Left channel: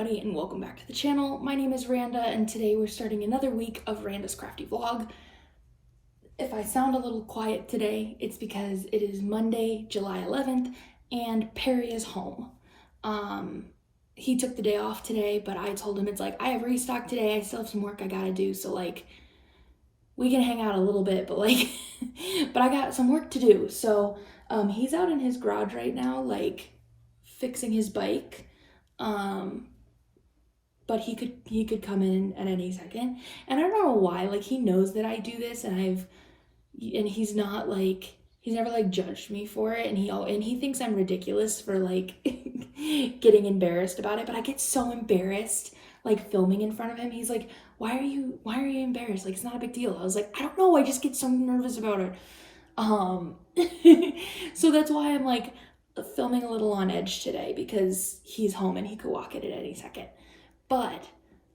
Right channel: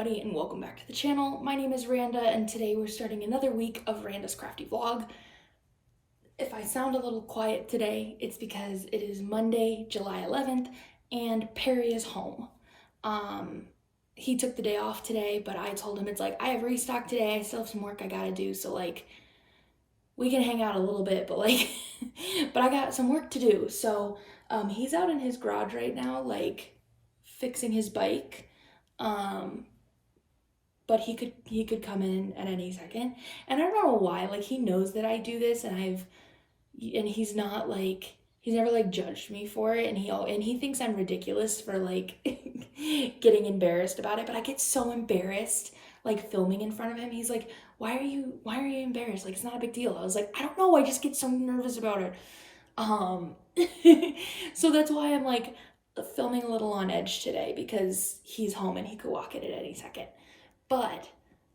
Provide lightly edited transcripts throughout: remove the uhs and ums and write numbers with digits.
everybody, and welcome back to the channel. My name is Randa, and today we're starting another week of Randa's Crafty vlog. If I sound a little quiet today, it's because it is Monday, July 11th, and Perry is home. He took the day off today, but I told him it's like, I have restock today, I still have some work I gotta do, so like, we can hang out a little bit, but like, but I got some work to do. So he's out in his garage right now, like, fixing his bike. But he could come in at any second, and I don't know why, like, he knows that I do this, and he's not like, he's never like judged me for it, and he thinks I'm ridiculous for like getting embarrassed about it, but I get so embarrassed like filming in front of him. He's like, why are you embarrassed? Like, it's not a big deal. I was like, I don't know, I just get so nervous about it. So that's why I'm like filming a little on edge today, because he's home and he could walk in at any second. But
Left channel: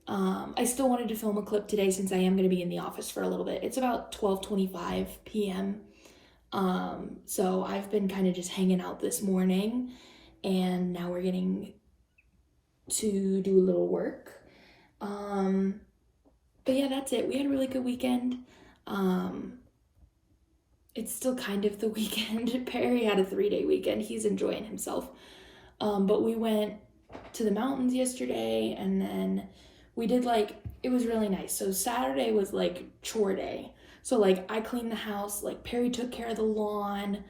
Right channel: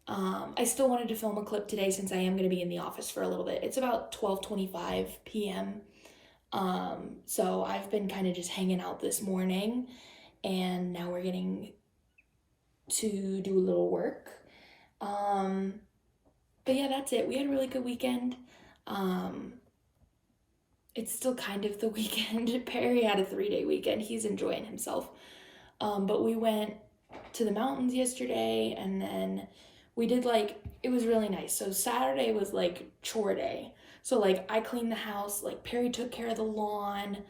I still wanted to film a clip today since I am going to be in the office for a little bit. It's about 12:25 p.m. So I've been kind of just hanging out this morning, and now we're getting to do a little work. But yeah, that's it. We had a really good weekend. It's still kind of the weekend. Perry had a 3-day weekend. He's enjoying himself. But we went to the mountains yesterday, and then we did like, it was really nice. So Saturday was like chore day. So like I cleaned the house, like Perry took care of the lawn.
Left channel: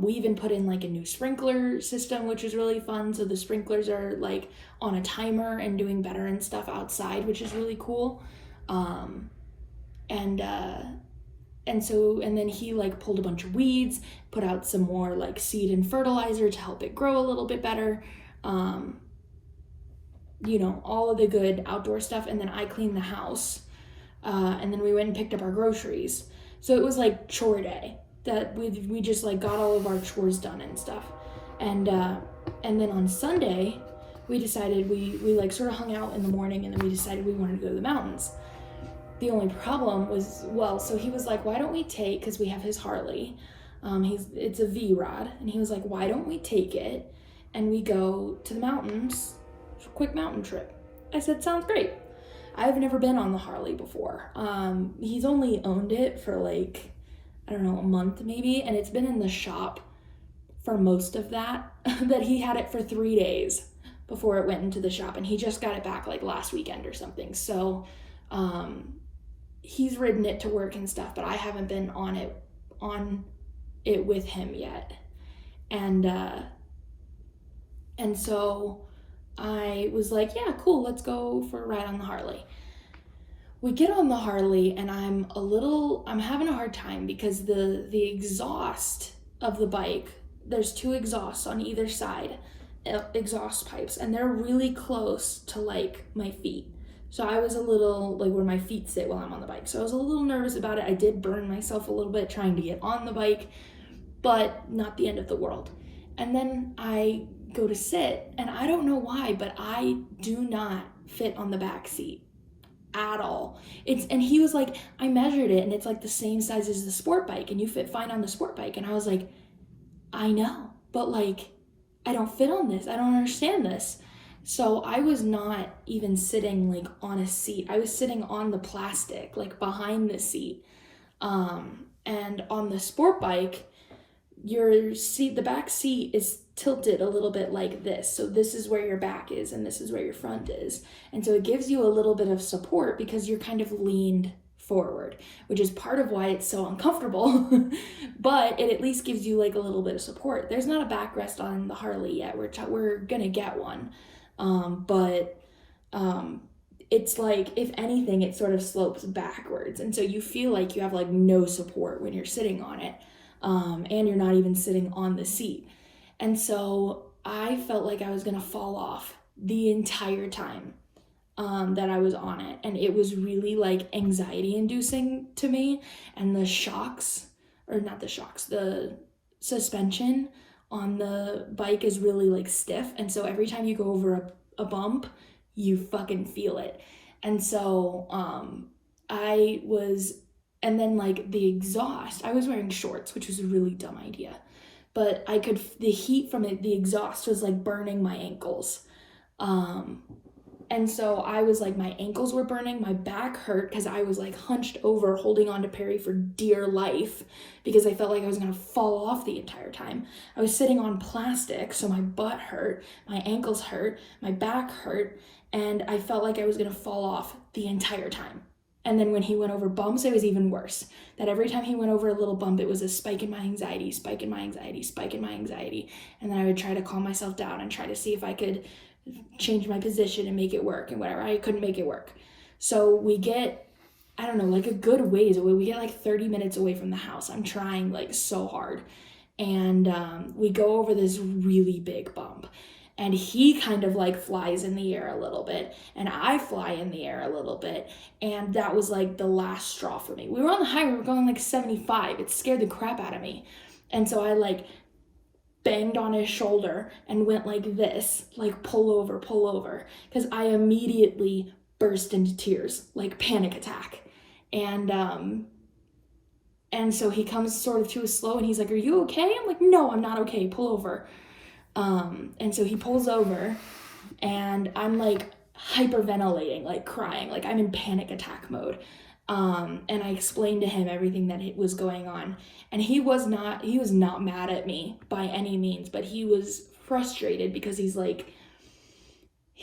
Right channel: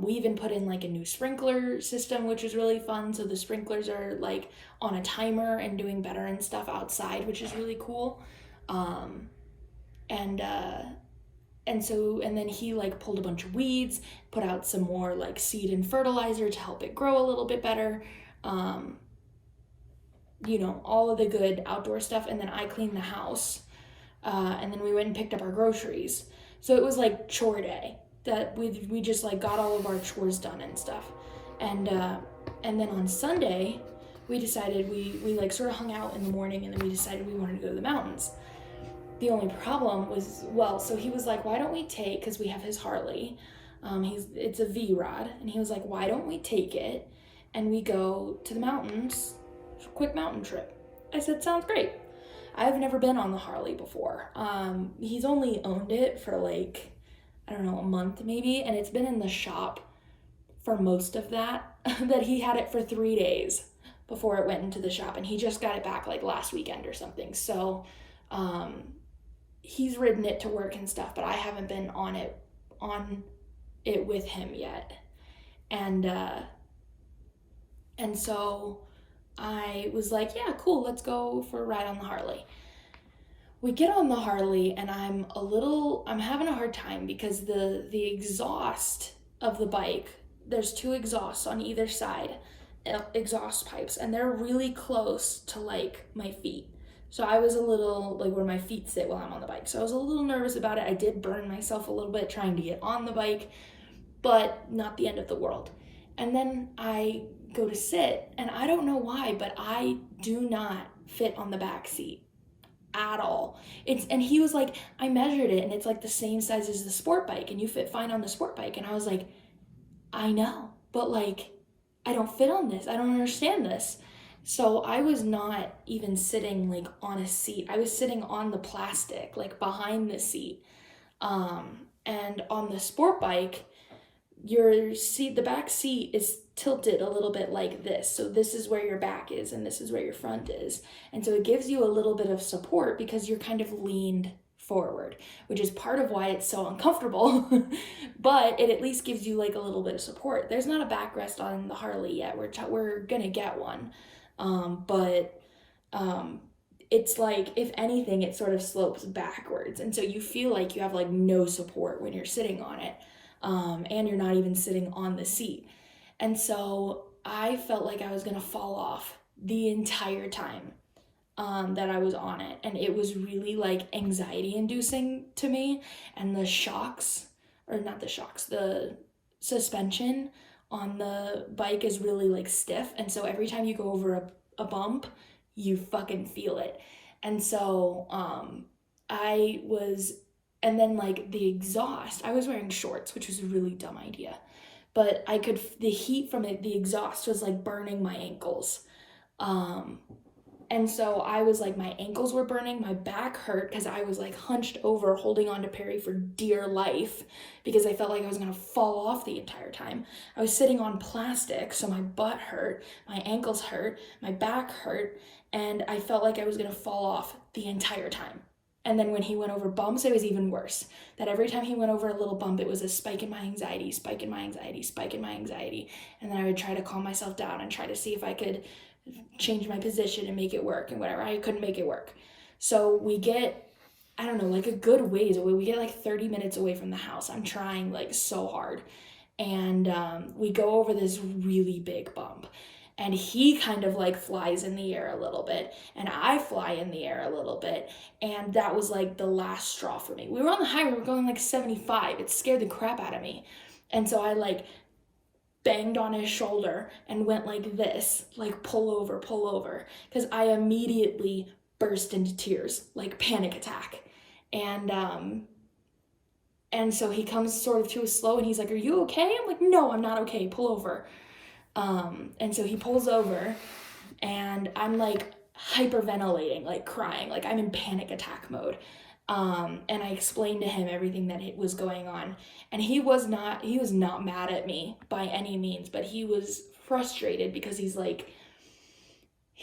We even put in like a new sprinkler system, which is really fun. So the sprinklers are like on a timer and doing better and stuff outside, which is really cool. And then he like pulled a bunch of weeds, put out some more like seed and fertilizer to help it grow a little bit better. You know, all of the good outdoor stuff. And then I cleaned the house. And then we went and picked up our groceries. So it was like chore day, that we just like got all of our chores done and stuff. And then on Sunday, we decided we like sort of hung out in the morning, and then we decided we wanted to go to the mountains. The only problem was, well, so he was like, why don't we take, because we have his Harley, it's a V-Rod, and he was like, why don't we take it and we go to the mountains, quick mountain trip. I said, sounds great. I've never been on the Harley before. He's only owned it for like, I don't know, a month maybe, and it's been in the shop for most of that, that he had it for 3 days before it went into the shop, and he just got it back like last weekend or something. So he's ridden it to work and stuff, but I haven't been on it with him yet. And so I was like, yeah, cool, let's go for a ride on the Harley. We get on the Harley, and I'm having a hard time because the exhaust of the bike, there's 2 exhausts on either side, exhaust pipes, and they're really close to like my feet. So I was a little, like, where my feet sit while I'm on the bike. So I was a little nervous about it. I did burn myself a little bit trying to get on the bike, but not the end of the world. And then I go to sit, and I don't know why, but I do not fit on the back seat at all. And he was like, I measured it, and it's like the same size as the sport bike, and you fit fine on the sport bike. And I was like, I know, but like, I don't fit on this. I don't understand this. So I was not even sitting like on a seat. I was sitting on the plastic, like behind the seat. And on the sport bike, your seat, the back seat is tilted a little bit like this. So this is where your back is, and this is where your front is. And so it gives you a little bit of support because you're kind of leaned forward, which is part of why it's so uncomfortable. But it at least gives you like a little bit of support. There's not a backrest on the Harley yet. We're gonna get one. It's like, if anything, it sort of slopes backwards. And so you feel like you have like no support when you're sitting on it. And you're not even sitting on the seat. And so I felt like I was gonna fall off the entire time that I was on it. And it was really like anxiety inducing to me. And the suspension on the bike is really like stiff. And so every time you go over a bump, you fucking feel it. And so and then like the exhaust, I was wearing shorts, which was a really dumb idea, but the heat from it, the exhaust was like burning my ankles. And so I was like, my ankles were burning, my back hurt because I was like hunched over holding on to Perry for dear life because I felt like I was gonna fall off the entire time. I was sitting on plastic, so my butt hurt, my ankles hurt, my back hurt, and I felt like I was gonna fall off the entire time. And then when he went over bumps, it was even worse. That every time he went over a little bump, it was a spike in my anxiety, spike in my anxiety, spike in my anxiety. And then I would try to calm myself down and try to see if I could change my position and make it work and whatever. I couldn't make it work. So we get, I don't know, like a good ways away. We get like 30 minutes away from the house. I'm trying like so hard. And we go over this really big bump. And he kind of like flies in the air a little bit, and I fly in the air a little bit, and that was like the last straw for me. We were on the highway, we were going like 75. It scared the crap out of me. And so I like banged on his shoulder and went like this, like pull over, because I immediately burst into tears, like panic attack. And so he comes sort of to a slow, and he's like, "Are you okay?" I'm like, "No, I'm not okay, pull over." And so he pulls over, and I'm like hyperventilating, like crying, like I'm in panic attack mode. And I explained to him everything that was going on, and he was not mad at me by any means, but he was frustrated because he's like,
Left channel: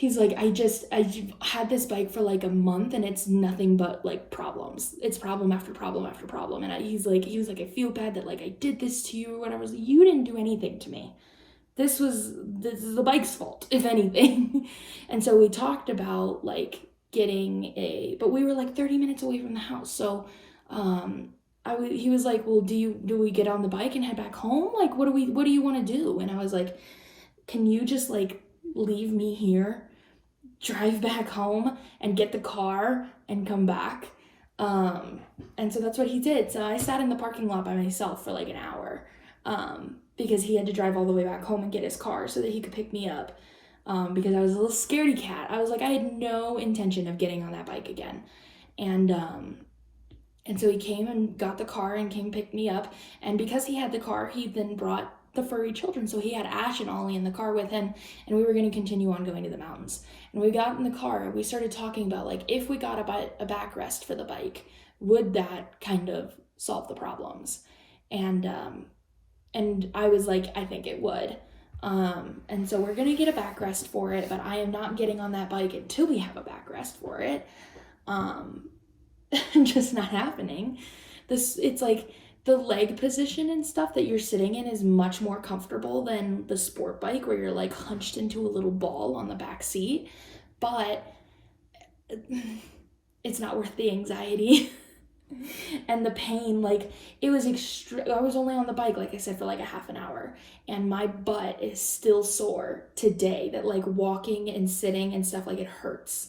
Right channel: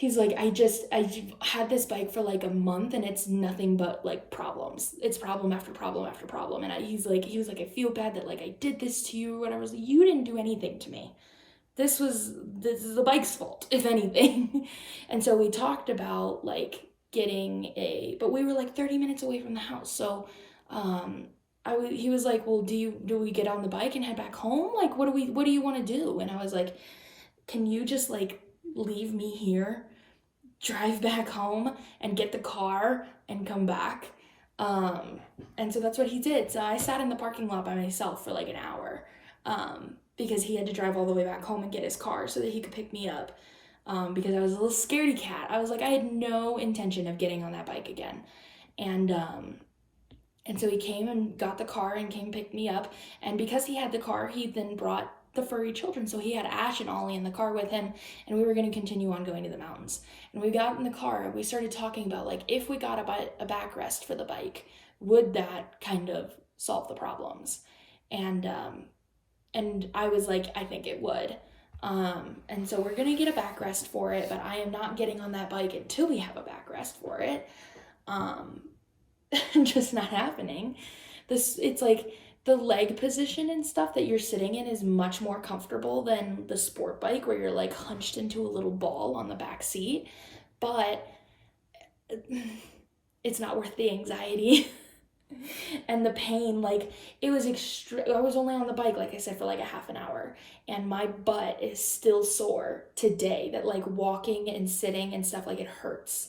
I had this bike for like a month, and it's nothing but like problems. It's problem after problem after problem. And he was like, "I feel bad that like I did this to you or whatever." I was like, "You didn't do anything to me. This is the bike's fault, if anything." And so we talked about like but we were like 30 minutes away from the house. So he was like, "Well, do we get on the bike and head back home? Like, what do you want to do?" And I was like, "Can you just like leave me here, drive back home and get the car and come back?" And so that's what he did. So I sat in the parking lot by myself for like an hour. Because he had to drive all the way back home and get his car so that he could pick me up, because I was a little scaredy cat. I was like, I had no intention of getting on that bike again. And so he came and got the car and came pick me up. And because he had the car, he then brought the furry children. So he had Ash and Ollie in the car with him, and we were going to continue on going to the mountains. And we got in the car and we started talking about like, if we got a backrest for the bike, would that kind of solve the problems? And I was like, I think it would. And so we're gonna get a backrest for it, but I am not getting on that bike until we have a backrest for it. Just not happening. It's like the leg position and stuff that you're sitting in is much more comfortable than the sport bike where you're like hunched into a little ball on the back seat, but it's not worth the anxiety. And the pain, like it was I was only on the bike, like I said, for like a half an hour, and my butt is still sore today, that like walking and sitting and stuff, like it hurts.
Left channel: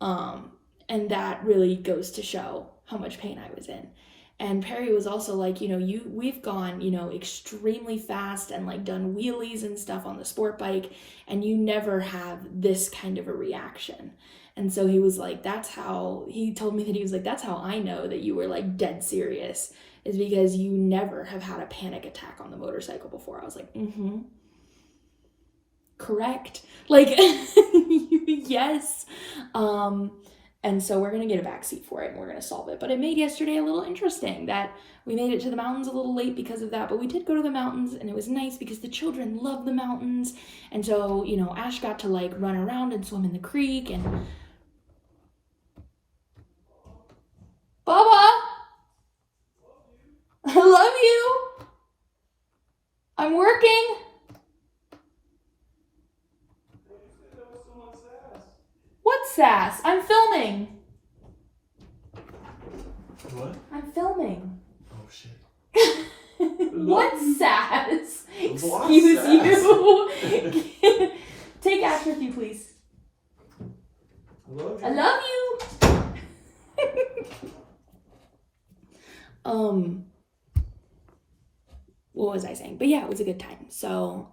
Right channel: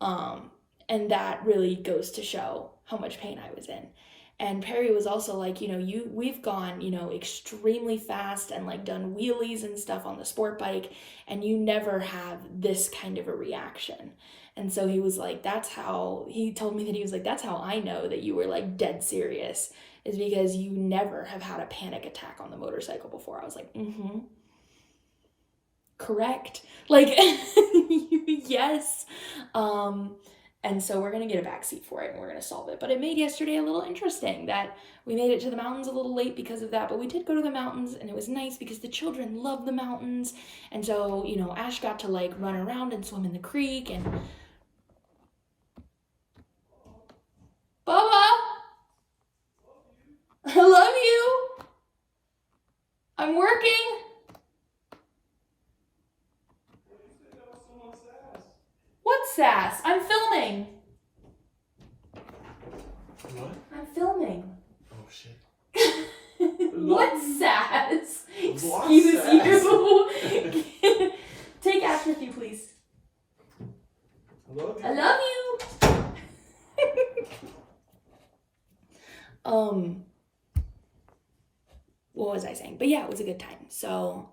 And that really goes to show how much pain I was in. And Perry was also like, we've gone, extremely fast and like done wheelies and stuff on the sport bike, and you never have this kind of a reaction. And so he was like, he told me that he was like, that's how I know that you were like dead serious, is because you never have had a panic attack on the motorcycle before. I was like, correct. Like, yes. And so we're going to get a back seat for it and we're going to solve it. But it made yesterday a little interesting that we made it to the mountains a little late because of that. But we did go to the mountains, and it was nice because the children love the mountains. And so, Ash got to like run around and swim in the creek. And Bubba, I love you. I'm working. What sass? I'm filming. What? I'm filming. Oh shit. What sass? What Excuse sass? you. Take Ash with you, please. I love you. What was I saying? But yeah, it was a good time. So,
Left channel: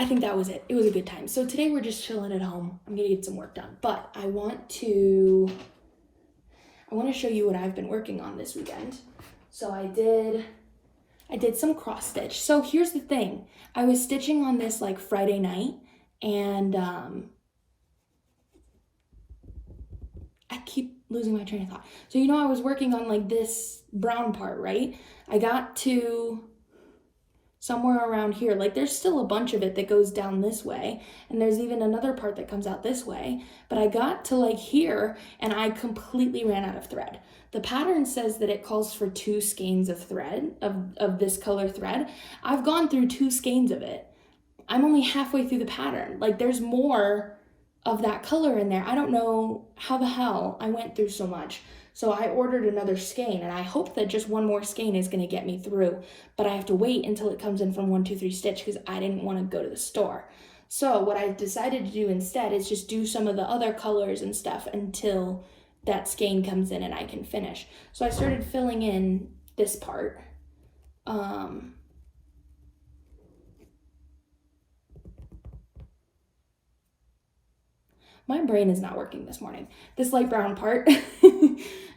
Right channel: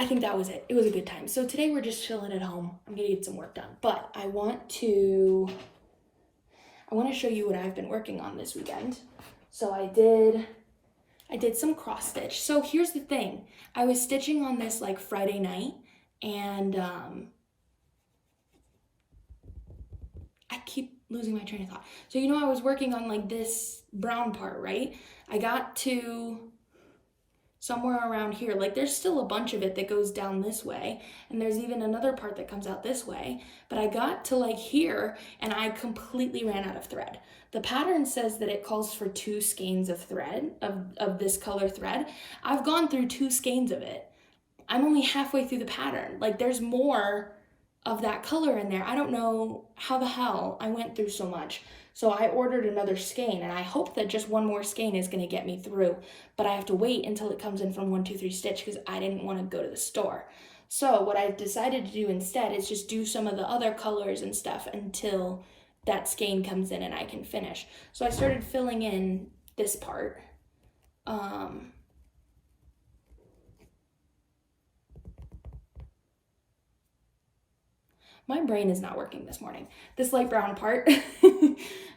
I think that was it. It was a good time. So today we're just chilling at home. I'm gonna get some work done, but I want to show you what I've been working on this weekend. So I did I did some cross stitch. So here's the thing. I was stitching on this like Friday night, and I keep losing my train of thought. So I was working on like this brown part, right? I got to somewhere around here. Like there's still a bunch of it that goes down this way, and there's even another part that comes out this way, but I got to like here and I completely ran out of thread. The pattern says that it calls for 2 skeins of thread, of this color thread. I've gone through 2 skeins of it. I'm only halfway through the pattern. Like there's more of that color in there. I don't know how the hell I went through so much. So I ordered another skein, and I hope that just one more skein is going to get me through, but I have to wait until it comes in from 123 Stitch because I didn't want to go to the store. So what I decided to do instead is just do some of the other colors and stuff until that skein comes in and I can finish. So I started filling in this part. My brain is not working this morning. This light brown part.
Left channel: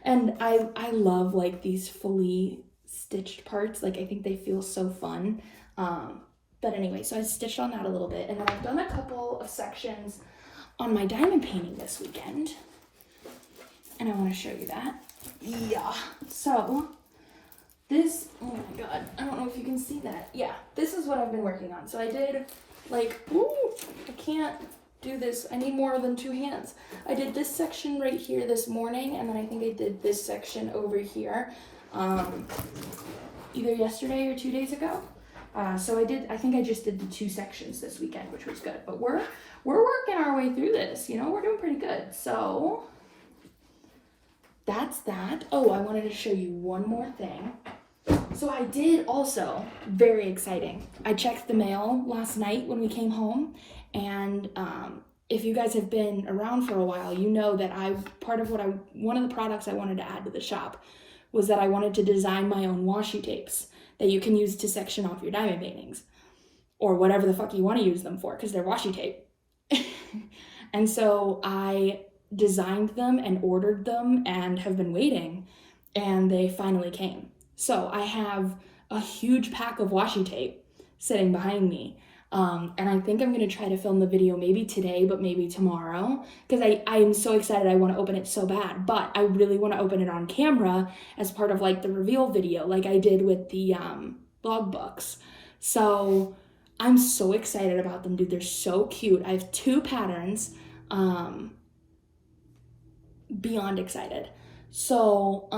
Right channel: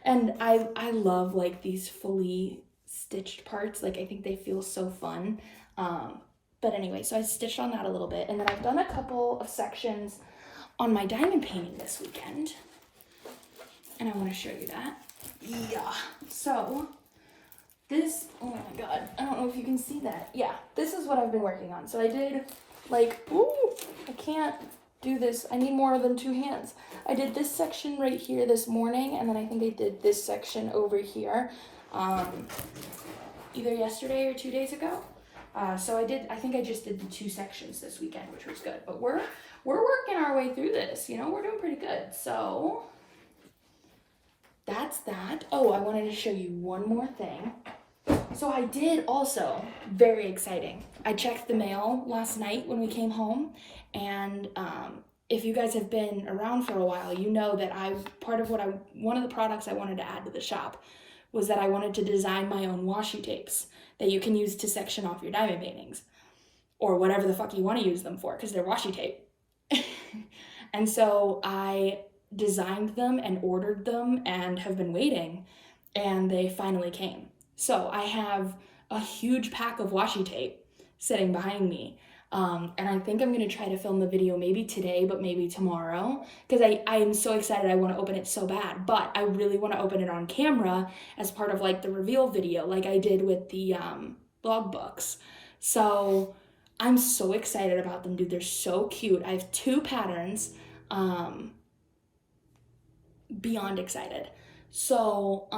And I love like these fully stitched parts. Like I think they feel so fun. But anyway, so I stitched on that a little bit, and then I've done a couple of sections on my diamond painting this weekend. And I want to show you that. Yeah. So this, oh my God, I don't know if you can see that. Yeah, this is what I've been working on. So I did like, ooh, I can't do this. I need more than 2 hands. I did this section right here this morning, and then I think I did this section over here either yesterday or 2 days ago. So I think I just did the 2 sections this weekend, which was good. But we're working our way through this, we're doing pretty good. So that's that. Oh, I wanted to show you one more thing. So I did also, very exciting, I checked the mail last night when we came home, and if you guys have been around for a while, you know that one of the products I wanted to add to the shop was that I wanted to design my own washi tapes that you can use to section off your diamond paintings, or whatever the fuck you want to use them for, because they're washi tape. And so I designed them and ordered them and have been waiting, and they finally came. So I have a huge pack of washi tape sitting behind me. And I think I'm going to try to film the video maybe today, but maybe tomorrow, because I am so excited. I want to open it so bad, but I really want to open it on camera as part of like the reveal video, like I did with the logbooks. So I'm so excited about them, dude. They're so cute. I have 2 patterns, beyond excited. So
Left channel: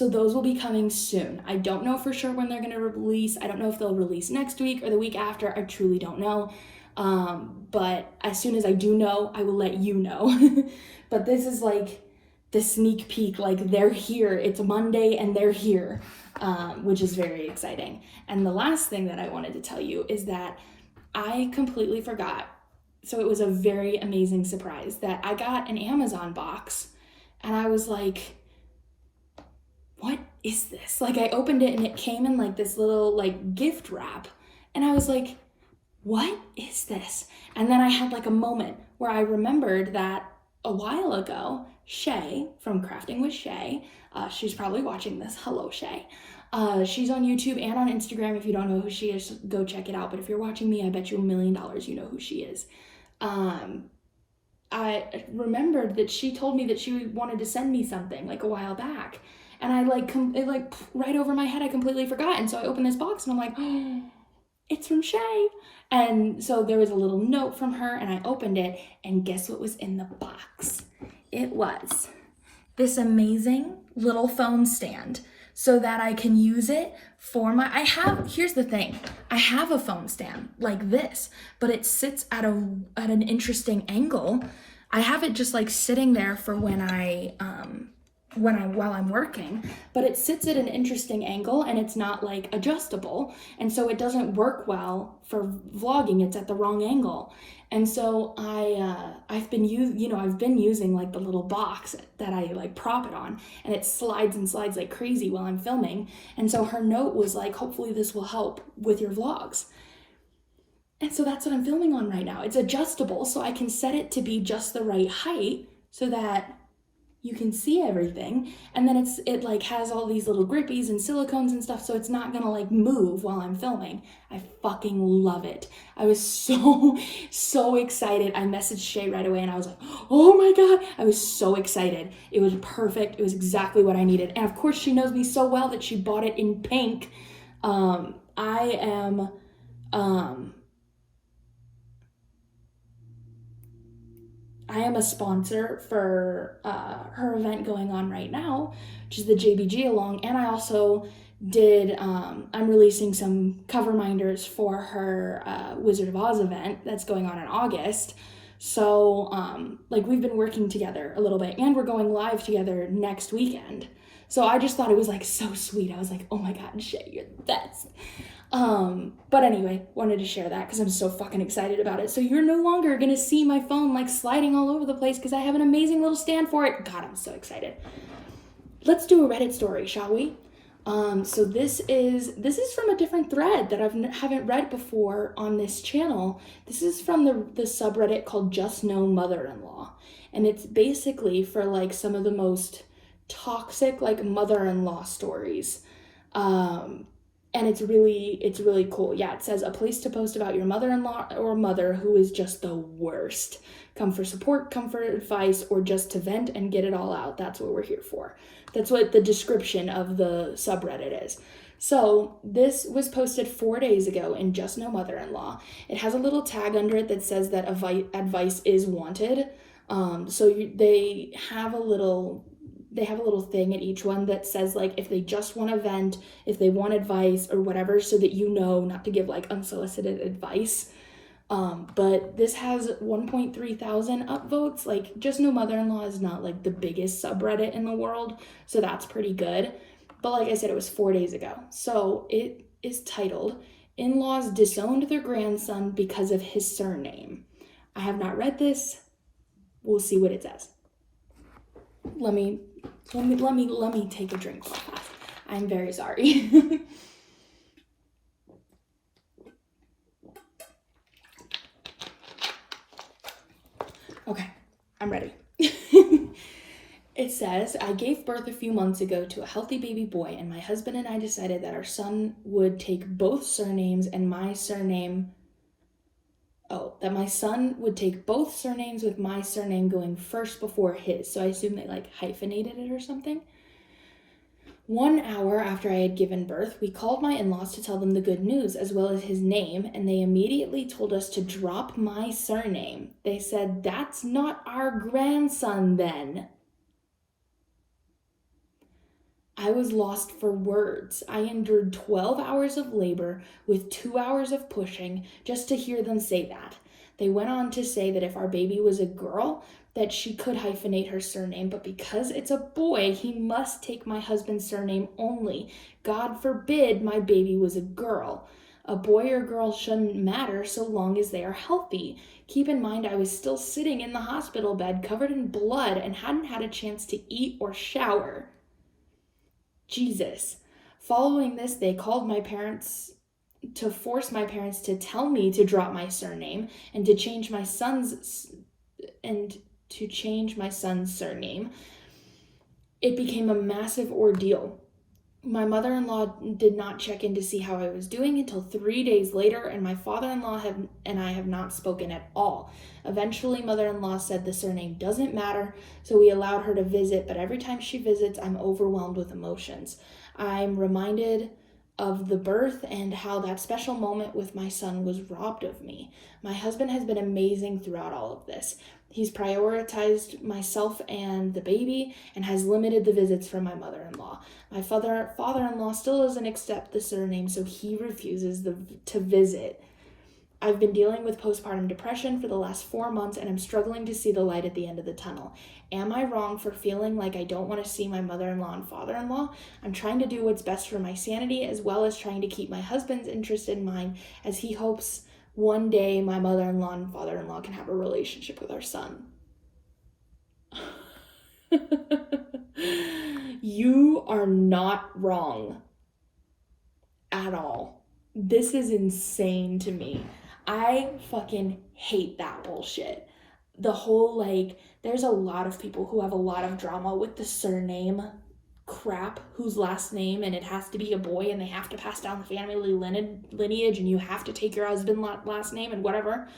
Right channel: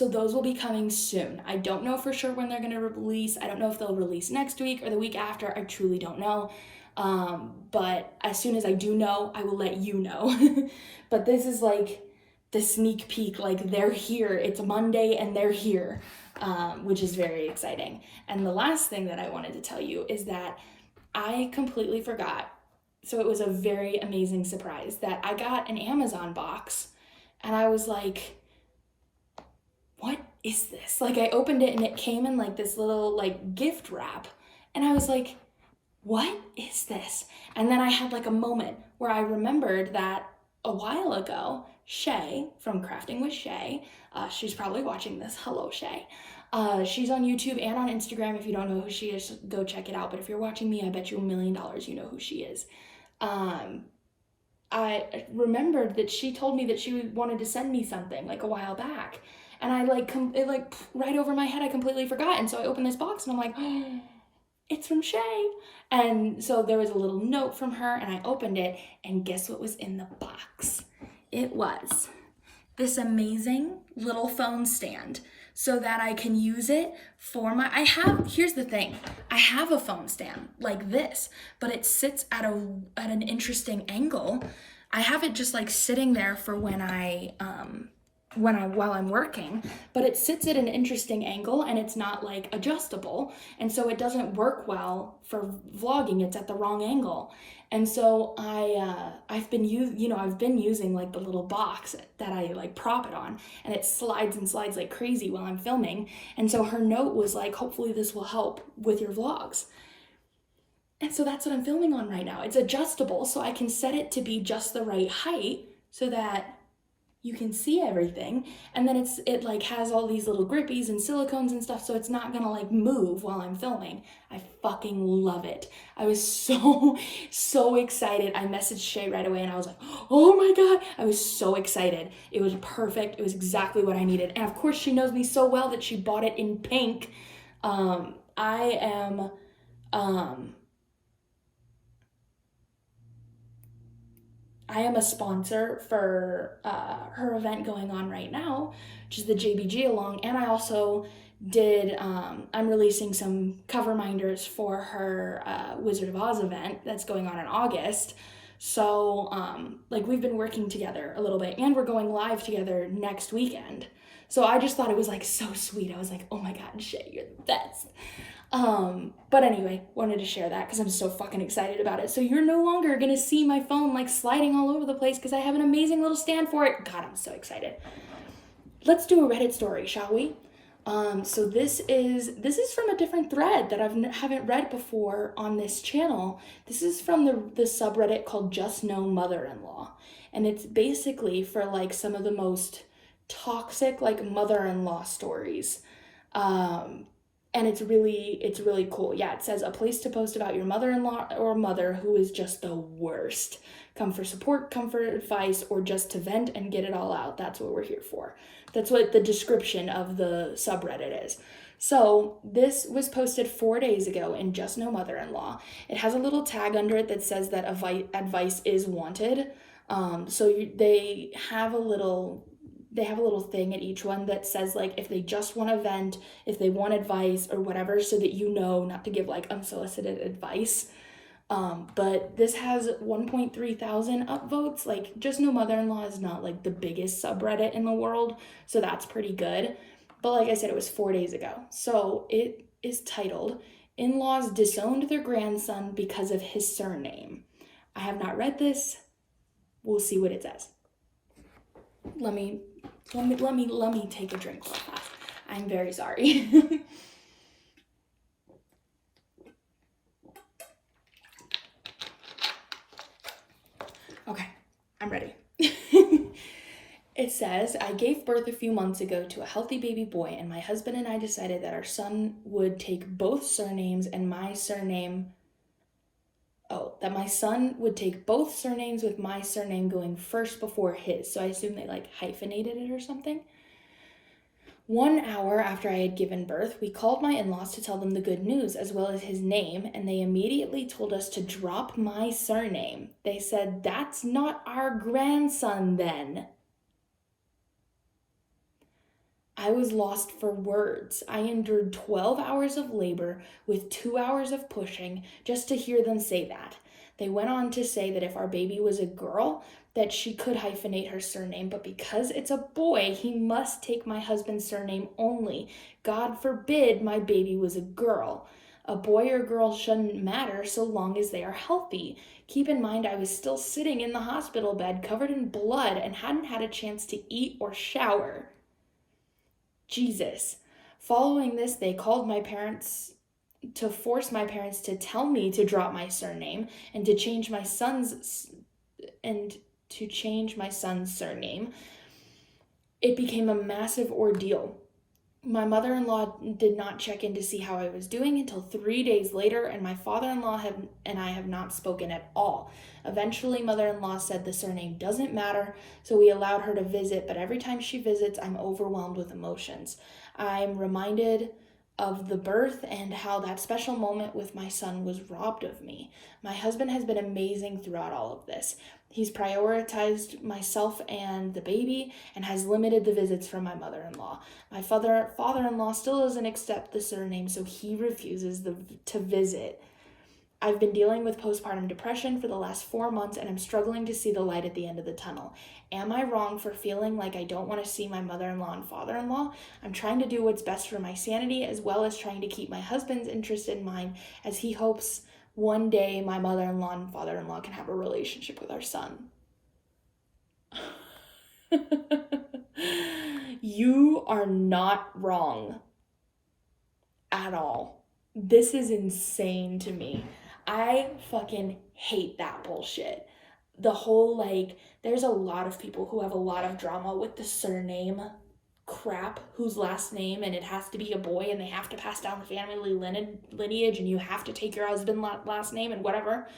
those will be coming soon. I don't know for sure when they're going to release. I don't know if they'll release next week or the week after. I truly don't know. But as soon as I do know, I will let you know. But this is like the sneak peek. Like they're here. It's Monday and they're here, which is very exciting. And the last thing that I wanted to tell you is that I completely forgot. So it was a very amazing surprise that I got an Amazon box, and I was like, what is this? Like I opened it and it came in like this little like gift wrap, and I was like, what is this? And then I had like a moment where I remembered that a while ago, Shay from Crafting with Shay, she's probably watching this. Hello, Shay. She's on YouTube and on Instagram. If you don't know who she is, go check it out. But if you're watching me, I bet you $1 million you know who she is. I remembered that she told me that she wanted to send me something like a while back. And I it like right over my head, I completely forgot. And so I opened this box and I'm like, oh, it's from Shay. And so there was a little note from her, and I opened it, and guess what was in the box? It was this amazing little phone stand so that I can use it for here's the thing. I have a phone stand like this, but it sits at an interesting angle. I have it just like sitting there for while I'm working, but it sits at an interesting angle, and it's not like adjustable, and so it doesn't work well for vlogging. It's at the wrong angle. And so I've been using like the little box that I like prop it on, and it slides and slides like crazy while I'm filming. And so her note was like, hopefully this will help with your vlogs. And so that's what I'm filming on right now. It's adjustable, so I can set it to be just the right height so that you can see everything, and then it like has all these little grippies and silicones and stuff, so it's not gonna like move while I'm filming. I fucking love it. I was so excited. I messaged Shay right away and I was like, oh my god, I was so excited. It was perfect. It was exactly what I needed. And of course she knows me so well that she bought it in pink. I am a sponsor for her event going on right now, which is the JBG along, and I also did, I'm releasing some cover minders for her Wizard of Oz event that's going on in August. So, like, we've been working together a little bit, and we're going live together next weekend. So I just thought it was, like, so sweet. I was like, oh my god, Shay, you're the best. But anyway, wanted to share that because I'm so fucking excited about it. So you're no longer gonna see my phone like sliding all over the place because I have an amazing little stand for it. God, I'm so excited. Let's do a Reddit story, shall we? So this is from a different thread that I haven't read before on this channel. This is from the subreddit called Just No Mother-in-Law, and it's basically for like some of the most toxic like mother-in-law stories. And it's really cool. Yeah, it says a place to post about your mother-in-law or mother who is just the worst. Come for support, come for advice, or just to vent and get it all out. That's what we're here for. That's what the description of the subreddit is. So this was posted 4 days ago in Just No Mother-in-Law. It has a little tag under it that says that advice is wanted. They have a little thing at each one that says like if they just want to vent, if they want advice or whatever, so that you know not to give like unsolicited advice. But this has 1.3 thousand upvotes. Like, Just No Mother-in-Law is not like the biggest subreddit in the world, so that's pretty good. But like I said, it was 4 days ago. So it is titled, In-Laws Disowned Their Grandson Because of His Surname. I have not read this. We'll see what it says. Let me take a drink while that. I'm very sorry. Okay, I'm ready. It says, I gave birth a few months ago to a healthy baby boy, and my husband and I decided that our son would take both surnames and my surname. That my son would take both surnames with my surname going first before his. So I assume they like hyphenated it or something. 1 hour after I had given birth, we called my in-laws to tell them the good news as well as his name, and they immediately told us to drop my surname. They said, that's not our grandson then. I was lost for words. I endured 12 hours of labor with 2 hours of pushing just to hear them say that. They went on to say that if our baby was a girl, that she could hyphenate her surname, but because it's a boy, he must take my husband's surname only. God forbid my baby was a girl. A boy or girl shouldn't matter so long as they are healthy. Keep in mind, I was still sitting in the hospital bed covered in blood and hadn't had a chance to eat or shower. Jesus. Following this, they called my parents to force my parents to tell me to drop my surname and to change my son's surname. It became a massive ordeal. My mother-in-law did not check in to see how I was doing until 3 days later, and my father-in-law and I have not spoken at all. Eventually, mother-in-law said the surname doesn't matter, so we allowed her to visit, but every time she visits, I'm overwhelmed with emotions. I'm reminded of the birth and how that special moment with my son was robbed of me. My husband has been amazing throughout all of this. He's prioritized myself and the baby and has limited the visits from my mother-in-law. My father-in-law still doesn't accept the surname, so he refuses to visit. I've been dealing with postpartum depression for the last 4 months, and I'm struggling to see the light at the end of the tunnel. Am I wrong for feeling like I don't want to see my mother-in-law and father-in-law? I'm trying to do what's best for my sanity, as well as trying to keep my husband's interest in mind, as he hopes one day my mother-in-law and father-in-law can have a relationship with our son. You are not wrong at all. This is insane to me. I fucking hate that bullshit. the whole, like, there's a lot of people who have a lot of drama with the surname crap, whose last name, and it has to be a boy, and they have to pass down the family lineage, and you have to take your husband's last name and whatever.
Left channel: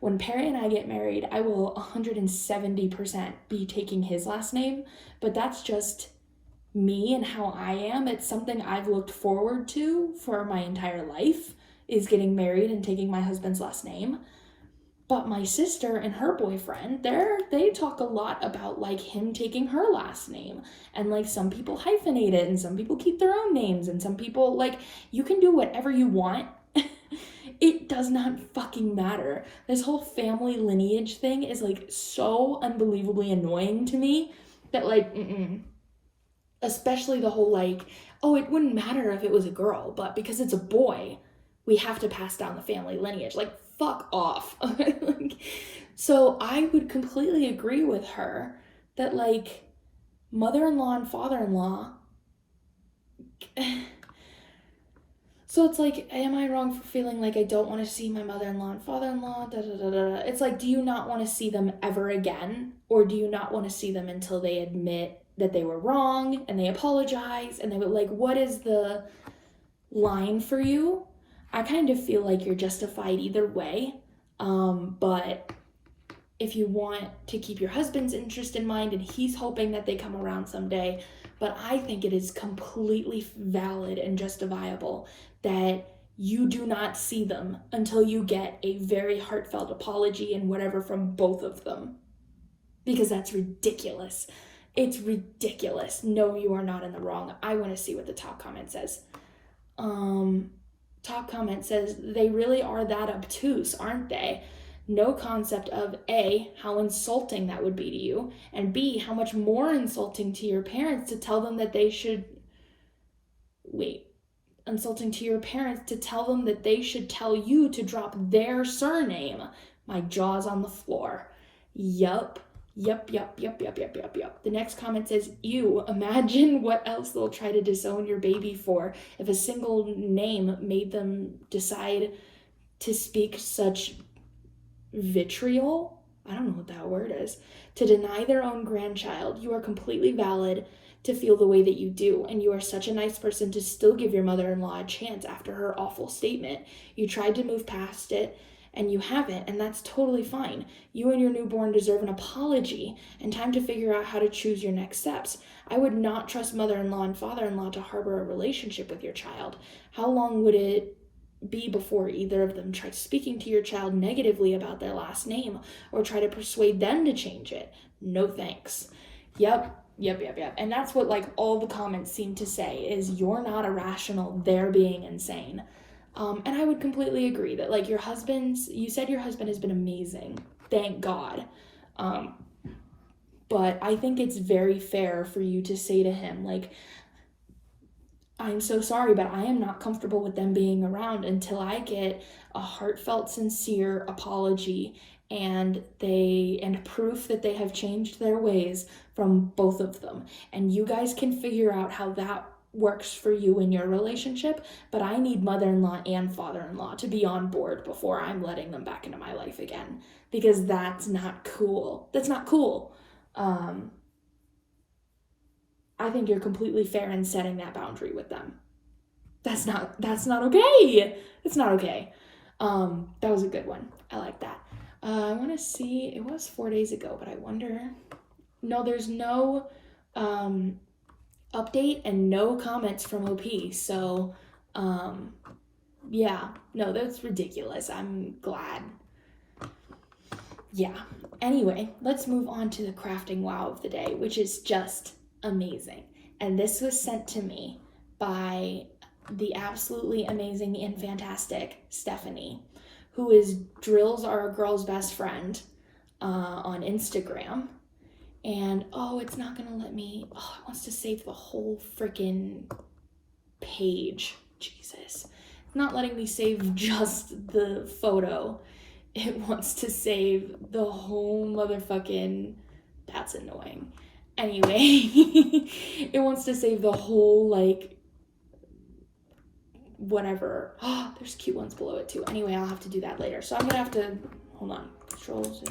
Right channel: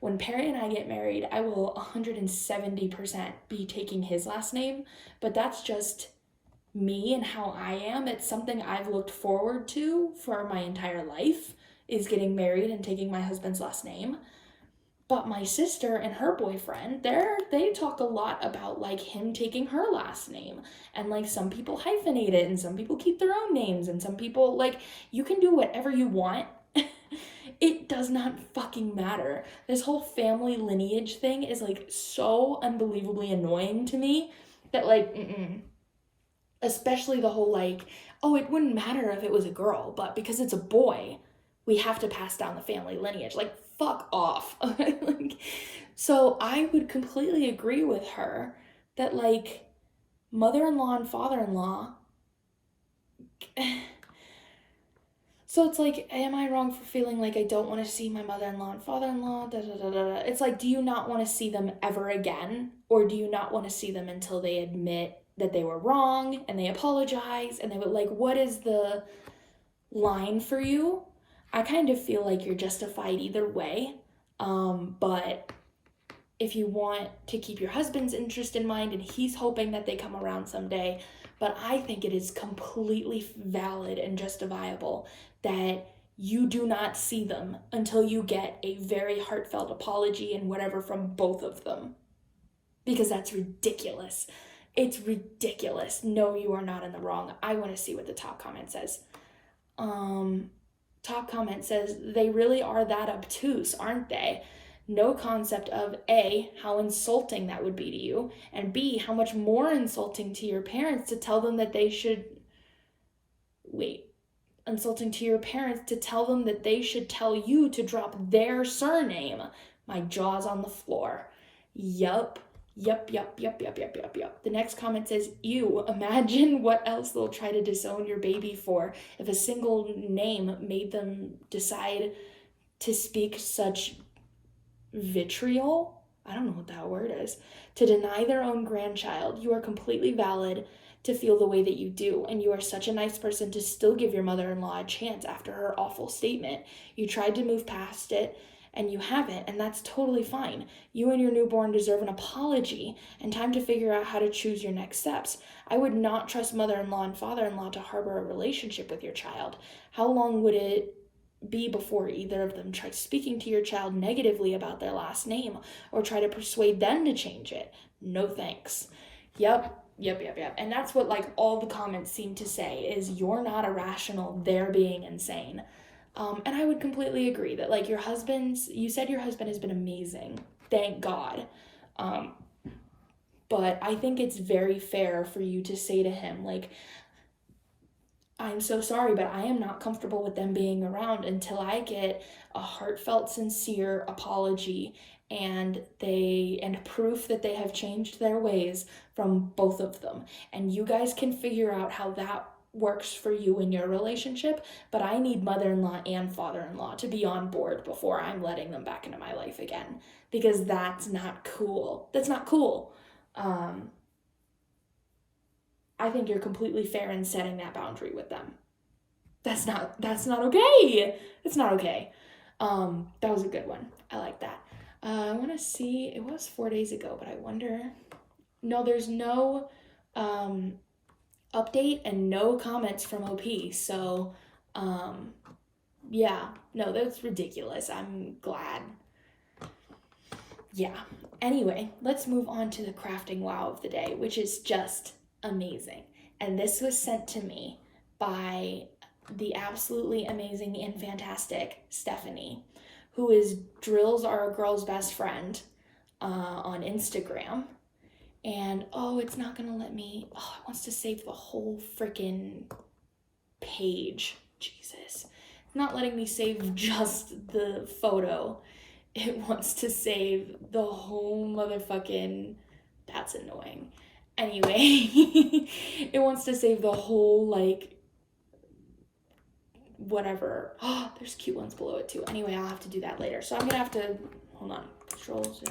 When Perry and I get married, I will 170% be taking his last name, but that's just me and how I am. It's something I've looked forward to for my entire life, is getting married and taking my husband's last name. But my sister and her boyfriend, they talk a lot about, like, him taking her last name. And, like, some people hyphenate it, and some people keep their own names, and some people, like, you can do whatever you want. It does not fucking matter. This whole family lineage thing is, like, so unbelievably annoying to me that, like, especially the whole, like, oh, it wouldn't matter if it was a girl, but because it's a boy, we have to pass down the family lineage. Like, fuck off. So I would completely agree with her that, like, mother-in-law and father-in-law, so it's like, am I wrong for feeling like I don't want to see my mother-in-law and father-in-law? It's like, do you not want to see them ever again? Or do you not want to see them until they admit that they were wrong and they apologize? And they would, like, what is the line for you? I kind of feel like you're justified either way. But if you want to keep your husband's interest in mind, and he's hoping that they come around someday, but I think it is completely valid and justifiable that you do not see them until you get a very heartfelt apology and whatever from both of them. Because that's ridiculous. It's ridiculous. No, you are not in the wrong. I want to see what the top comment says. Top comment says, they really are that obtuse, aren't they? No concept of A, how insulting that would be to you, and B, how much more insulting to your parents to tell them that they should... Insulting to your parents to tell them that they should tell you to drop their surname. My jaw's on the floor. Yup. The next comment says, ew, imagine what else they'll try to disown your baby for if a single name made them decide to speak such vitriol. I don't know what that word is. To deny their own grandchild. You are completely valid to feel the way that you do, and you are such a nice person to still give your mother-in-law a chance after her awful statement. You tried to move past it, and you haven't, and that's totally fine. You and your newborn deserve an apology and time to figure out how to choose your next steps. I would not trust mother-in-law and father-in-law to harbor a relationship with your child. How long would it be before either of them try speaking to your child negatively about their last name or try to persuade them to change it? No thanks. Yep. And that's what, like, all the comments seem to say is, you're not irrational, they're being insane. And I would completely agree that, like, you said your husband has been amazing. Thank God. But I think it's very fair for you to say to him, like, I'm so sorry, but I am not comfortable with them being around until I get a heartfelt, sincere apology and proof that they have changed their ways from both of them. And you guys can figure out how that works for you in your relationship, but I need mother-in-law and father-in-law to be on board before I'm letting them back into my life again, because that's not cool. That's not cool. I think you're completely fair in setting that boundary with them. That's not okay. It's not okay. That was a good one. I like that. I want to see, it was 4 days ago, but I wonder, no, there's no update and no comments from OP. So, yeah, no, that's ridiculous. I'm glad. Yeah. Anyway, let's move on to the crafting wow of the day, which is just amazing. And this was sent to me by the absolutely amazing and fantastic Stephanie, who is Drills Are a Girl's Best Friend on Instagram. And, it's not gonna let me, it wants to save the whole freaking page. Jesus. It's not letting me save just the photo. It wants to save the whole motherfucking, that's annoying. Anyway, it wants to save the whole, like, whatever. There's cute ones below it too. Anyway, I'll have to do that later. So I'm gonna have to, hold on, control Z.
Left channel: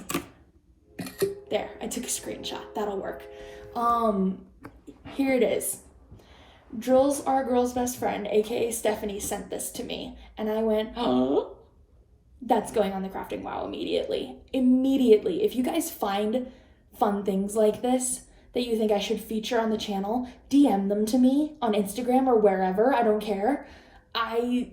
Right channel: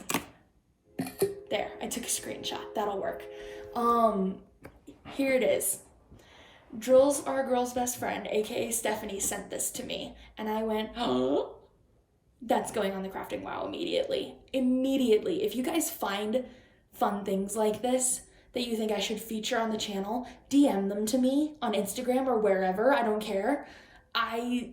There, I took a screenshot. That'll work. Here it is. Drill's our girl's best friend, aka Stephanie, sent this to me, and I went, oh, that's going on the Crafting Wow immediately. Immediately. If you guys find fun things like this that you think I should feature on the channel, DM them to me on Instagram or wherever. I don't care. I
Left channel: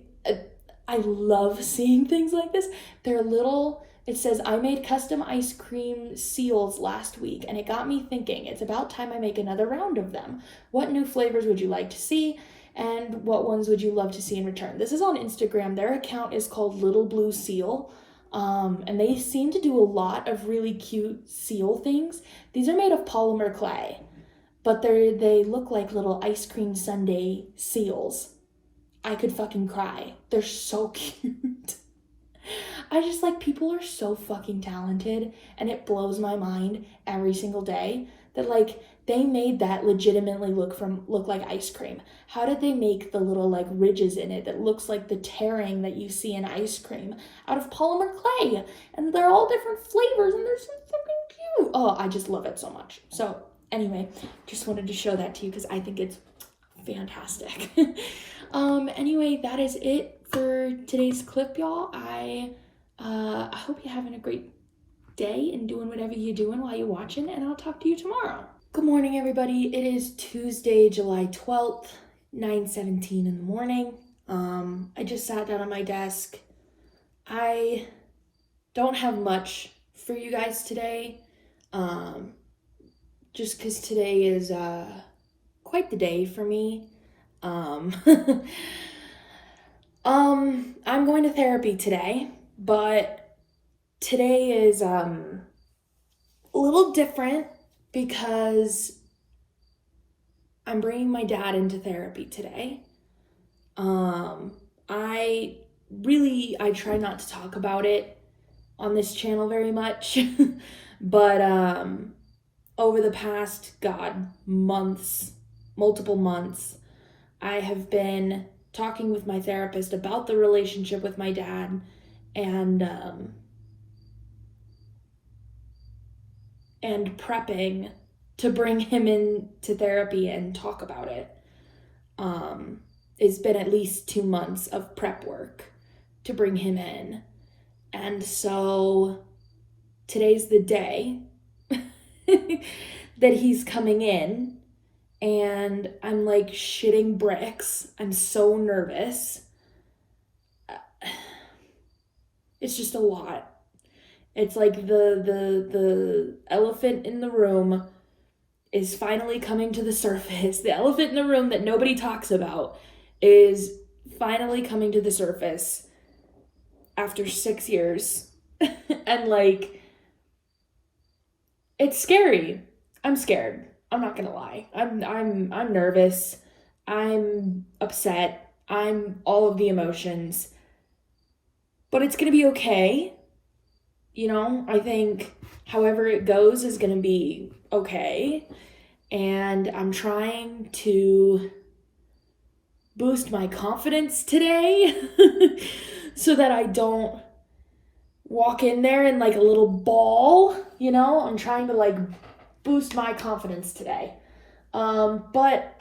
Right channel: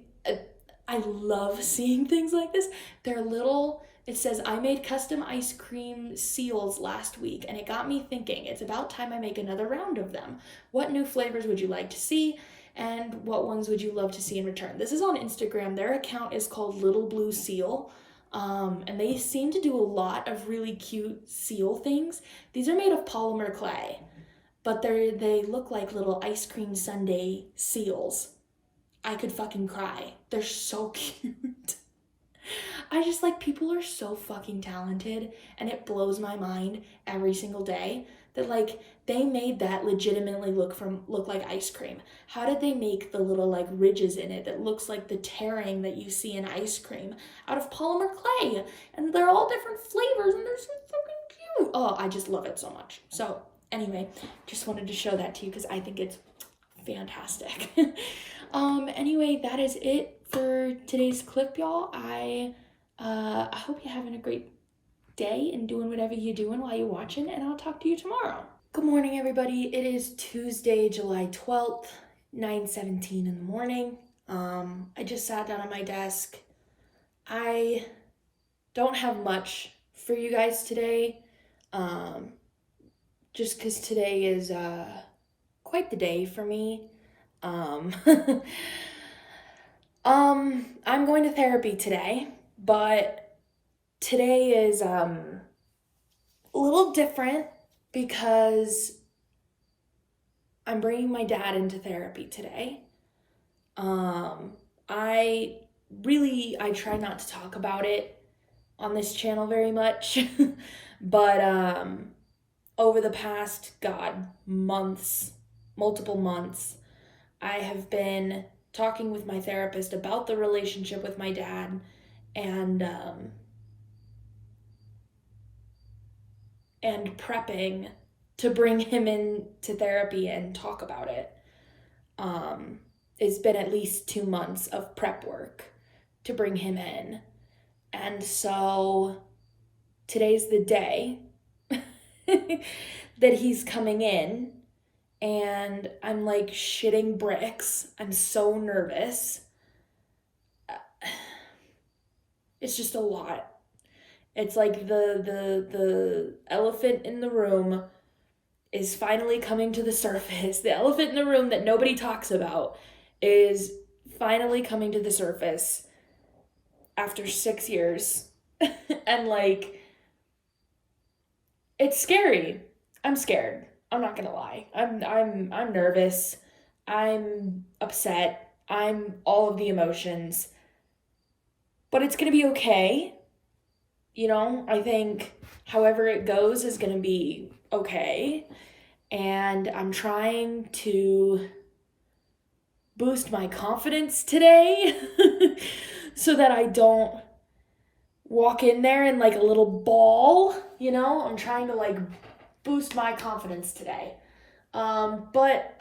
love seeing things like this. They're little. It says, I made custom ice cream seals last week, and it got me thinking, it's about time I make another round of them. What new flavors would you like to see, and what ones would you love to see in return? This is on Instagram. Their account is called Little Blue Seal, and they seem to do a lot of really cute seal things. These are made of polymer clay, but they look like little ice cream sundae seals. I could fucking cry. They're so cute. I just like, people are so fucking talented, and it blows my mind every single day that like they made that legitimately look like ice cream. How did they make the little like ridges in it that looks like the tearing that you see in ice cream out of polymer clay? And they're all different flavors, and they're so fucking cute. Oh, I just love it so much. So anyway, just wanted to show that to you because I think it's fantastic. Anyway, that is it for today's clip, y'all. I hope you're having a great day and doing whatever you're doing while you're watching, and I'll talk to you tomorrow. Good morning, everybody. It is Tuesday, July 12th, 9:17 in the morning. I just sat down on my desk. I don't have much for you guys today, just because today is quite the day for me. I'm going to therapy today, but today is a little different because I'm bringing my dad into therapy today. I try not to talk about it on this channel very much, but over the past, multiple months, I have been talking with my therapist about the relationship with my dad, and prepping to bring him into therapy and talk about it. It's been at least 2 months of prep work to bring him in. And so today's the day that he's coming in, and I'm like shitting bricks. I'm so nervous. It's just a lot. It's like the elephant in the room is finally coming to the surface. The elephant in the room that nobody talks about is finally coming to the surface after 6 years. And like, it's scary. I'm scared. I'm not gonna lie. I'm nervous. I'm upset. I'm all of the emotions. But it's gonna be okay. You know, I think however it goes is gonna be okay. And I'm trying to boost my confidence today so that I don't walk in there in like a little ball, you know? I'm trying to like boost my confidence today. But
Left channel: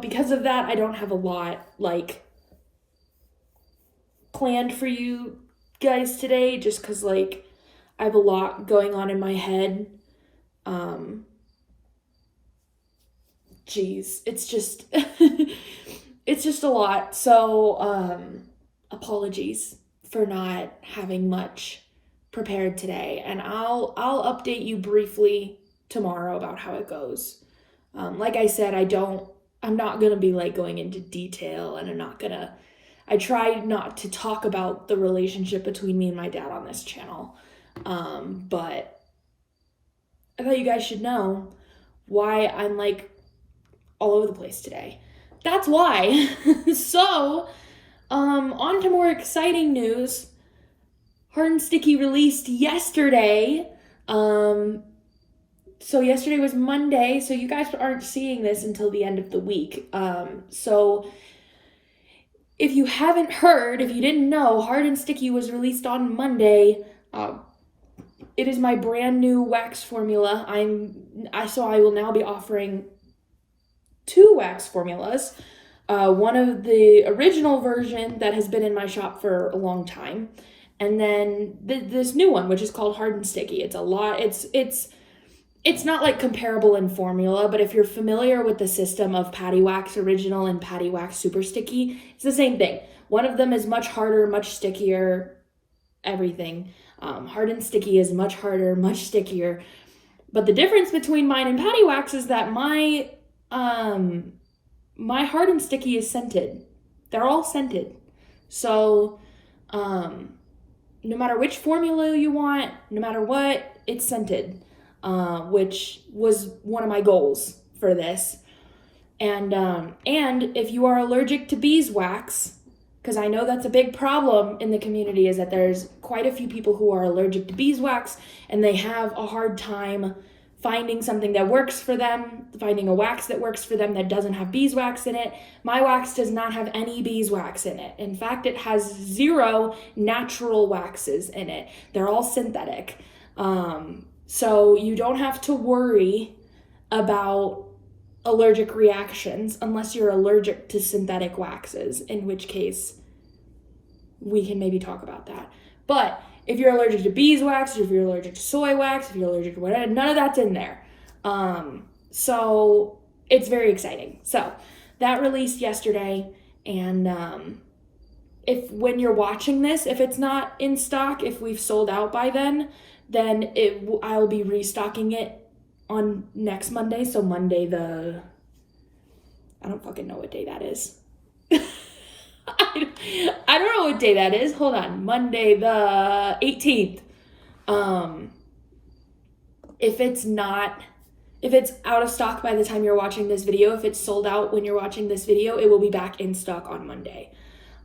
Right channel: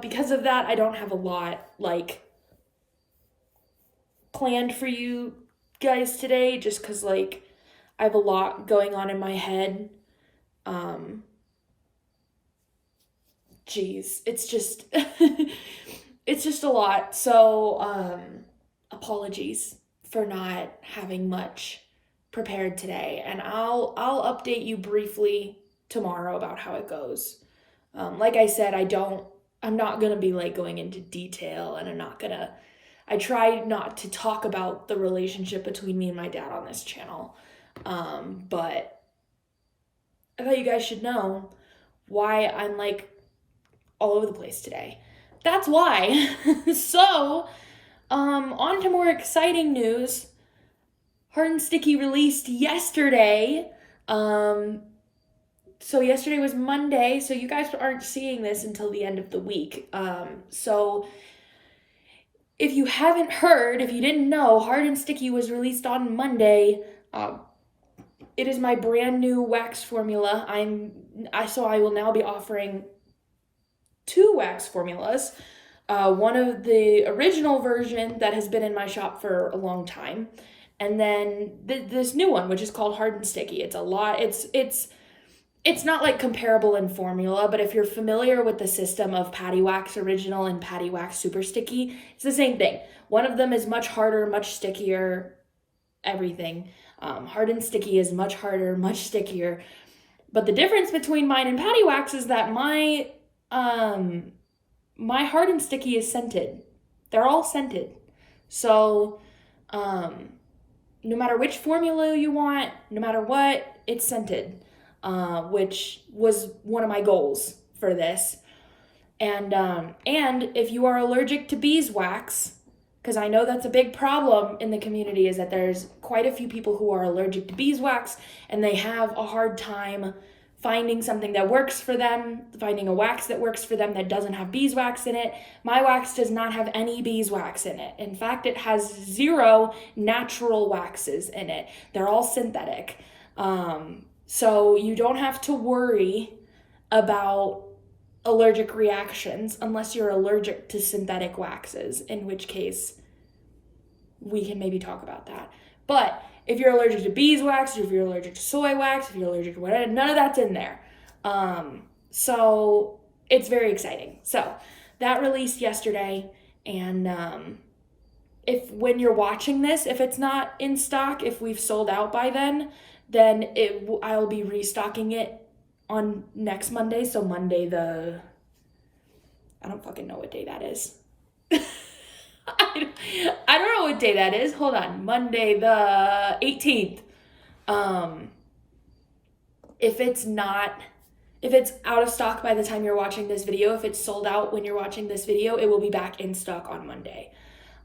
because of that, I don't have a lot like planned for you guys today, just because like I have a lot going on in my head. It's just it's just a lot. So apologies for not having much prepared today, and I'll update you briefly tomorrow about how it goes. Like I said, I'm not gonna be like going into detail, and I try not to talk about the relationship between me and my dad on this channel. But I thought you guys should know why I'm like all over the place today. That's why. So, on to more exciting news. Hard and Sticky released yesterday. So yesterday was Monday, so you guys aren't seeing this until the end of the week. So if you haven't heard, if you didn't know, Hard and Sticky was released on Monday. it is my brand new wax formula. So I will now be offering 2 wax formulas. One of the original version that has been in my shop for a long time, and then this new one, which is called Hard and Sticky. It's not like comparable in formula, but if you're familiar with the system of Patty Wax Original and Patty Wax Super Sticky, it's the same thing. One of them is much harder, much stickier, everything. Hard and Sticky is much harder, much stickier. But the difference between mine and Patty Wax is that my Hard and Sticky is scented. They're all scented. So, no matter which formula you want, no matter what, it's scented, which was one of my goals for this. And if you are allergic to beeswax, because I know that's a big problem in the community, is that there's quite a few people who are allergic to beeswax, and they have a hard time finding something that works for them, finding a wax that works for them that doesn't have beeswax in it. My wax does not have any beeswax in it. In fact, it has 0 natural waxes in it. They're all synthetic. So you don't have to worry about allergic reactions unless you're allergic to synthetic waxes, in which case we can maybe talk about that. But if you're allergic to beeswax, if you're allergic to soy wax, if you're allergic to whatever, none of that's in there. So it's very exciting. So that released yesterday, and when you're watching this, if it's not in stock, if we've sold out by then I'll be restocking it on next Monday. So Monday I don't fucking know what day that is. I don't know what day that is. Hold on. Monday the 18th. If it's out of stock by the time you're watching this video, if it's sold out when you're watching this video, it will be back in stock on Monday.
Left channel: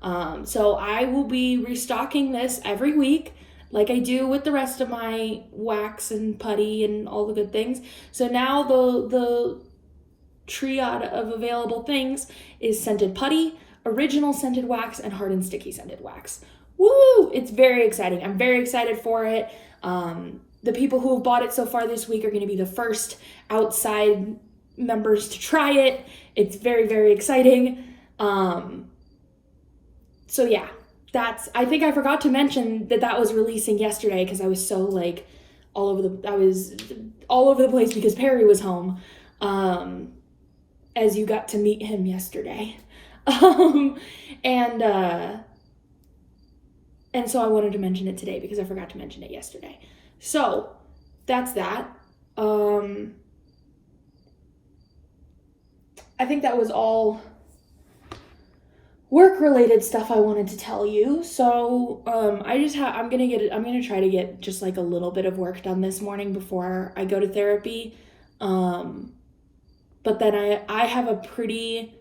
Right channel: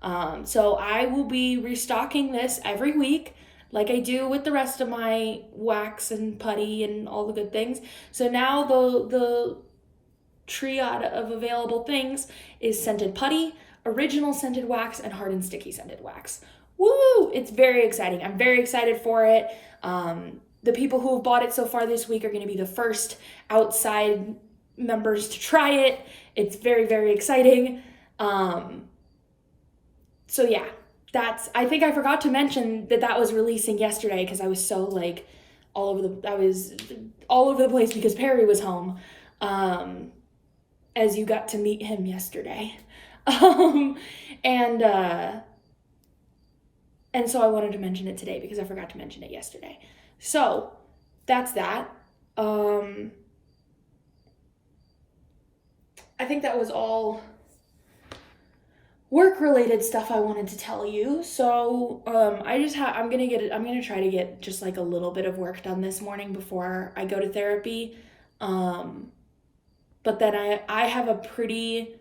So I will be restocking this every week, like I do with the rest of my wax and putty and all the good things. So now the triad of available things is scented putty, original scented wax, and hard and sticky scented wax. Woo! It's very exciting. I'm very excited for it. The people who have bought it so far this week are going to be the first outside members to try it. It's very, very exciting. So yeah, I think I forgot to mention that was releasing yesterday because I was so like all over the place because Perry was home. As you got to meet him yesterday. And so I wanted to mention it today because I forgot to mention it yesterday. So that's that. I think that was all work-related stuff I wanted to tell you. So I'm gonna try to get just like a little bit of work done this morning before I go to therapy. But then I have a pretty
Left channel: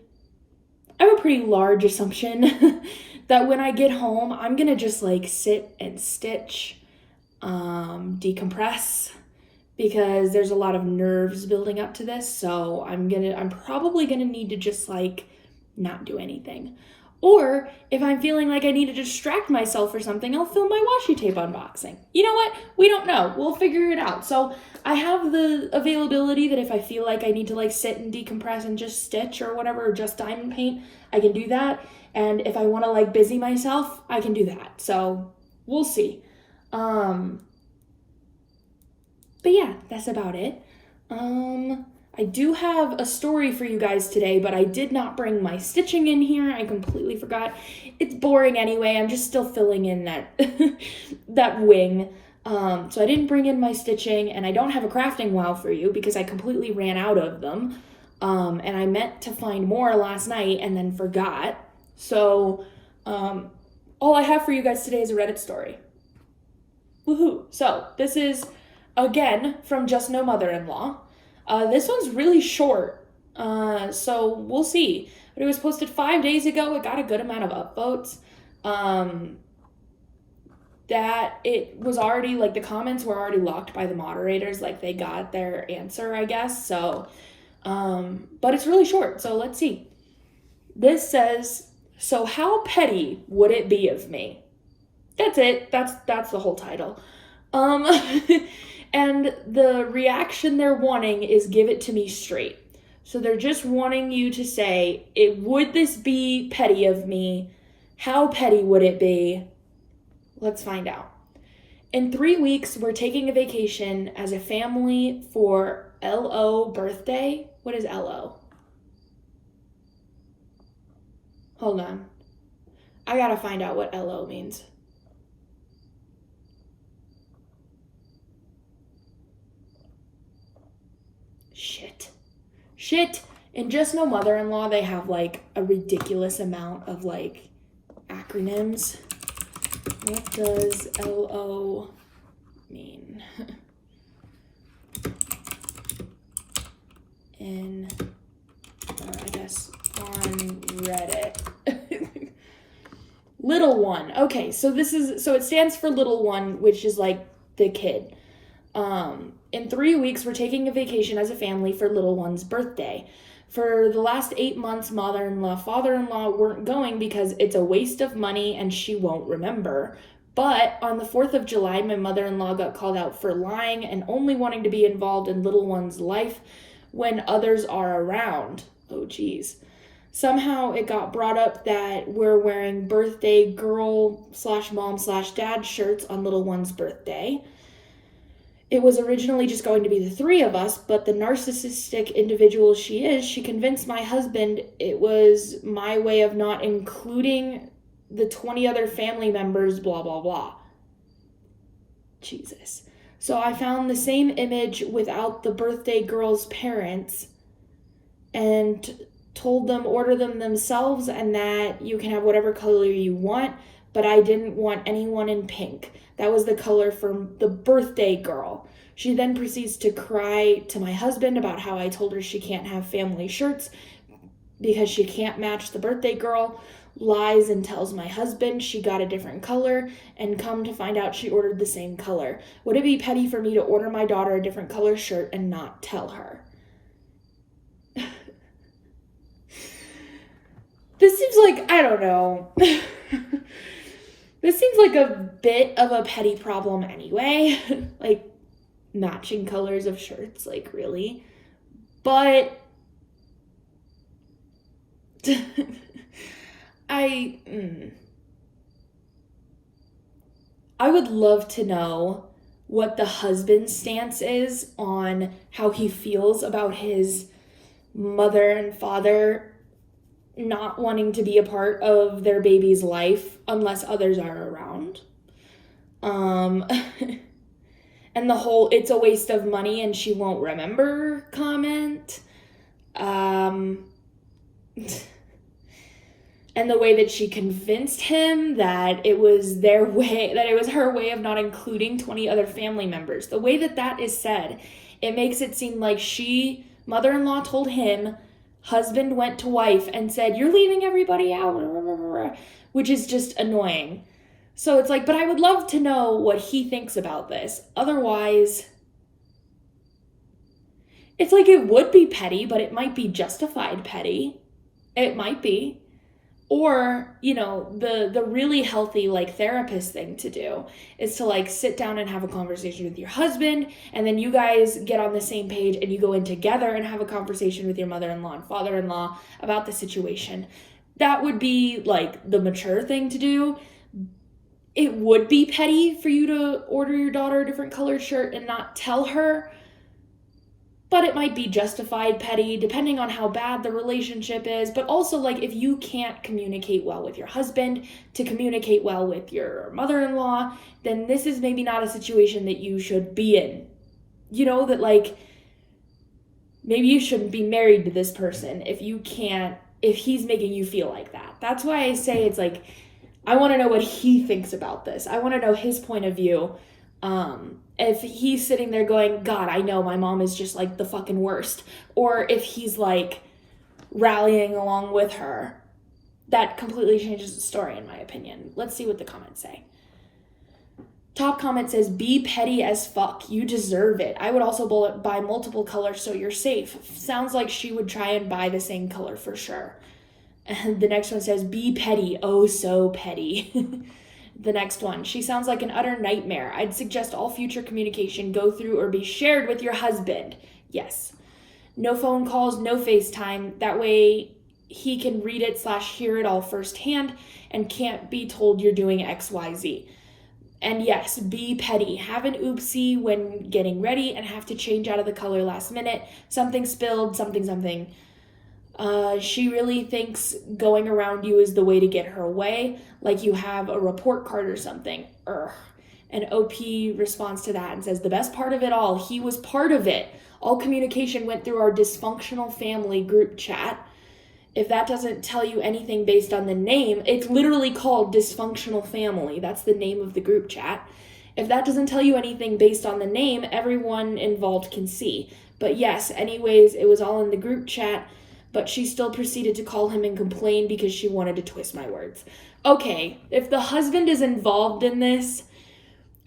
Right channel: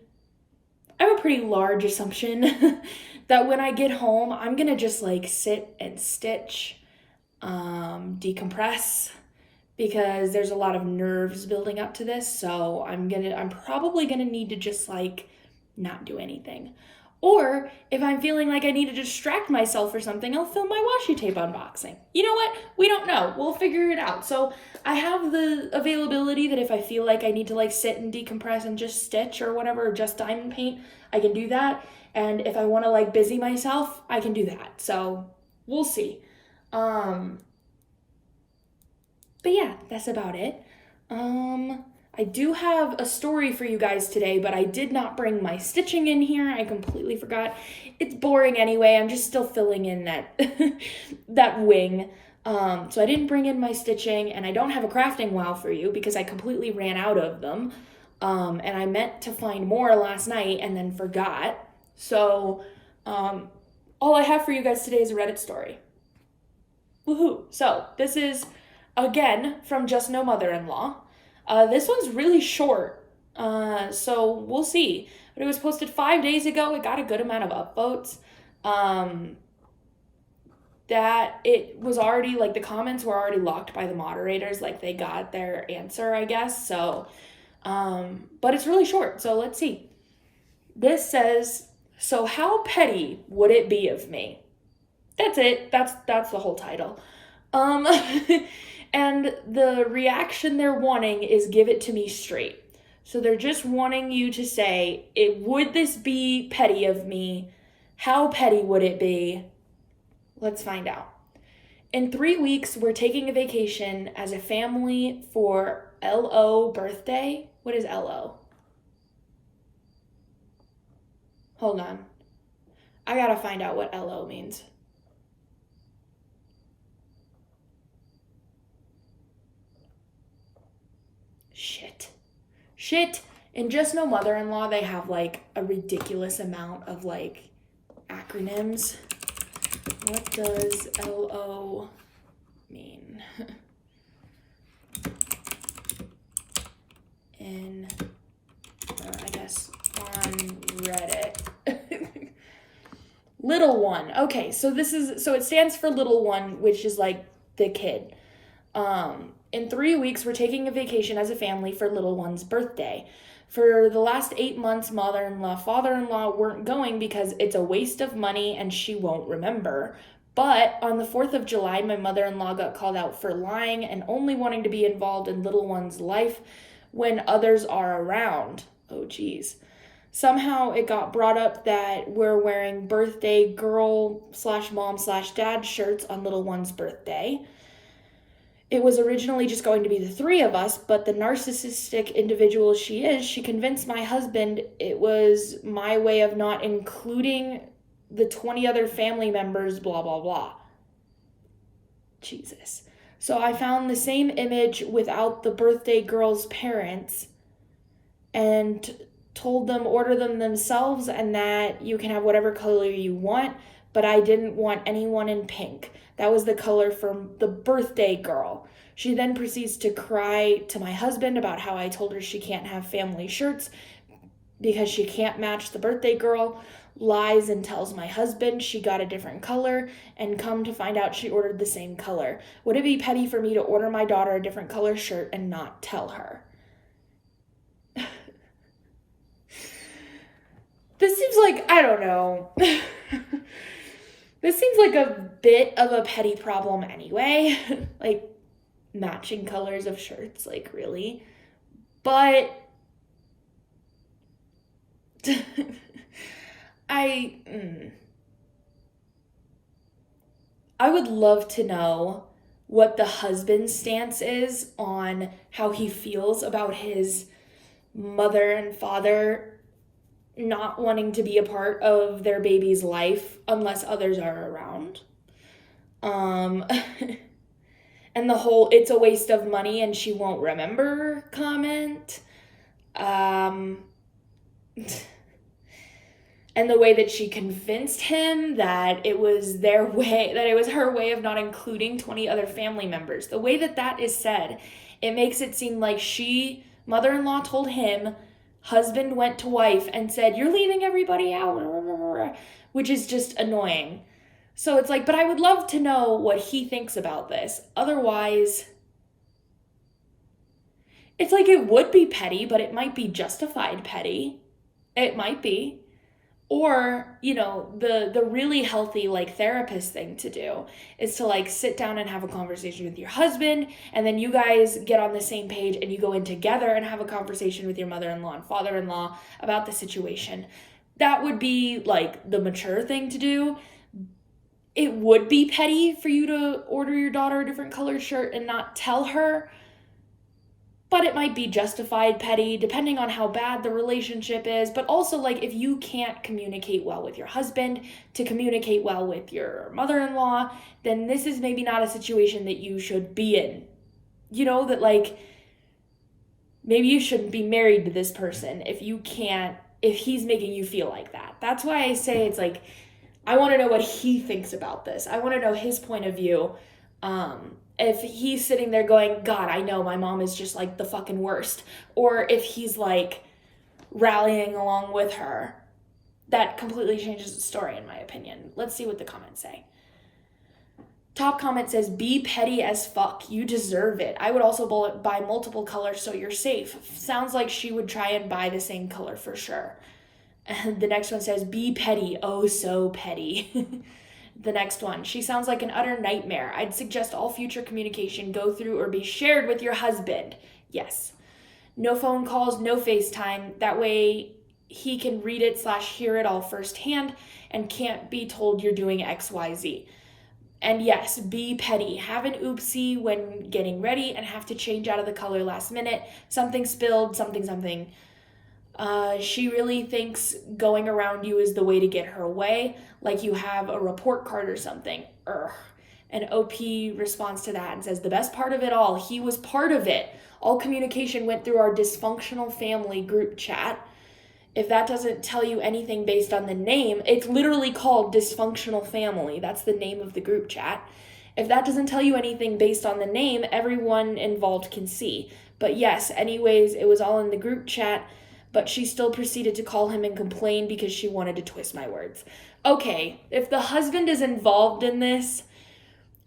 large assumption that when I get home, I'm gonna just like sit and stitch, decompress, because there's a lot of nerves building up to this. So I'm probably gonna need to just like not do anything. Or if I'm feeling like I need to distract myself or something, I'll film my washi tape unboxing. You know what? We don't know. We'll figure it out. So I have the availability that if I feel like I need to like sit and decompress and just stitch or whatever, or just diamond paint, I can do that. And if I want to like busy myself, I can do that. So we'll see. But yeah, that's about it. I do have a story for you guys today, but I did not bring my stitching in here. I completely forgot. It's boring anyway. I'm just still filling in that that wing. So I didn't bring in my stitching, and I don't have a crafting wow for you because I completely ran out of them. And I meant to find more last night and then forgot. So all I have for you guys today is a Reddit story. Woohoo! So this is, again, from Just No Mother-in-Law. This one's really short, so we'll see. But it was posted 5 days ago. It got a good amount of upvotes. That it was already, like, the comments were already locked by the moderators. Like, they got their answer, I guess. So, but it's really short, so let's see. This says, "So how petty would it be of me?" That's it. That's the whole title. Um, and the reaction they're wanting is give it to me straight. So they're just wanting you to say, would this be petty of me? How petty would it be? Let's find out. In 3 weeks, we're taking a vacation as a family for LO birthday. What is LO? Hold on. I gotta find out what LO means. Shit. In Just No Mother-in-Law, they have like a ridiculous amount of like acronyms. What does LO mean? I guess on Reddit. Little one. Okay, so it stands for little one, which is like the kid. In 3 weeks, we're taking a vacation as a family for little one's birthday. For the last 8 months, mother-in-law, father-in-law weren't going because it's a waste of money and she won't remember. But on the 4th of July, my mother-in-law got called out for lying and only wanting to be involved in little one's life when others are around. Oh, geez. Somehow it got brought up that we're wearing birthday girl/mom/dad shirts on little one's birthday. It was originally just going to be the 3 of us, but the narcissistic individual she is, she convinced my husband it was my way of not including the 20 other family members, blah, blah, blah. Jesus. So I found the same image without the birthday girl's parents and told them order them themselves and that you can have whatever color you want, but I didn't want anyone in pink. That was the color for the birthday girl. She then proceeds to cry to my husband about how I told her she can't have family shirts because she can't match the birthday girl, lies and tells my husband she got a different color, and come to find out she ordered the same color. Would it be petty for me to order my daughter a different color shirt and not tell her? This seems like, I don't know. This seems like a bit of a petty problem anyway. Like, matching colors of shirts, like, really. But I would love to know what the husband's stance is on how he feels about his mother and father not wanting to be a part of their baby's life unless others are around. And the whole it's a waste of money and she won't remember comment. And the way that she convinced him that it was their way, that it was her way of not including 20 other family members. The way that is said, it makes it seem like mother-in-law told him, husband went to wife and said, you're leaving everybody out, which is just annoying. So it's like, but I would love to know what he thinks about this. Otherwise, it's like it would be petty, but it might be justified petty. It might be. Or, the really healthy, like, therapist thing to do is to, like, sit down and have a conversation with your husband, and then you guys get on the same page and you go in together and have a conversation with your mother-in-law and father-in-law about the situation. That would be, like, the mature thing to do. It would be petty for you to order your daughter a different colored shirt and not tell her, but it might be justified petty depending on how bad the relationship is. But also, like, if you can't communicate well with your husband to communicate well with your mother-in-law, then this is maybe not a situation that you should be in. That, like, maybe you shouldn't be married to this person if he's making you feel like that. That's why I say it's like, I want to know what he thinks about this. I want to know his point of view. If he's sitting there going, God, I know my mom is just like the fucking worst. Or if he's like rallying along with her. That completely changes the story in my opinion. Let's see what the comments say. Top comment says, be petty as fuck. You deserve it. I would also buy multiple colors so you're safe. Sounds like she would try and buy the same color for sure. And the next one says, be petty. Oh, so petty. The next one, she sounds like an utter nightmare. I'd suggest all future communication go through or be shared with your husband. Yes. No phone calls, no FaceTime. That way he can read it / hear it all firsthand and can't be told you're doing XYZ. And yes, be petty. Have an oopsie when getting ready and have to change out of the color last minute. Something spilled, something. She really thinks going around you is the way to get her way, like you have a report card or something. And OP responds to that and says, the best part of it all, he was part of it. All communication went through our dysfunctional family group chat. If that doesn't tell you anything based on the name, it's literally called Dysfunctional Family. That's the name of the group chat. If that doesn't tell you anything based on the name, everyone involved can see. But yes, anyways, it was all in the group chat, but she still proceeded to call him and complain because she wanted to twist my words. Okay, if the husband is involved in this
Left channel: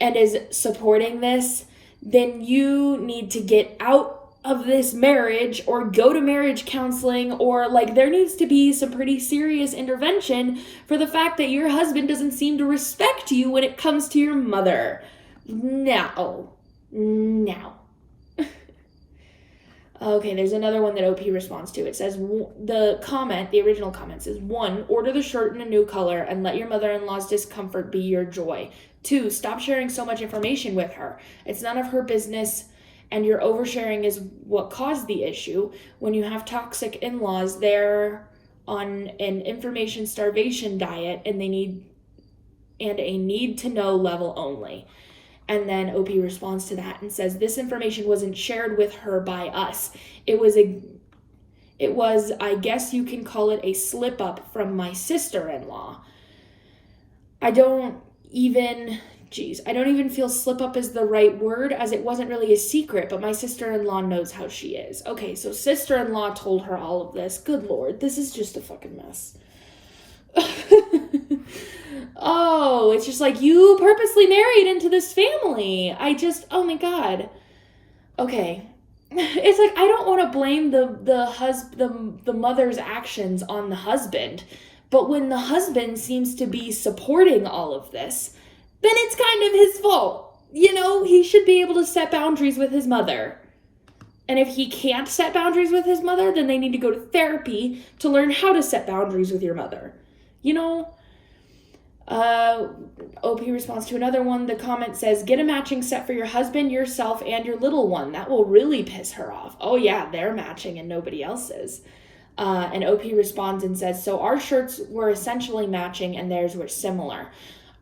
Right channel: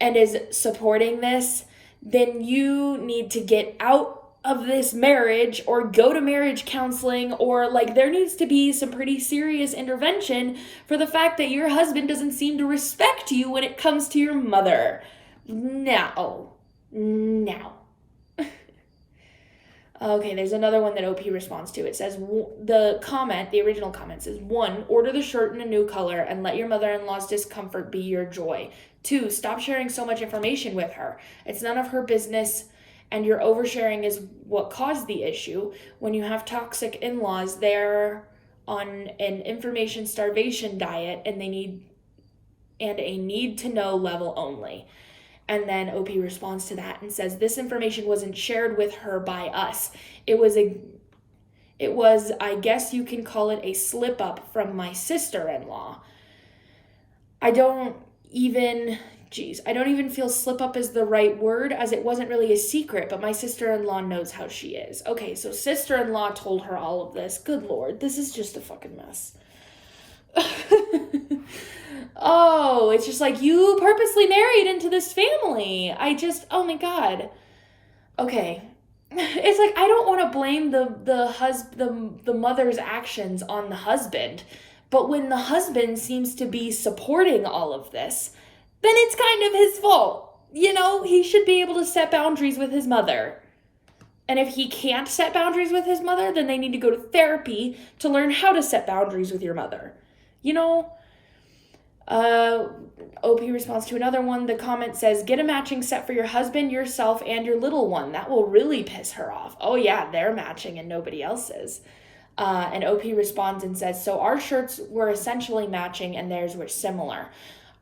and is supporting this, then you need to get out of this marriage or go to marriage counseling, or like there needs to be some pretty serious intervention for the fact that your husband doesn't seem to respect you when it comes to your mother. Now. Okay, there's another one that OP responds to. It says, the original comment says, 1, order the shirt in a new color and let your mother-in-law's discomfort be your joy. 2, stop sharing so much information with her. It's none of her business, and your oversharing is what caused the issue. When you have toxic in-laws, they're on an information starvation diet and a need to know level only. And then OP responds to that and says, this information wasn't shared with her by us. It was, I guess you can call it a slip up from my sister-in-law. I don't even feel slip up is the right word, as it wasn't really a secret, but my sister-in-law knows how she is. Okay, so sister-in-law told her all of this. Good Lord, this is just a fucking mess. Oh, it's just like, you purposely married into this family. Oh my God. Okay. It's like, I don't want to blame the mother's actions on the husband, but when the husband seems to be supporting all of this, then it's kind of his fault. You know, he should be able to set boundaries with his mother. And if he can't set boundaries with his mother, then they need to go to therapy to learn how to set boundaries with your mother. You know? OP responds to another one. The comment says, get a matching set for your husband, yourself, and your little one. That will really piss her off. Oh yeah, they're matching and nobody else is. And OP responds and says, so our shirts were essentially matching and theirs were similar.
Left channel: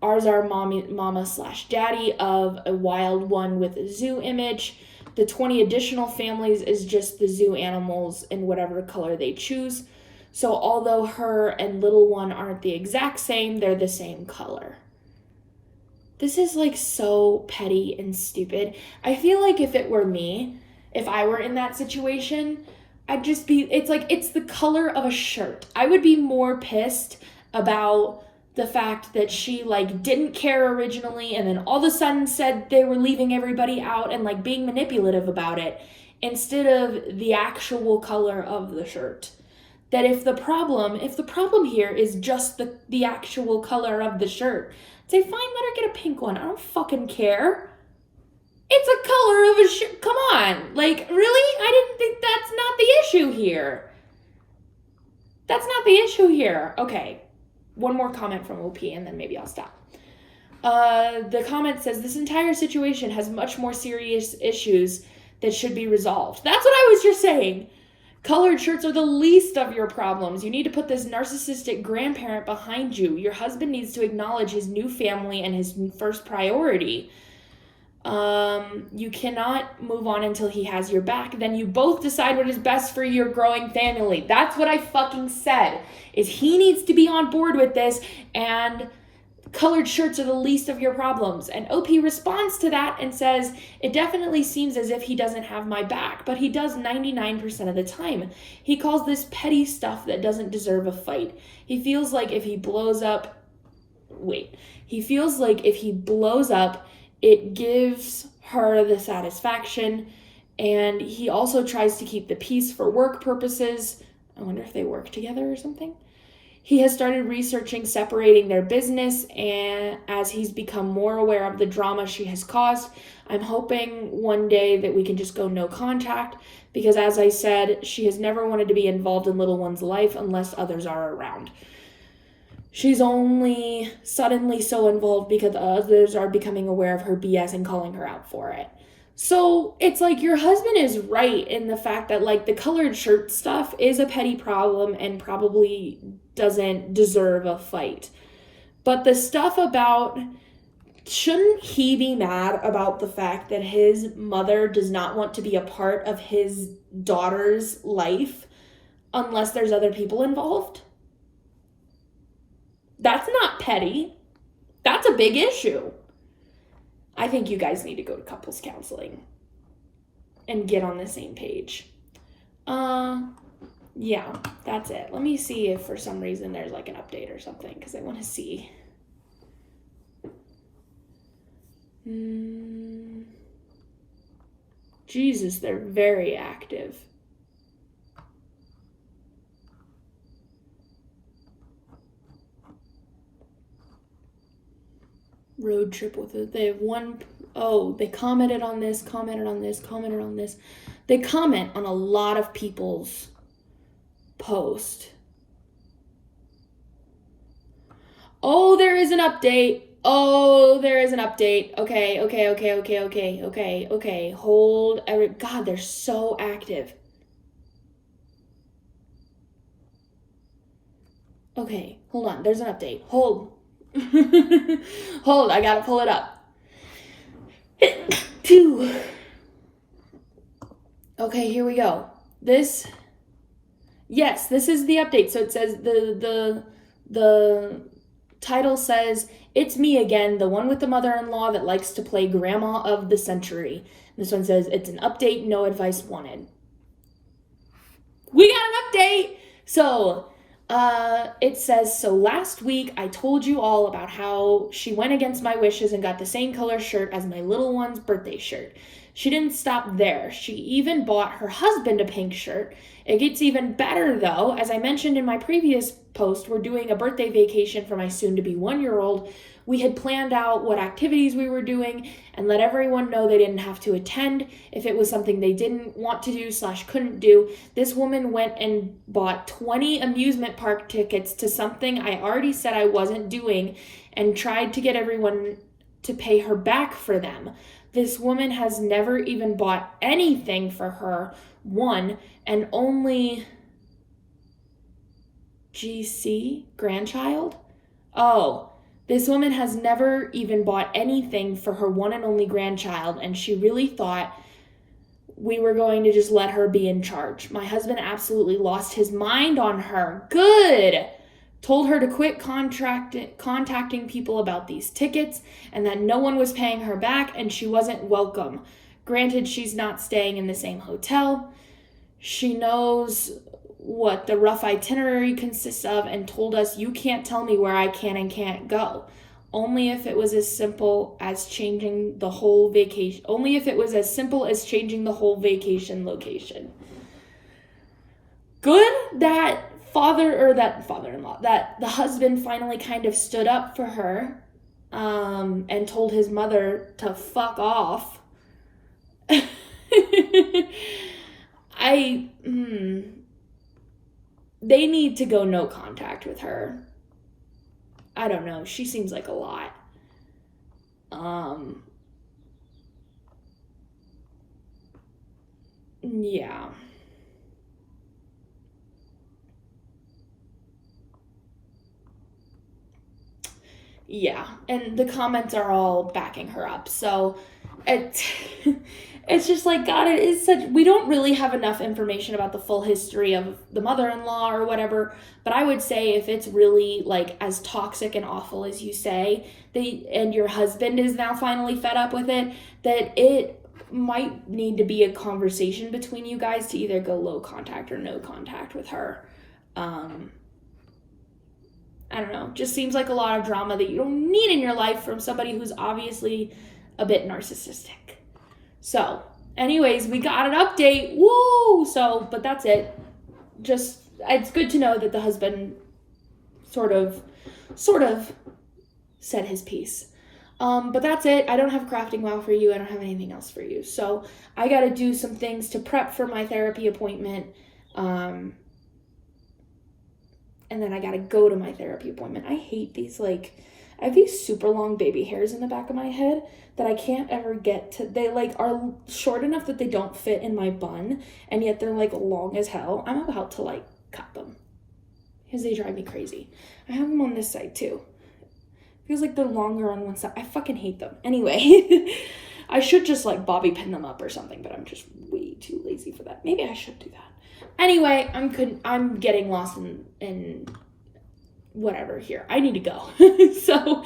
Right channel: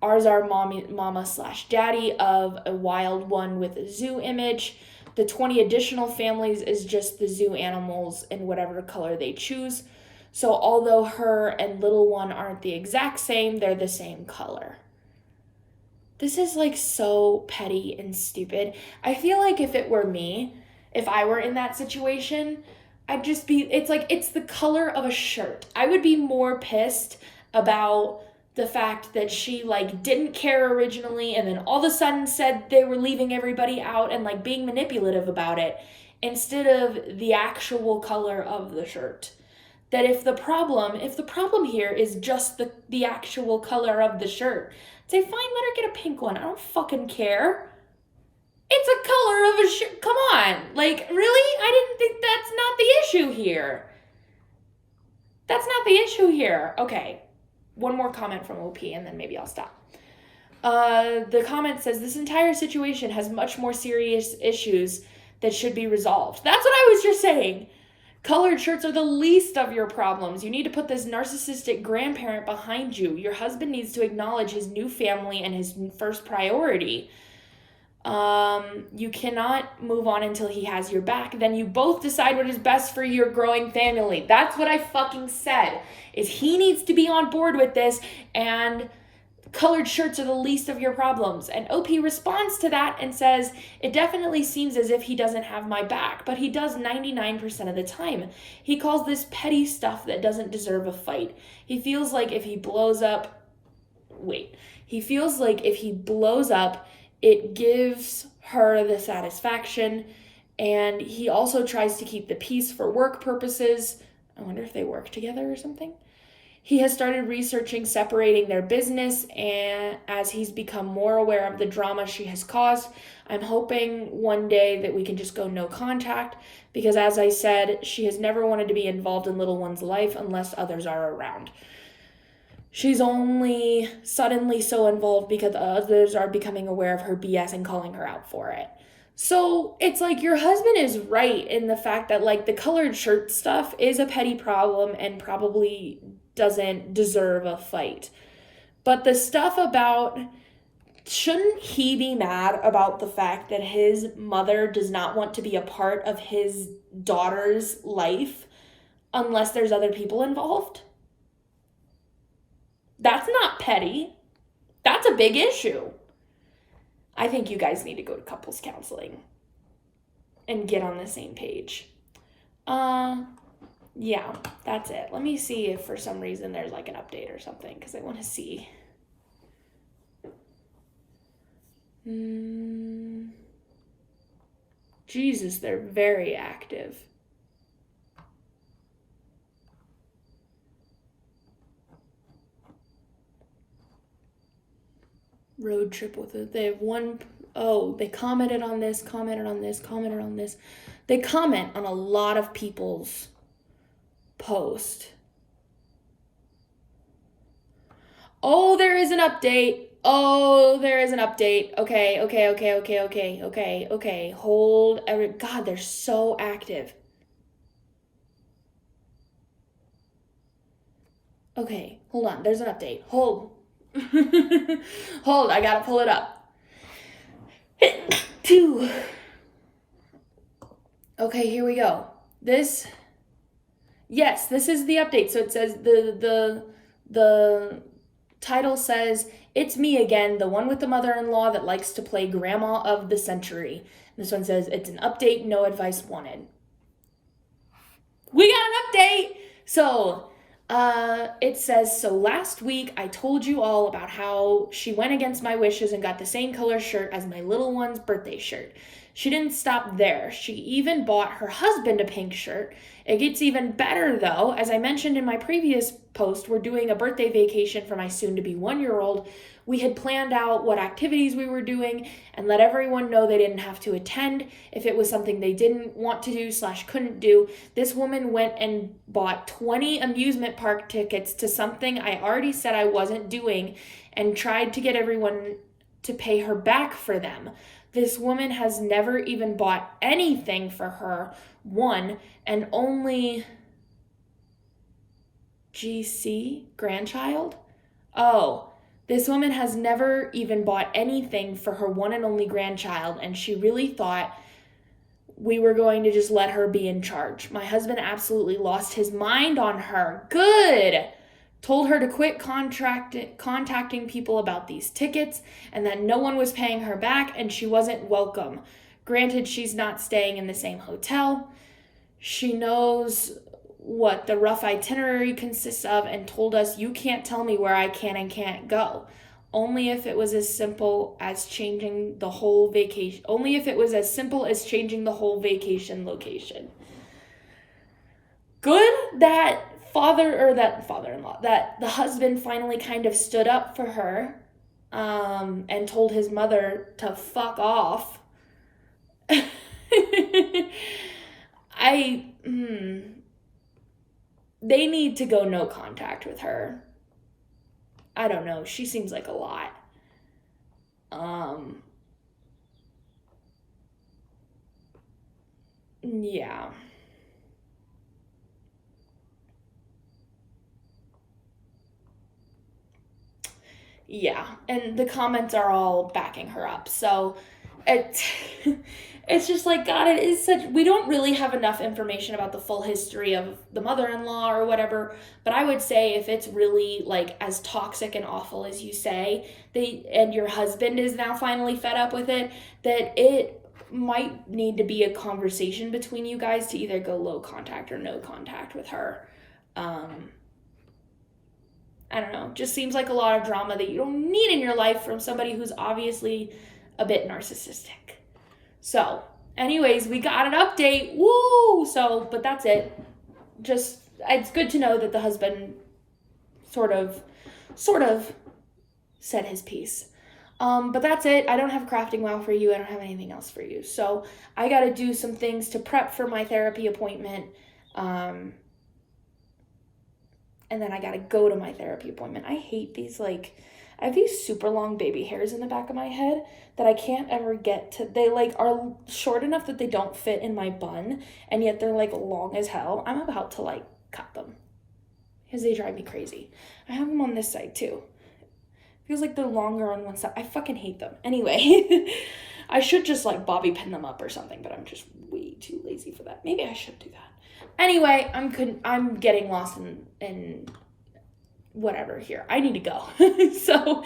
Ours are mama/daddy of a wild one with a zoo image. The 20 additional families is just the zoo animals in whatever color they choose. So although her and little one aren't the exact same, they're the same color. This is like so petty and stupid. I feel like if it were me, if I were in that situation, I'd just be, it's like, it's the color of a shirt. I would be more pissed about the fact that she like didn't care originally and then all of a sudden said they were leaving everybody out and like being manipulative about it, instead of the actual color of the shirt. That if the problem here is just the actual color of the shirt, say, fine, let her get a pink one. I don't fucking care. It's a color of a shirt. Come on. Like, really? I didn't think that's not the issue here. That's not the issue here. Okay. One more comment from OP and then maybe I'll stop. The comment says, this entire situation has much more serious issues that should be resolved. That's what I was just saying. Colored shirts are the least of your problems. You need to put this narcissistic grandparent behind you. Your husband needs to acknowledge his new family and his first priority. You cannot move on until he has your back. Then you both decide what is best for your growing family. That's what I fucking said. If he needs to be on board with this, and colored shirts are the least of your problems. And OP responds to that and says, it definitely seems as if he doesn't have my back, but he does 99% of the time. He calls this petty stuff that doesn't deserve a fight. He feels like if he blows up, it gives her the satisfaction, and he also tries to keep the peace for work purposes. I wonder if they work together or something. He has started researching separating their business, and as he's become more aware of the drama she has caused, I'm hoping one day that we can just go no contact, because as I said, she has never wanted to be involved in little one's life unless others are around. She's only suddenly so involved because others are becoming aware of her BS and calling her out for it. So it's like your husband is right in the fact that like the colored shirt stuff is a petty problem and probably doesn't deserve a fight. But the stuff about, shouldn't he be mad about the fact that his mother does not want to be a part of his daughter's life unless there's other people involved? That's not petty. That's a big issue. I think you guys need to go to couples counseling and get on the same page. Yeah, that's it. Let me see if for some reason there's like an update or something, because I want to see. Jesus, they're very active. Road trip with it. They have they commented on this, commented on this, commented on this. They comment on a lot of people's post. Oh, there is an update. Okay. Hold. God, they're so active. Okay, hold on. There's an update. Hold. Hold, I gotta pull it up. 2. Okay, here we go. This is the update. So it says the title says, "It's me again, the one with the mother-in-law that likes to play grandma of the century." This one says, "It's an update, no advice wanted." We got an update! So, it says, "So last week I told you all about how she went against my wishes and got the same color shirt as my little one's birthday shirt. She didn't stop there. She even bought her husband a pink shirt. It gets even better though. As I mentioned in my previous post, we're doing a birthday vacation for my soon-to-be 1-year-old. We had planned out what activities we were doing and let everyone know they didn't have to attend if it was something they didn't want to do / couldn't do. This woman went and bought 20 amusement park tickets to something I already said I wasn't doing and tried to get everyone to pay her back for them. This woman has never even bought anything for her, one, and only GC, grandchild? Oh, this woman has never even bought anything for her one and only grandchild, and she really thought we were going to just let her be in charge. My husband absolutely lost his mind on her. Good! Told her to quit contacting people about these tickets and that no one was paying her back and she wasn't welcome. Granted, she's not staying in the same hotel. She knows what the rough itinerary consists of and told us, you can't tell me where I can and can't go. Only if it was as simple as changing the whole vacation. Only if it was as simple as changing the whole vacation location. Good that father-in-law, that the husband finally kind of stood up for her and told his mother to fuck off. They need to go no contact with her. I don't know. She seems like a lot. Yeah. Yeah, and the comments are all backing her up. So it's just like, God, it is such, we don't really have enough information about the full history of the mother-in-law or whatever, but I would say if it's really like as toxic and awful as you say, and your husband is now finally fed up with it, that it might need to be a conversation between you guys to either go low contact or no contact with her. I don't know, just seems like a lot of drama that you don't need in your life from somebody who's obviously a bit narcissistic. So, anyways, we got an update. Woo! So, but that's it. Just, it's good to know that the husband sort of said his piece. But that's it. I don't have crafting wow for you. I don't have anything else for you. So I got to do some things to prep for my therapy appointment. And then I got to go to my therapy appointment. I hate these, like, I have these super long baby hairs in the back of my head that I can't ever get to. They, like, are short enough that they don't fit in my bun, and yet they're, like, long as hell. I'm about to, like, cut them because they drive me crazy. I have them on this side, too. Feels like they're longer on one side. I fucking hate them. Anyway, I should just, like, bobby pin them up or something, but I'm just way too lazy for that. Maybe I should do that. Anyway, I'm getting lost in whatever here. I need to go. So,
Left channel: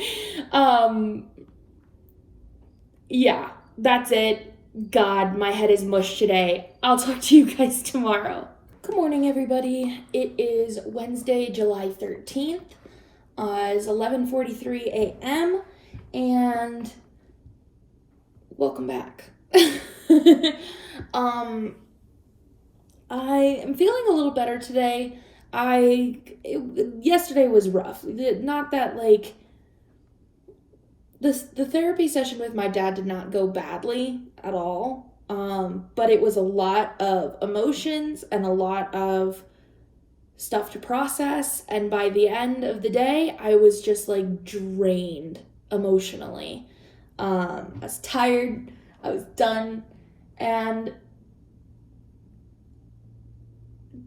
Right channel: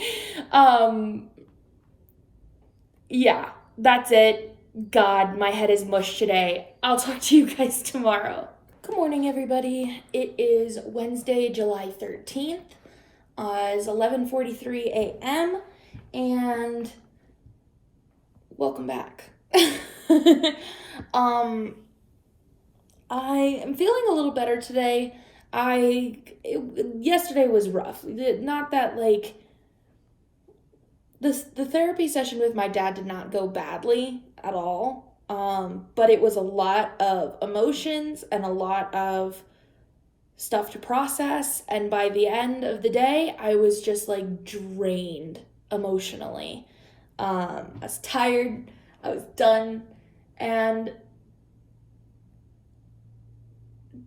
yeah, that's it. God, my head is mush today. I'll talk to you guys tomorrow. Good morning, everybody. It is Wednesday, July 13th. It's 11:43 a.m. and welcome back. I am feeling a little better today. Yesterday was rough. Not that, like, the therapy session with my dad did not go badly at all. But it was a lot of emotions and a lot of stuff to process, and by the end of the day, I was just, like, drained emotionally. I was tired, I was done, and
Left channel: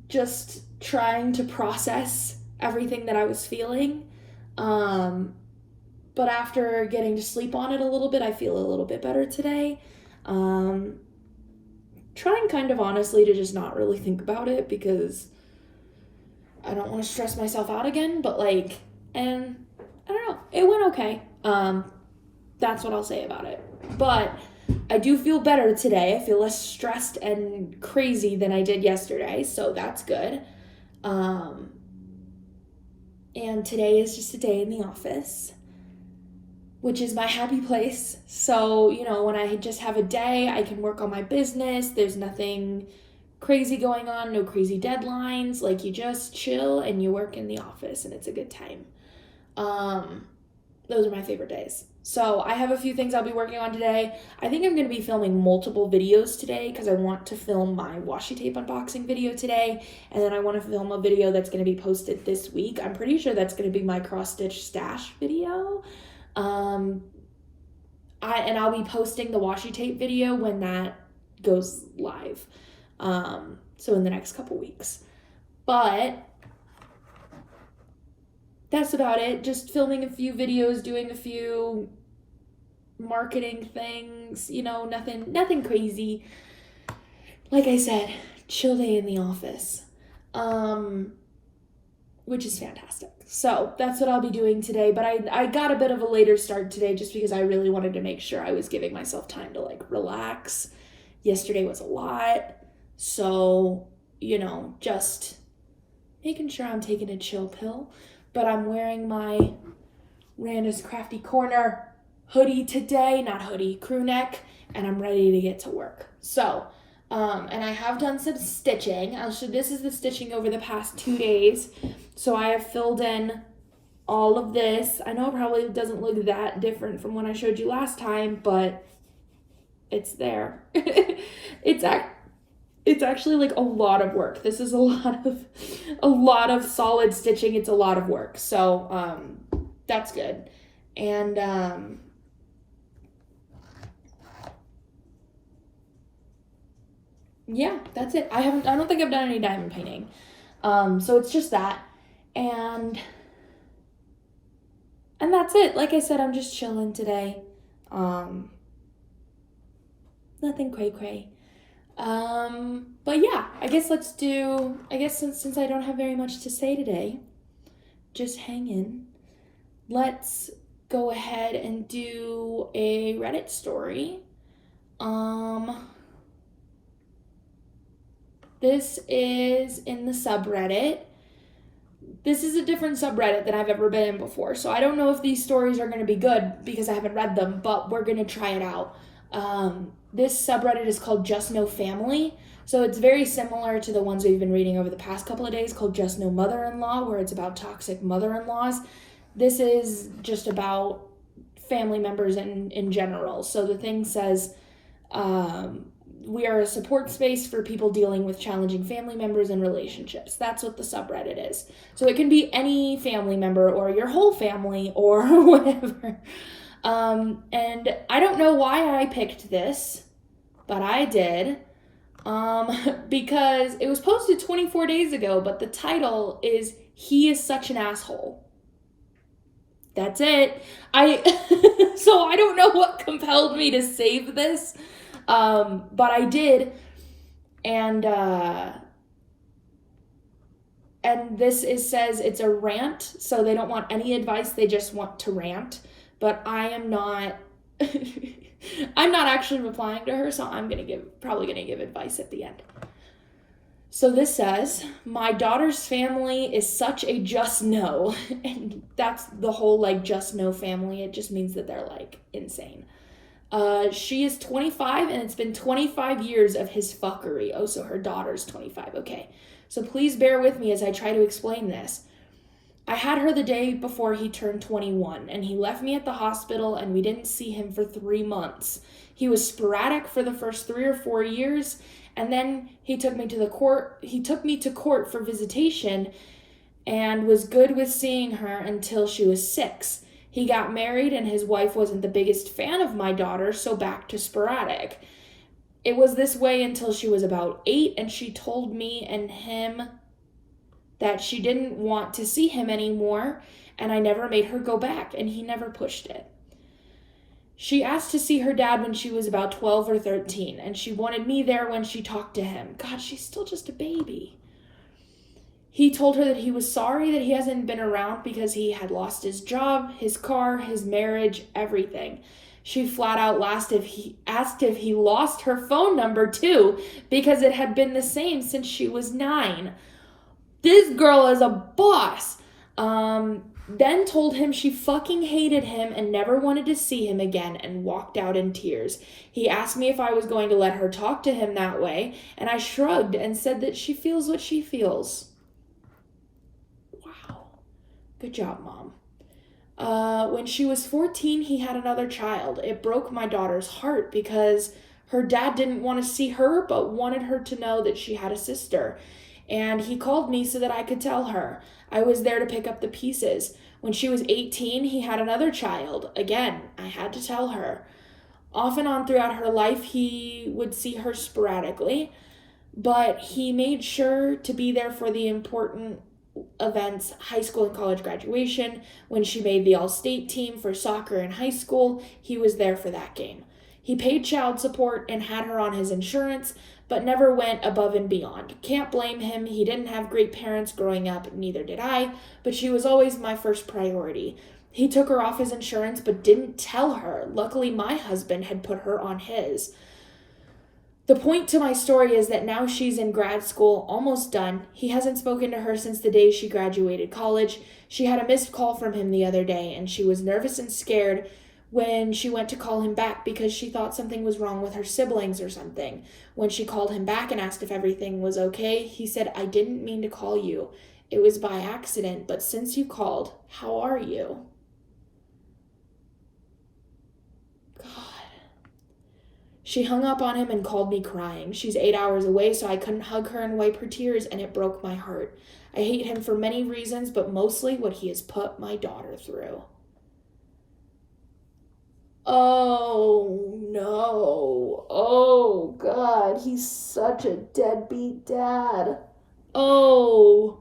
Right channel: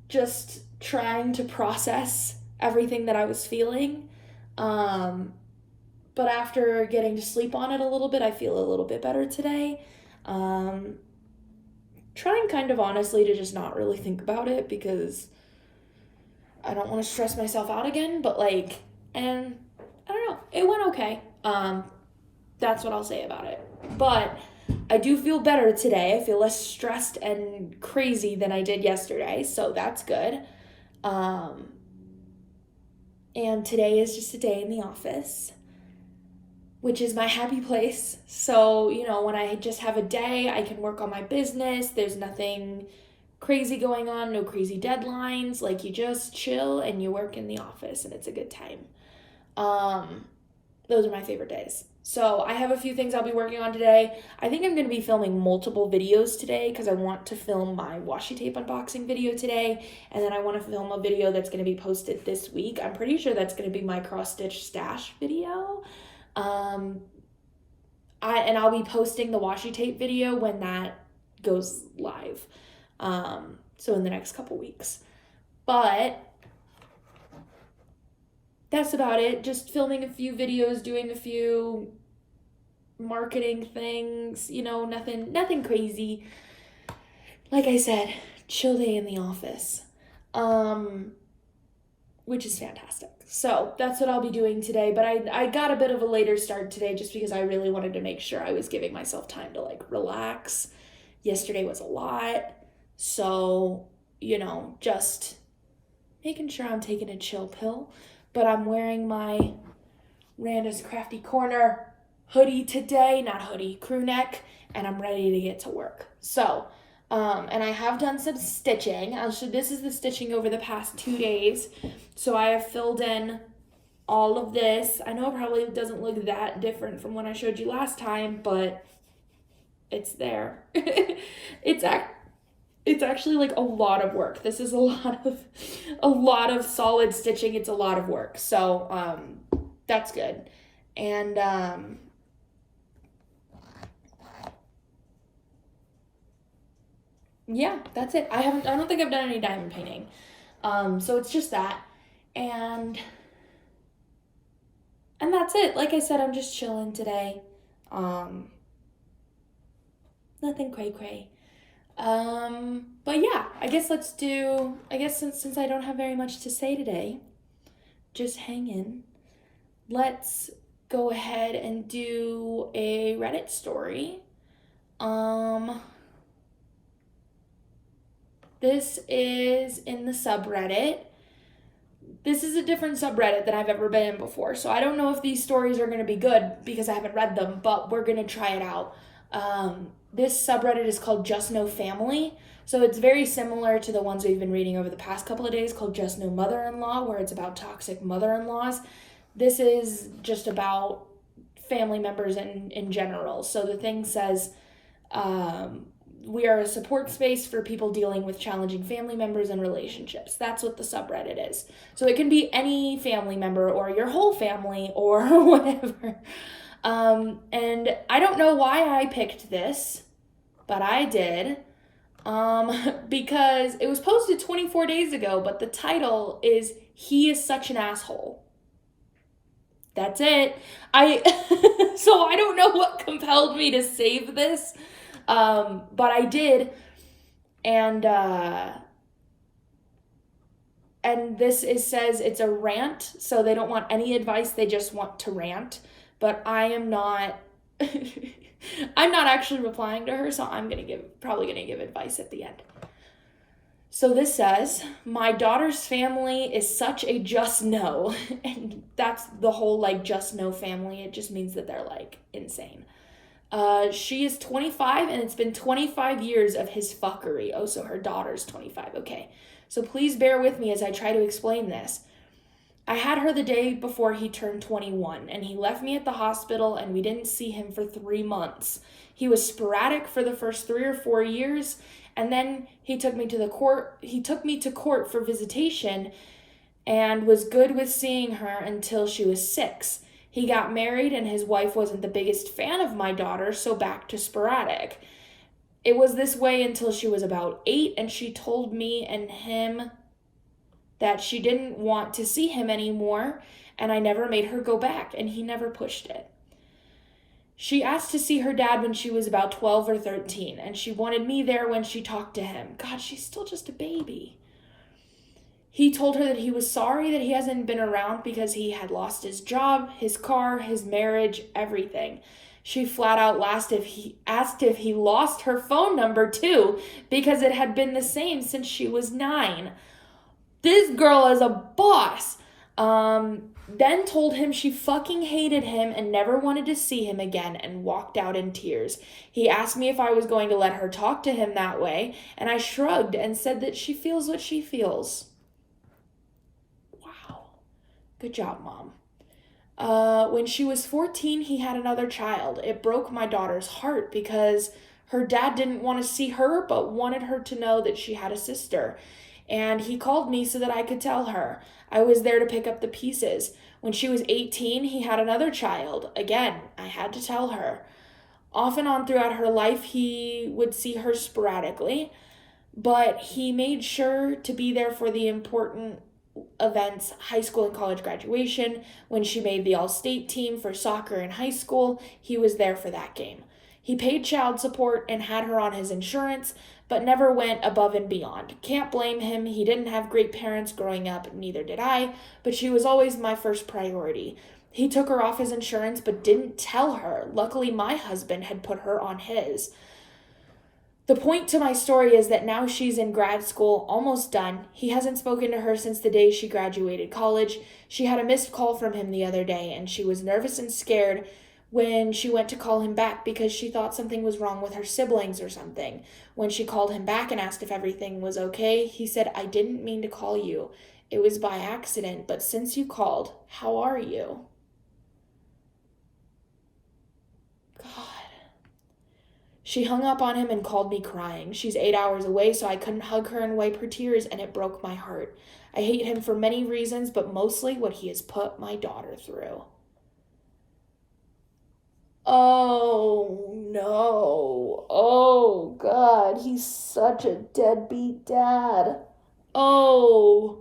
just trying to process everything that I was feeling. But after getting to sleep on it a little bit, I feel a little bit better today. Trying kind of honestly to just not really think about it because I don't want to stress myself out again, but, like, and I don't know, it went okay. That's what I'll say about it. But I do feel better today. I feel less stressed and crazy than I did yesterday, so that's good. And today is just a day in the office, which is my happy place. So, you know, when I just have a day, I can work on my business. There's nothing crazy going on, no crazy deadlines. Like, you just chill and you work in the office and it's a good time. Those are my favorite days. So I have a few things I'll be working on today. I think I'm going to be filming multiple videos today because I want to film my washi tape unboxing video today, and then I want to film a video that's going to be posted this week. I'm pretty sure that's going to be my cross-stitch stash video. I'll be posting the washi tape video when that goes live. So in the next couple weeks. But that's about it. Just filming a few videos, doing a few marketing things, you know, nothing crazy. Like I said, chill day in the office. Which is fantastic. So that's what I'll be doing today. But I got a bit of a later start today just because I really wanted to make sure I was giving myself time to, like, relax. Yesterday was a lot. So, you know, just making sure I'm taking a chill pill. But I'm wearing my Randa's Crafty Corner hoodie today. Not hoodie, crew neck. And I'm ready to get to work. So, and I have done some stitching. This is the stitching over the past 2 days. So I have filled in all of this. I know it probably doesn't look that different from when I showed you last time, but it's there. It's actually, like, a lot of work. This is a lot of solid stitching. It's a lot of work. So, that's good. And, yeah, that's it. I don't think I've done any diamond painting. So it's just that. And that's it. Like I said, I'm just chilling today. Nothing cray-cray. But yeah, I guess since I don't have very much to say today, just hang in. Let's go ahead and do a Reddit story. This is in the subreddit. This is a different subreddit than I've ever been in before, so I don't know if these stories are going to be good because I haven't read them, but we're going to try it out. This subreddit is called Just No Family, So it's very similar to the ones we've been reading over the past couple of days called Just No Mother-in-Law, where it's about toxic mother-in-laws. This is just about family members in general. So the thing says, we are a support space for people dealing with challenging family members and relationships. That's what the subreddit is. So it can be any family member or your whole family or whatever. And I don't know why I picked this, but I did. Because it was posted 24 days ago, but the title is "He is Such an Asshole." That's it. So I don't know what compelled me to save this, but I did, and this says it's a rant, so they don't want any advice, they just want to rant, but I am not, I'm not actually replying to her, so I'm probably gonna give advice at the end. So this says, my daughter's family is such a just no. And that's the whole, like, just no family. It just means that they're, like, insane. She is 25, and it's been 25 years of his fuckery. Oh, so her daughter's 25. Okay. So please bear with me as I try to explain this. I had her the day before he turned 21, and he left me at the hospital, and we didn't see him for 3 months. He was sporadic for the first 3 or 4 years, and then he took me to court for visitation and was good with seeing her until she was 6. He got married, and his wife wasn't the biggest fan of my daughter, so back to sporadic. It was this way until she was about 8, and she told me and him that she didn't want to see him anymore, and I never made her go back, and he never pushed it. She asked to see her dad when she was about 12 or 13, and she wanted me there when she talked to him. God, she's still just a baby. He told her that he was sorry that he hasn't been around because he had lost his job, his car, his marriage, everything. She flat out asked if he lost her phone number too, because it had been the same since she was 9. This girl is a boss. Then told him she fucking hated him and never wanted to see him again and walked out in tears. He asked me if I was going to let her talk to him that way, and I shrugged and said that she feels what she feels. Wow. Good job, Mom. When she was 14, he had another child. It broke my daughter's heart because her dad didn't want to see her but wanted her to know that she had a sister. And he called me so that I could tell her. I was there to pick up the pieces. When she was 18, he had another child. Again, I had to tell her. Off and on throughout her life, he would see her sporadically, but he made sure to be there for the important events, high school and college graduation. When she made the all-state team for soccer in high school, he was there for that game. He paid child support and had her on his insurance, but never went above and beyond. Can't blame him. He didn't have great parents growing up, neither did I, but she was always my first priority. He took her off his insurance, but didn't tell her. Luckily, my husband had put her on his. The point to my story is that now she's in grad school, almost done. He hasn't spoken to her since the day she graduated college. She had a missed call from him the other day, and she was nervous and scared when she went to call him back because she thought something was wrong with her siblings or something. When she called him back and asked if everything was okay, he said, "I didn't mean to call you. It was by accident, but since you called, how are you?" God. She hung up on him and called me crying. She's 8 hours away, so I couldn't hug her and wipe her tears, and it broke my heart. I hate him for many reasons, but mostly what he has put my daughter through. Oh, no. Oh, God. He's such a deadbeat dad. Oh,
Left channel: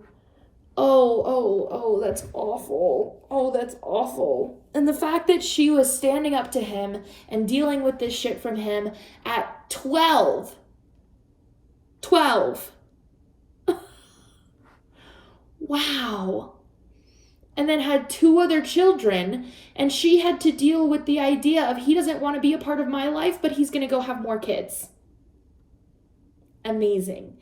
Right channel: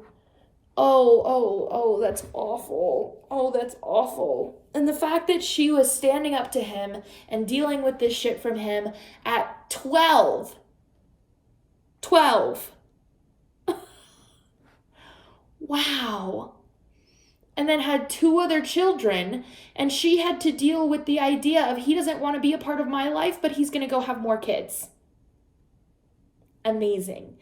that's awful. Oh, that's awful. And the fact that she was standing up to him and dealing with this shit from him at 12. 12. Wow. And then had 2 other children, and she had to deal with the idea of he doesn't want to be a part of my life, but he's going to go have more kids. Amazing.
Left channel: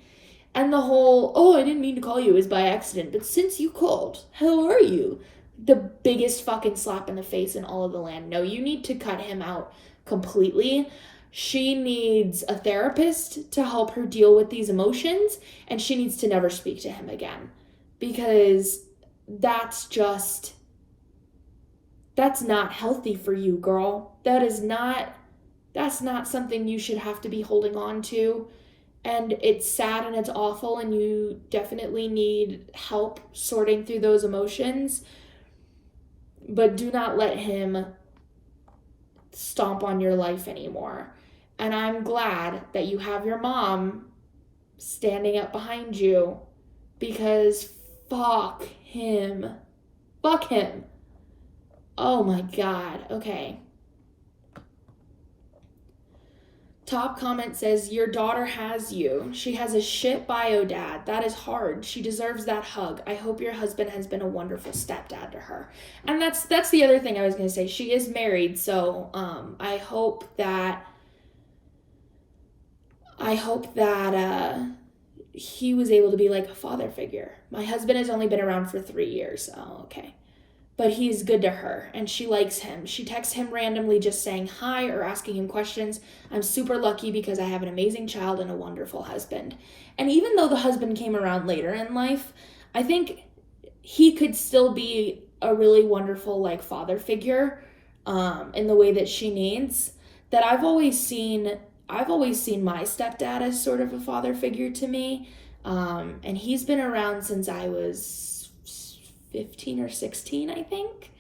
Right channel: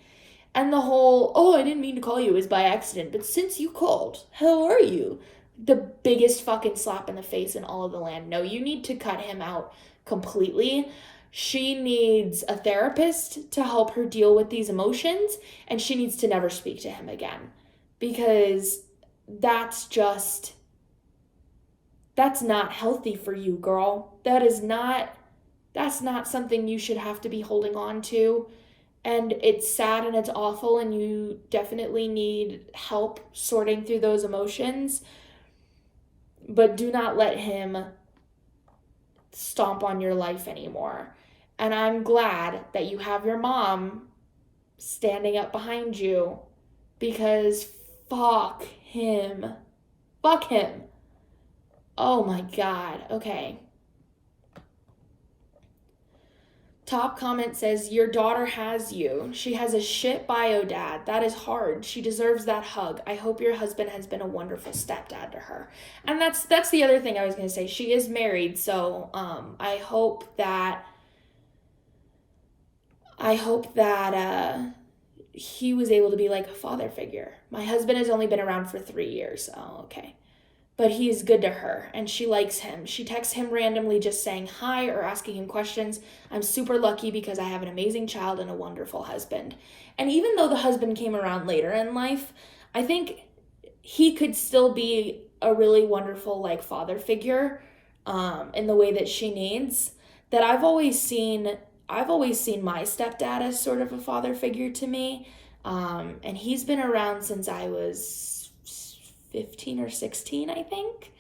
And the whole, "Oh, I didn't mean to call you," is by accident, but since you called, how are you? The biggest fucking slap in the face in all of the land. No, you need to cut him out completely. She needs a therapist to help her deal with these emotions, and she needs to never speak to him again, because that's not healthy for you, girl. That's not something you should have to be holding on to. And it's sad and it's awful, and you definitely need help sorting through those emotions. But do not let him stomp on your life anymore. And I'm glad that you have your mom standing up behind you, because fuck him. Fuck him. Oh my God. Okay. Top comment says, your daughter has you. She has a shit bio dad. That is hard. She deserves that hug. I hope your husband has been a wonderful stepdad to her. And that's the other thing I was going to say. She is married, so I hope that he was able to be like a father figure. My husband has only been around for 3 years. Oh, okay. But he is good to her, and she likes him. She texts him randomly just saying hi or asking him questions. I'm super lucky because I have an amazing child and a wonderful husband. And even though the husband came around later in life, I think he could still be a really wonderful like father figure in the way that she needs. That I've always seen my stepdad as sort of a father figure to me. And he's been around since I was 15 or 16, I think.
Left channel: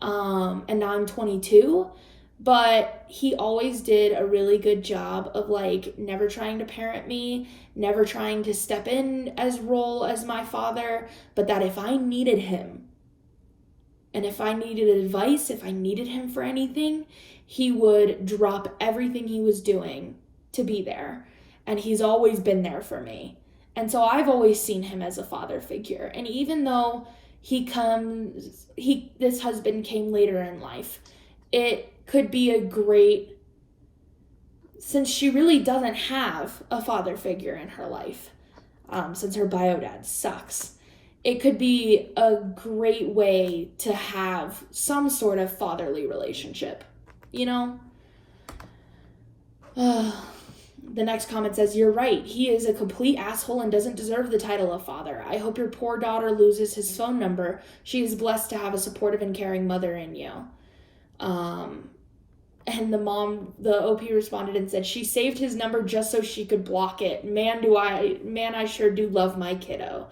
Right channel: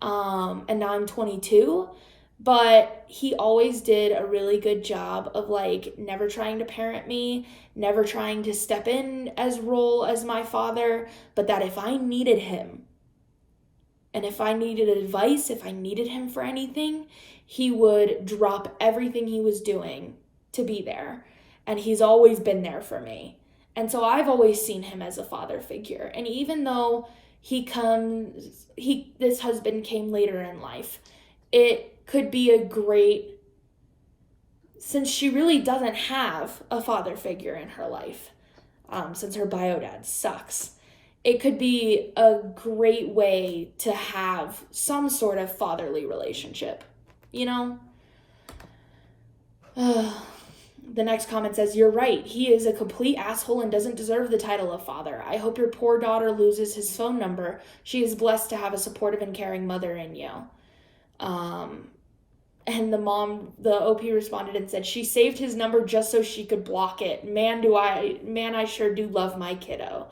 And now I'm 22. But he always did a really good job of like never trying to parent me, never trying to step in as role as my father, but that if I needed him, and if I needed advice, if I needed him for anything, he would drop everything he was doing to be there. And he's always been there for me. And so I've always seen him as a father figure. And even though this husband came later in life, it could be a great, since she really doesn't have a father figure in her life, since her bio dad sucks, it could be a great way to have some sort of fatherly relationship, you know? The next comment says, you're right. He is a complete asshole and doesn't deserve the title of father. I hope your poor daughter loses his phone number. She is blessed to have a supportive and caring mother in you. And the OP responded and said, she saved his number just so she could block it. Man, I sure do love my kiddo.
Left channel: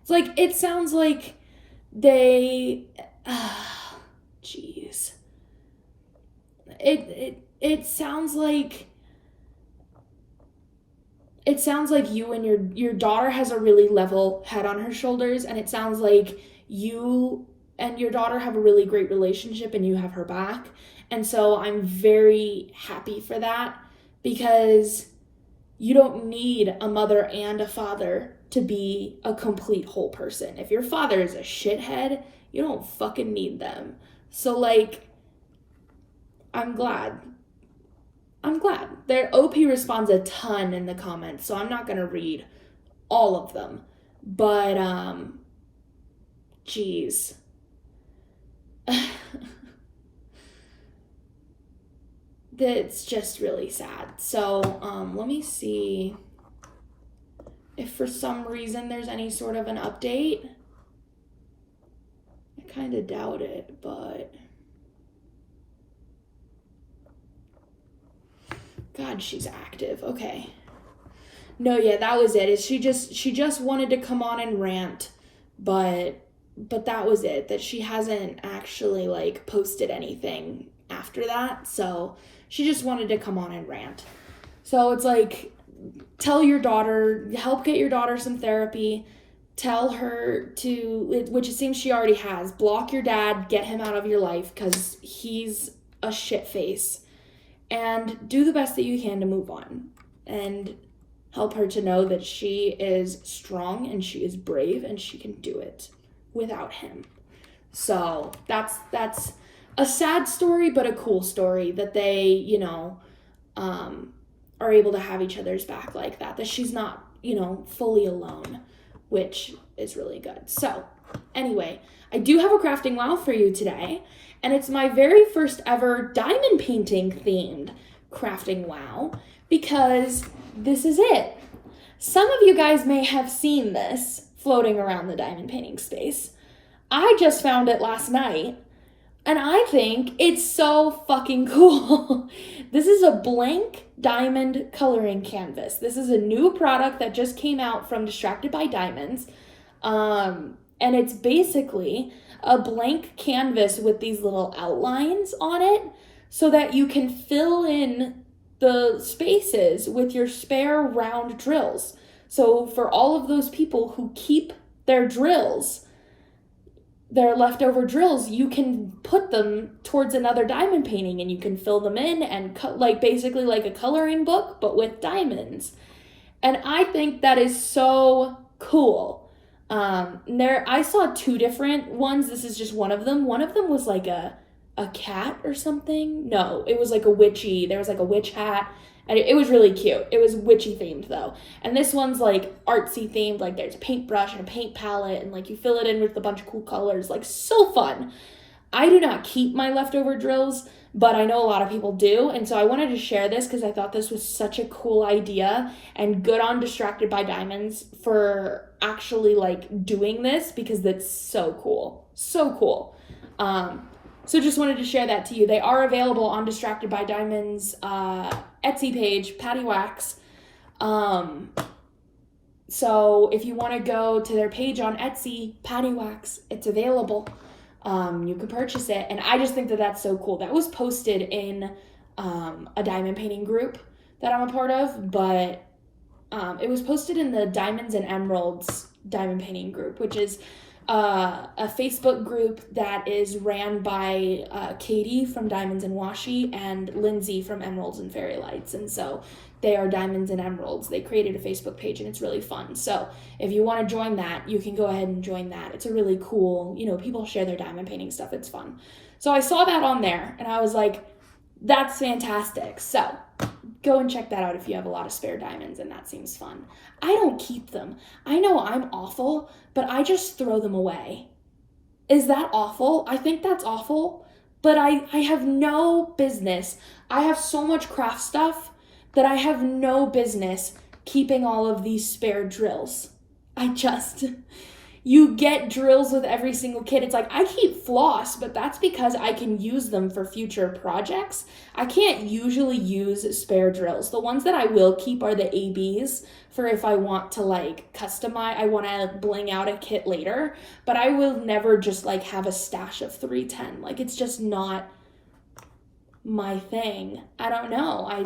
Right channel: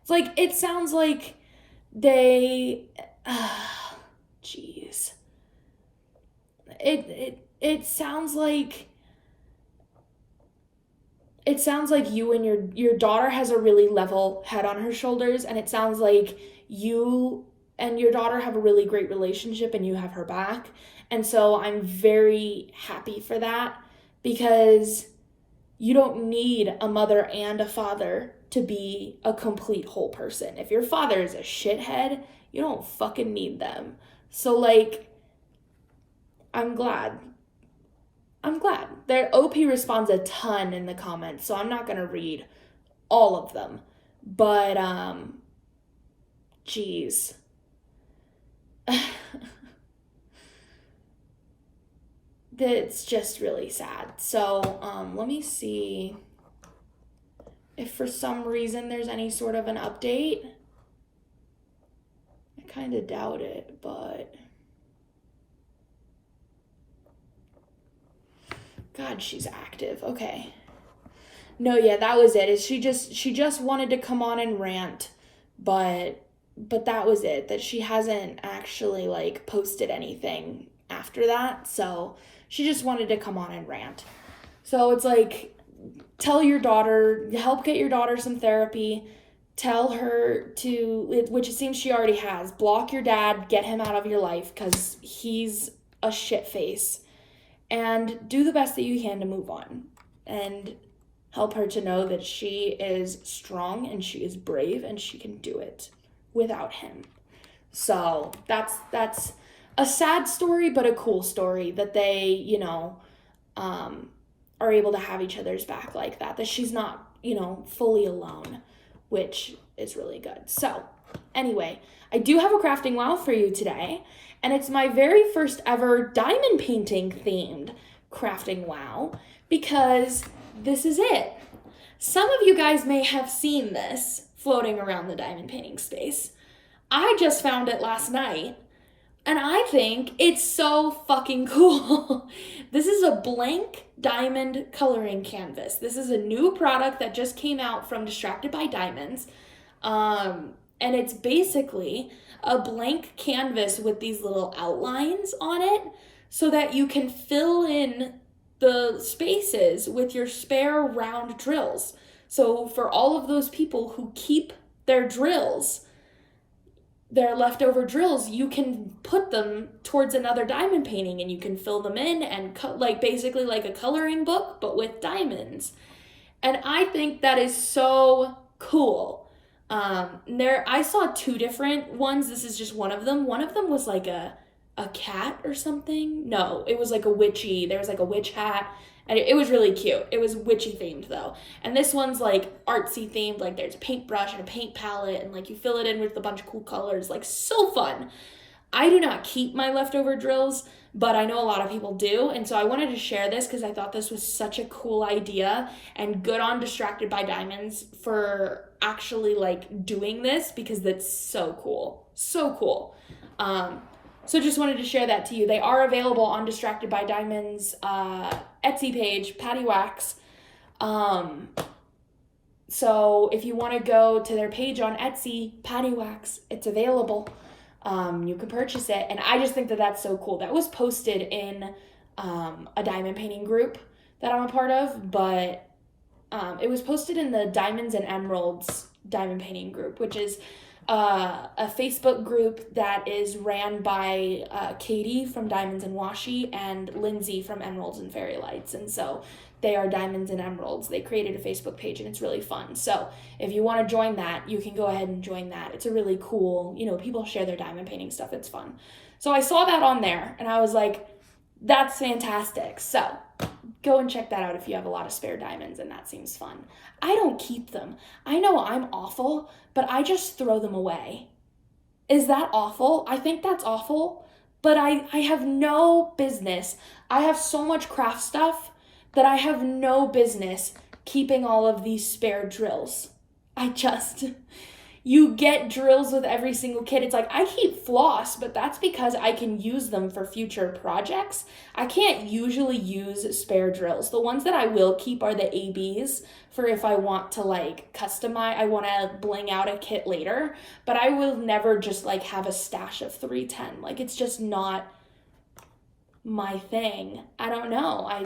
It's like, it sounds like it sounds like you and your daughter has a really level head on her shoulders, and it sounds like you and your daughter have a really great relationship and you have her back. And so I'm very happy for that, because you don't need a mother and a father to be a complete whole person. If your father is a shithead, you don't fucking need them. So like, I'm glad. Their OP responds a ton in the comments, so I'm not going to read all of them. But, geez. That's just really sad. So, let me see if for some reason there's any sort of an update. I kind of doubt it, but... God, she's active. Okay. No, yeah, that was it. She just wanted to come on and rant, but that was it. That she hasn't actually like posted anything after that. So she just wanted to come on and rant. So it's like, tell your daughter, help get your daughter some therapy. Tell her to, which it seems she already has, block your dad, get him out of your life because he's a shit face. And do the best that you can to move on. And help her to know that she is strong and she is brave and she can do it without him. So that's a sad story, but a cool story that they, you know, are able to have each other's back like that. That she's not, you know, fully alone, which is really good. So anyway, I do have a crafting wow for you today. And it's my very first ever diamond painting themed crafting WoW because this is it. Some of you guys may have seen this floating around the diamond painting space. I just found it last night, and I think it's so fucking cool. This is a blank diamond coloring canvas. This is a new product that just came out from Distracted by Diamonds. And it's basically a blank canvas with these little outlines on it so that you can fill in the spaces with your spare round drills. So for all of those people who keep their drills, their leftover drills, you can put them towards another diamond painting and you can fill them in and basically like a coloring book, but with diamonds. And I think that is so cool. I saw 2 different ones. This is just one of them. One of them was like a cat or something. No, it was like there was like a witch hat, and it was really cute. It was witchy themed though. And this one's like artsy themed, like there's a paintbrush and a paint palette, and like you fill it in with a bunch of cool colors, like so fun. I do not keep my leftover drills, but I know a lot of people do, and so I wanted to share this because I thought this was such a cool idea, and good on Distracted by Diamonds for actually like doing this because that's so cool. So cool. So just wanted to share that to you. They are available on Distracted by Diamonds Etsy page, Patty Wax. So if you want to go to their page on Etsy, Patty Wax, it's available. You can purchase it, and I just think that that's so cool. That was posted in a diamond painting group that I'm a part of, but it was posted in the Diamonds and Emeralds diamond painting group, which is a Facebook group that is ran by Katie from Diamonds and Washi and Lindsay from Emeralds and Fairy Lights. And so they are Diamonds and Emeralds. They created a Facebook page, and it's really fun. So if you want to join that, you can go ahead and join that. It's a really cool, people share their diamond painting stuff. It's fun. So I saw that on there, and I was like, that's fantastic. So go and check that out if you have a lot of spare diamonds, and that seems fun. I don't keep them. I know I'm awful, but I just throw them away. Is that awful? I think that's awful, but I have no business. I have so much craft stuff that I have no business keeping all of these spare drills. You get drills with every single kit. It's like, I keep floss, but that's because I can use them for future projects. I can't usually use spare drills. The ones that I will keep are the ABs for if I want to customize, I want to bling out a kit later, but I will never just have a stash of 310. It's just not my thing. I don't know.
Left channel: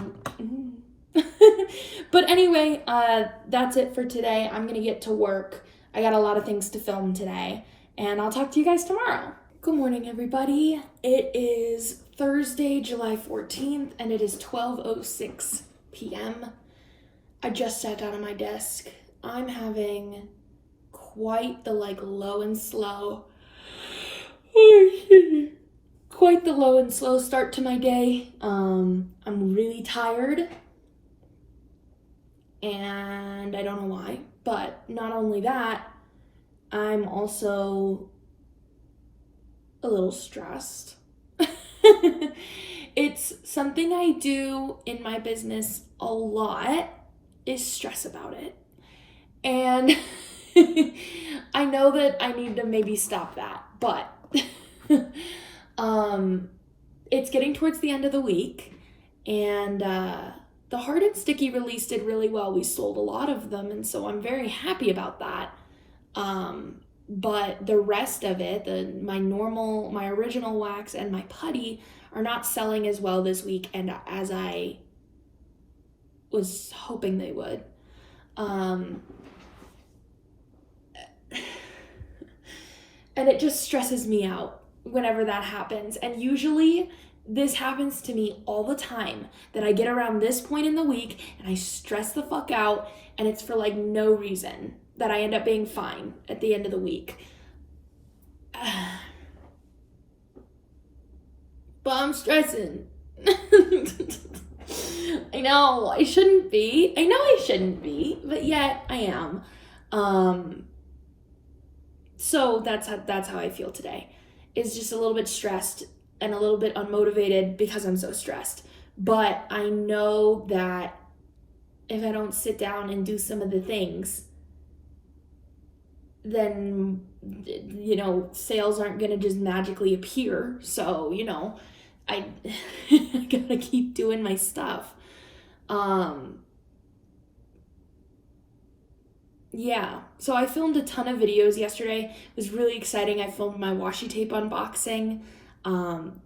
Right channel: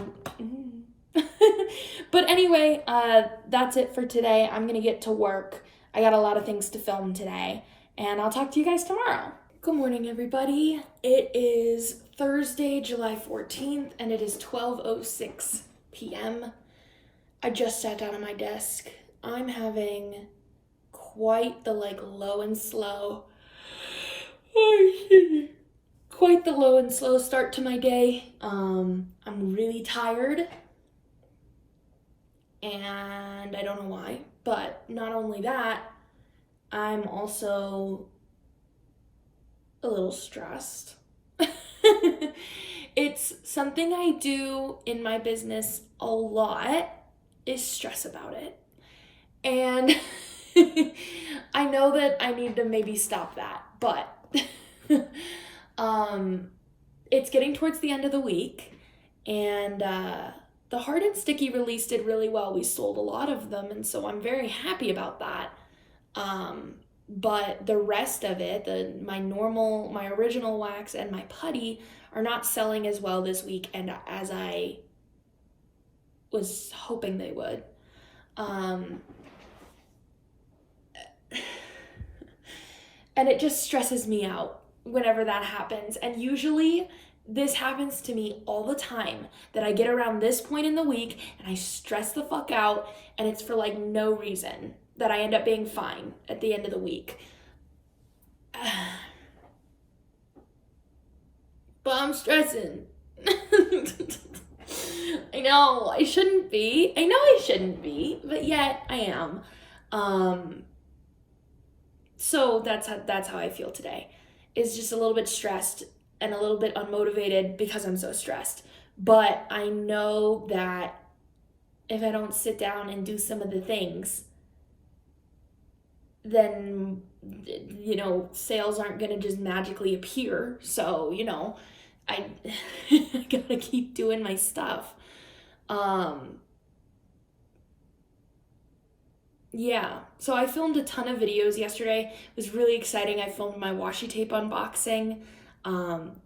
But anyway, that's it for today. I'm gonna get to work. I got a lot of things to film today, and I'll talk to you guys tomorrow. Good morning, everybody. It is Thursday, July 14th, and it is 12:06 p.m. I just sat down at my desk. I'm having quite the low and slow. Quite the low and slow start to my day. I'm really tired, and I don't know why, but not only that, I'm also a little stressed. It's something I do in my business a lot, is stress about it. And I know that I need to maybe stop that, but it's getting towards the end of the week, and the Hard and Sticky release did really well. We sold a lot of them, and so I'm very happy about that. But the rest of it, my original wax and my putty are not selling as well this week, and as I was hoping they would. And it just stresses me out whenever that happens. And usually this happens to me all the time, that I get around this point in the week and I stress the fuck out, and it's for no reason, that I end up being fine at the end of the week. But I'm stressing. I know I shouldn't be. But yet I am. So that's how I feel today. Is just a little bit stressed and a little bit unmotivated because I'm so stressed. But I know that if I don't sit down and do some of the things, then, sales aren't going to just magically appear. So, I, I gotta keep doing my stuff. Yeah, so I filmed a ton of videos yesterday. It was really exciting. I filmed my washi tape unboxing.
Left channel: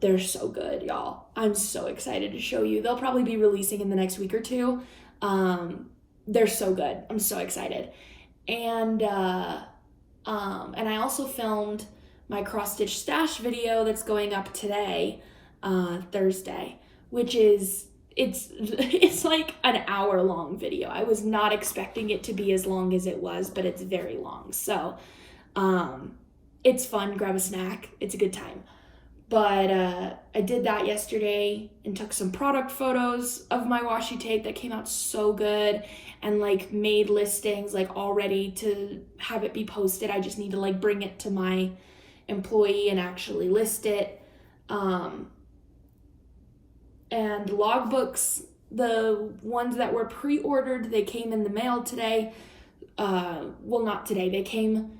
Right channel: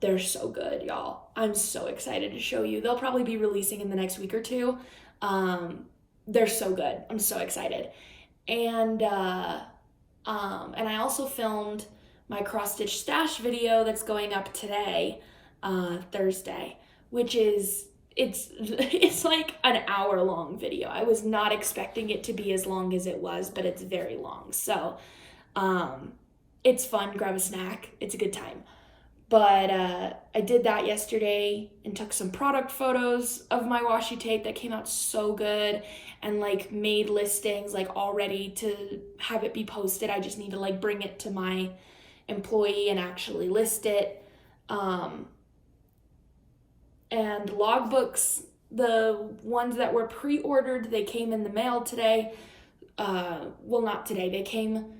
They're so good, y'all. I'm so excited to show you. They'll probably be releasing in the next week or two. They're so good. I'm so excited. And I also filmed my cross stitch stash video that's going up today, Thursday, which is it's like an hour long video. I was not expecting it to be as long as it was, but it's very long. So it's fun. Grab a snack. It's a good time. But I did that yesterday and took some product photos of my washi tape that came out so good, and like made listings like all ready to have it be posted. I just need to like bring it to my employee and actually list it. And logbooks, the ones that were pre-ordered, they came in the mail today. Well, not today. They came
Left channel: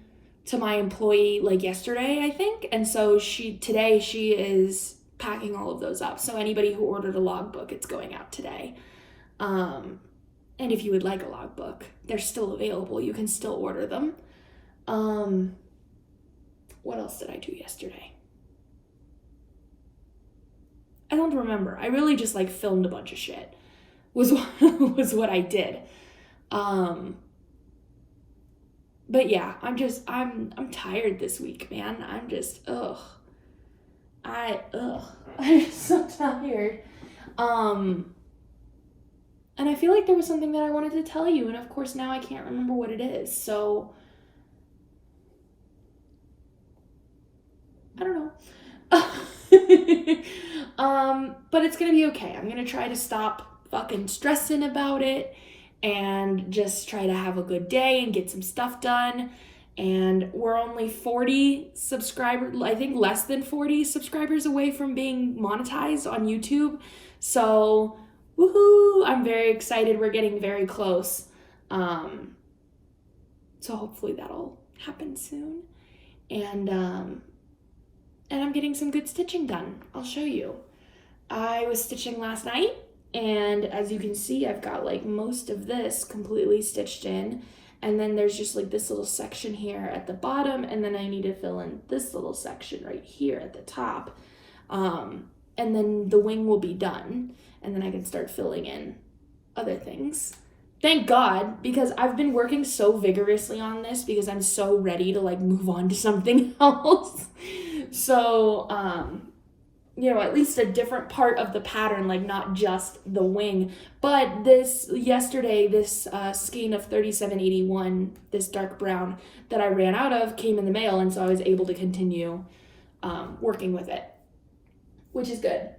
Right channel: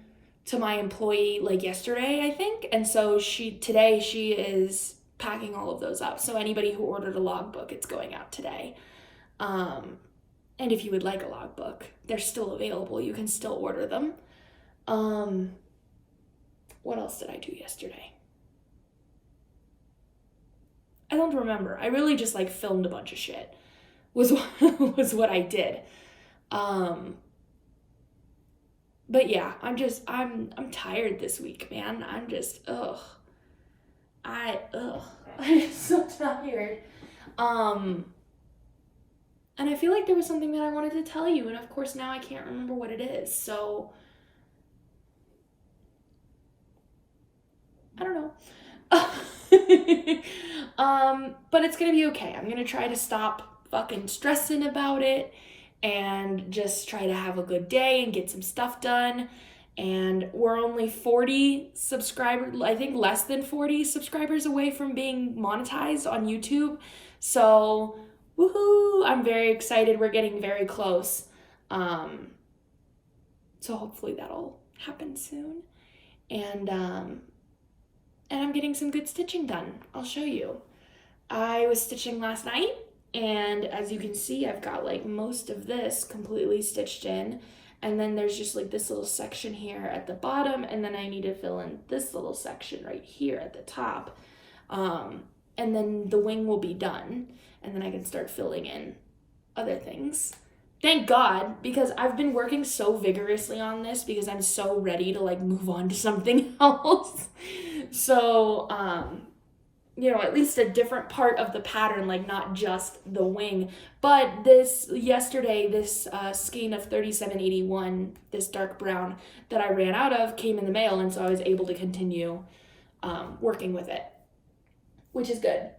to my employee like yesterday, I think. And so today she is packing all of those up. So anybody who ordered a logbook, it's going out today. And if you would like a logbook, they're still available. You can still order them. What else did I do yesterday? I don't remember. I really just like filmed a bunch of shit was what I did. But yeah, I'm tired this week, man. I'm so tired. And I feel like there was something that I wanted to tell you, and of course now I can't remember what it is. So I don't know. But it's gonna be okay. I'm gonna try to stop fucking stressing about it and just try to have a good day and get some stuff done. And we're only 40 subscribers, I think less than 40 subscribers away from being monetized on YouTube. So, woohoo! I'm very excited. We're getting very close. So hopefully that'll happen soon. And I'm getting some good stitching done. I'll show you. I was stitching last night, and as you can see, I've got like most of this completely stitched in, and then there's just like this little section here at the bottom, and then I need to fill in this little section right here at the top, and then the wing will be done, and then I can start filling in other things. Thank God, because I've been working so vigorously on this because I'm so ready to like move on to something else. So, at least a different part of the pattern, like not just the wing. But this skein of 3781, this dark brown that I ran out of, came in the mail, and so I was able to continue working with it, which is good.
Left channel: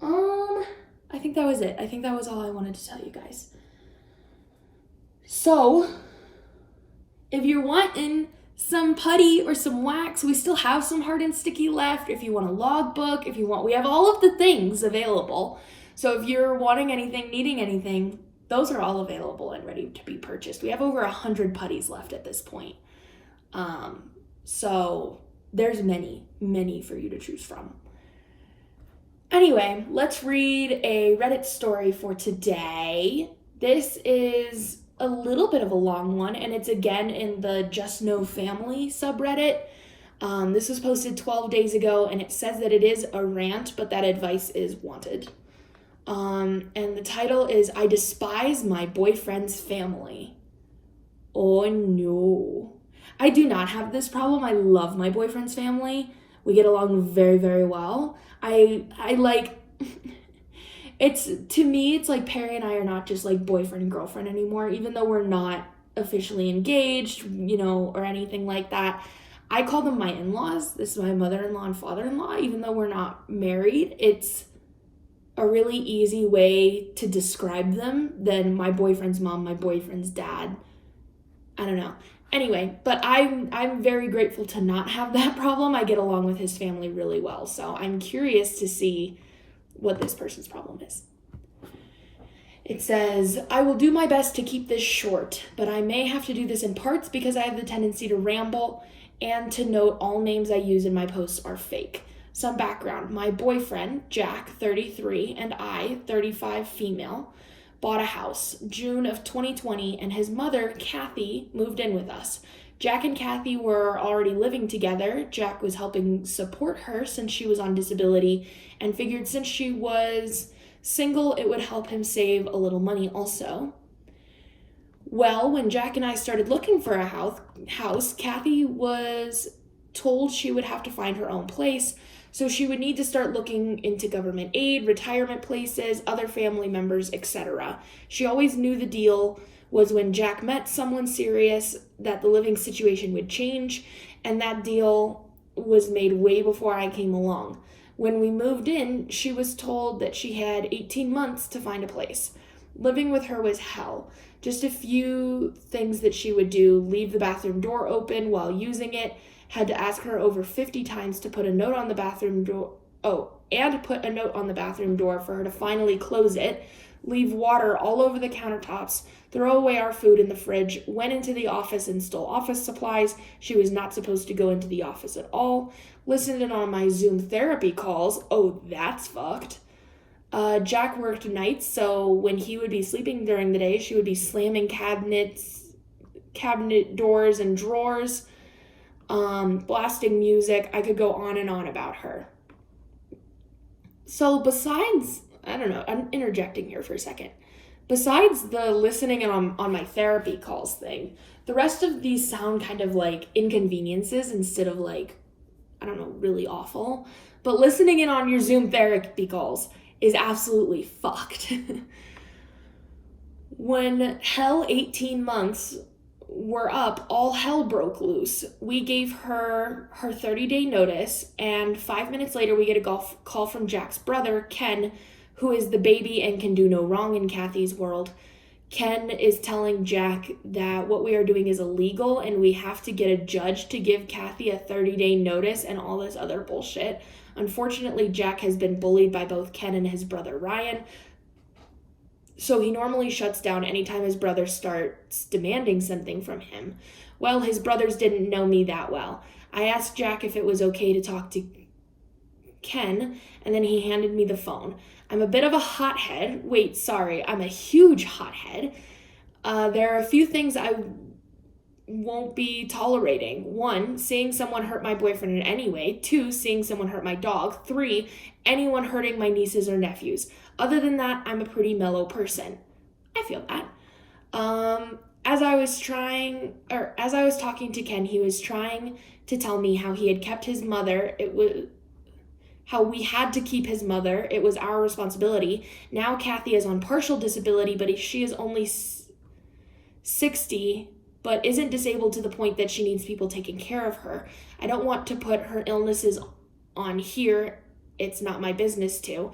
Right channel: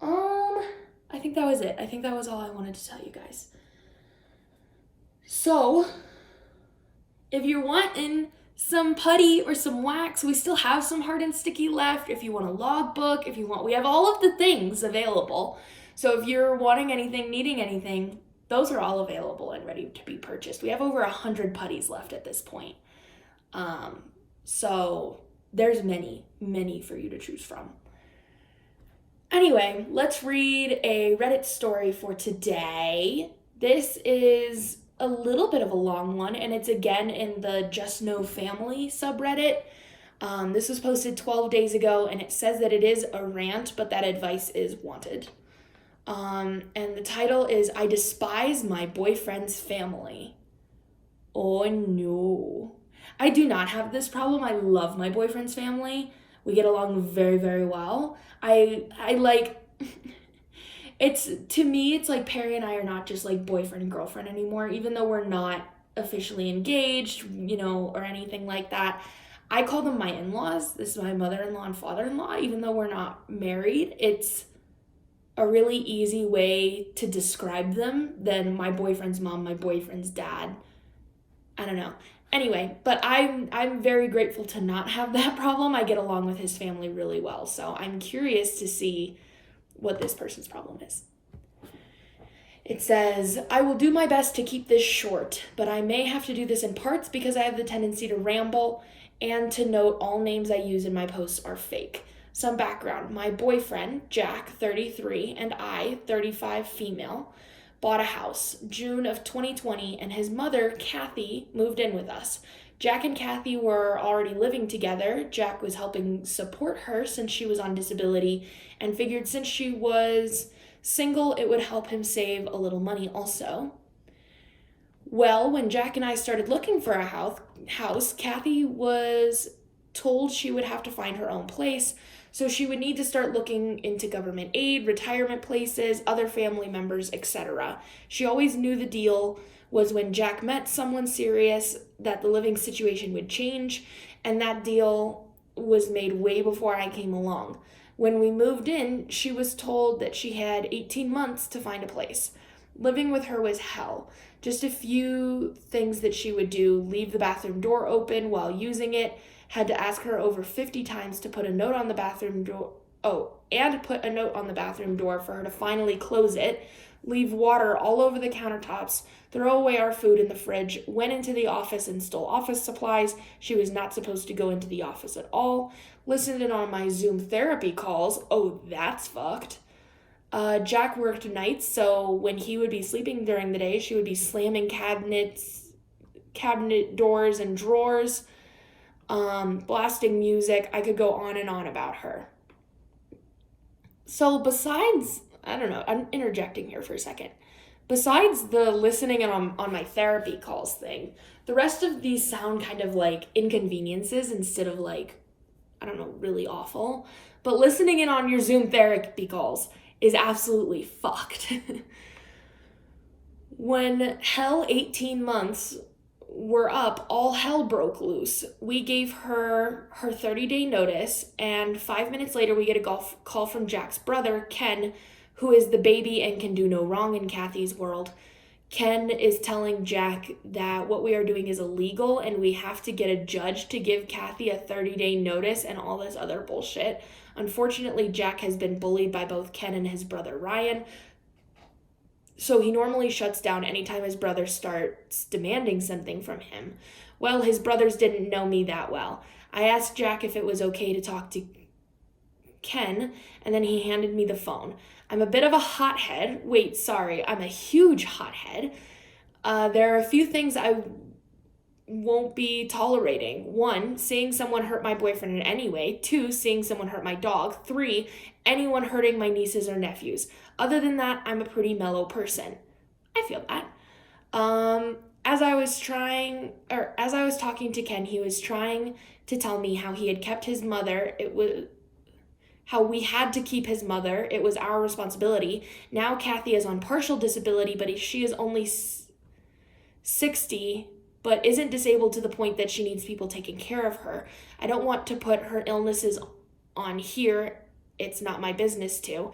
I think that was it. I think that was all I wanted to tell you guys. So, if you're wanting some putty or some wax, we still have some hard and sticky left. If you want a logbook, we have all of the things available. So if you're wanting anything, needing anything, those are all available and ready to be purchased. We have over 100 putties left at this point. So there's many for you to choose from. Anyway, let's read a Reddit story for today. This is a little bit of a long one, and it's again in the Just Know Family subreddit. This was posted 12 days ago, and it says that it is a rant, but that advice is wanted. And the title is, I despise my boyfriend's family. Oh no. I do not have this problem. I love my boyfriend's family. We get along very, very well. I like... To me, it's like Perry and I are not just like boyfriend and girlfriend anymore, even though we're not officially engaged, or anything like that. I call them my in-laws. This is my mother-in-law and father-in-law, even though we're not married. It's a really easy way to describe them than my boyfriend's mom, my boyfriend's dad. I don't know. Anyway, but I'm very grateful to not have that problem. I get along with his family really well, so I'm curious to see what this person's problem is. It says, I will do my best to keep this short, but I may have to do this in parts because I have the tendency to ramble and to note all names I use in my posts are fake. Some background. My boyfriend, Jack, 33, and I, 35, female, bought a house June of 2020, and his mother, Kathy, moved in with us. Jack and Kathy were already living together. Jack was helping support her since she was on disability and figured since she was single, it would help him save a little money also. Well, when Jack and I started looking for a house, Kathy was told she would have to find her own place, so she would need to start looking into government aid, retirement places, other family members, etc. She always knew the deal was when Jack met someone serious that the living situation would change, and that deal was made way before I came along. When we moved in, she was told that she had 18 months to find a place. Living with her was hell. Just a few things that she would do: leave the bathroom door open while using it, had to ask her over 50 times to put a note on the bathroom door. And put a note on the bathroom door for her to finally close it, leave water all over the countertops, throw away our food in the fridge, went into the office and stole office supplies. She was not supposed to go into the office at all. Listened in on my Zoom therapy calls. Oh, that's fucked. Jack worked nights, so when he would be sleeping during the day, she would be slamming cabinet doors and drawers, blasting music. I could go on and on about her. So besides, I don't know, I'm interjecting here for a second. Besides the listening and on my therapy calls thing, the rest of these sound kind of like inconveniences instead of like, I don't know, really awful. But listening in on your Zoom therapy calls is absolutely fucked. When hell 18 months were up, all hell broke loose. We gave her 30-day notice, and 5 minutes later we get a call from Jack's brother, Ken, who is the baby and can do no wrong in Kathy's world. Ken is telling Jack that what we are doing is illegal and we have to get a judge to give Kathy a 30-day notice and all this other bullshit. Unfortunately, Jack has been bullied by both Ken and his brother Ryan, so he normally shuts down anytime his brother starts demanding something from him. Well, his brothers didn't know me that well. I asked Jack if it was okay to talk to Ken, and then he handed me the phone. I'm a bit of a hothead. I'm a huge hothead. There are a few things I won't be tolerating. 1, seeing someone hurt my boyfriend in any way. 2, seeing someone hurt my dog. 3, anyone hurting my nieces or nephews. Other than that, I'm a pretty mellow person. I feel that. As I was talking to Ken, he was trying to tell me how he had kept his mother. How we had to keep his mother. It was our responsibility. Now Kathy is on partial disability, but she is only 60, but isn't disabled to the point that she needs people taking care of her. I don't want to put her illnesses on here. It's not my business to.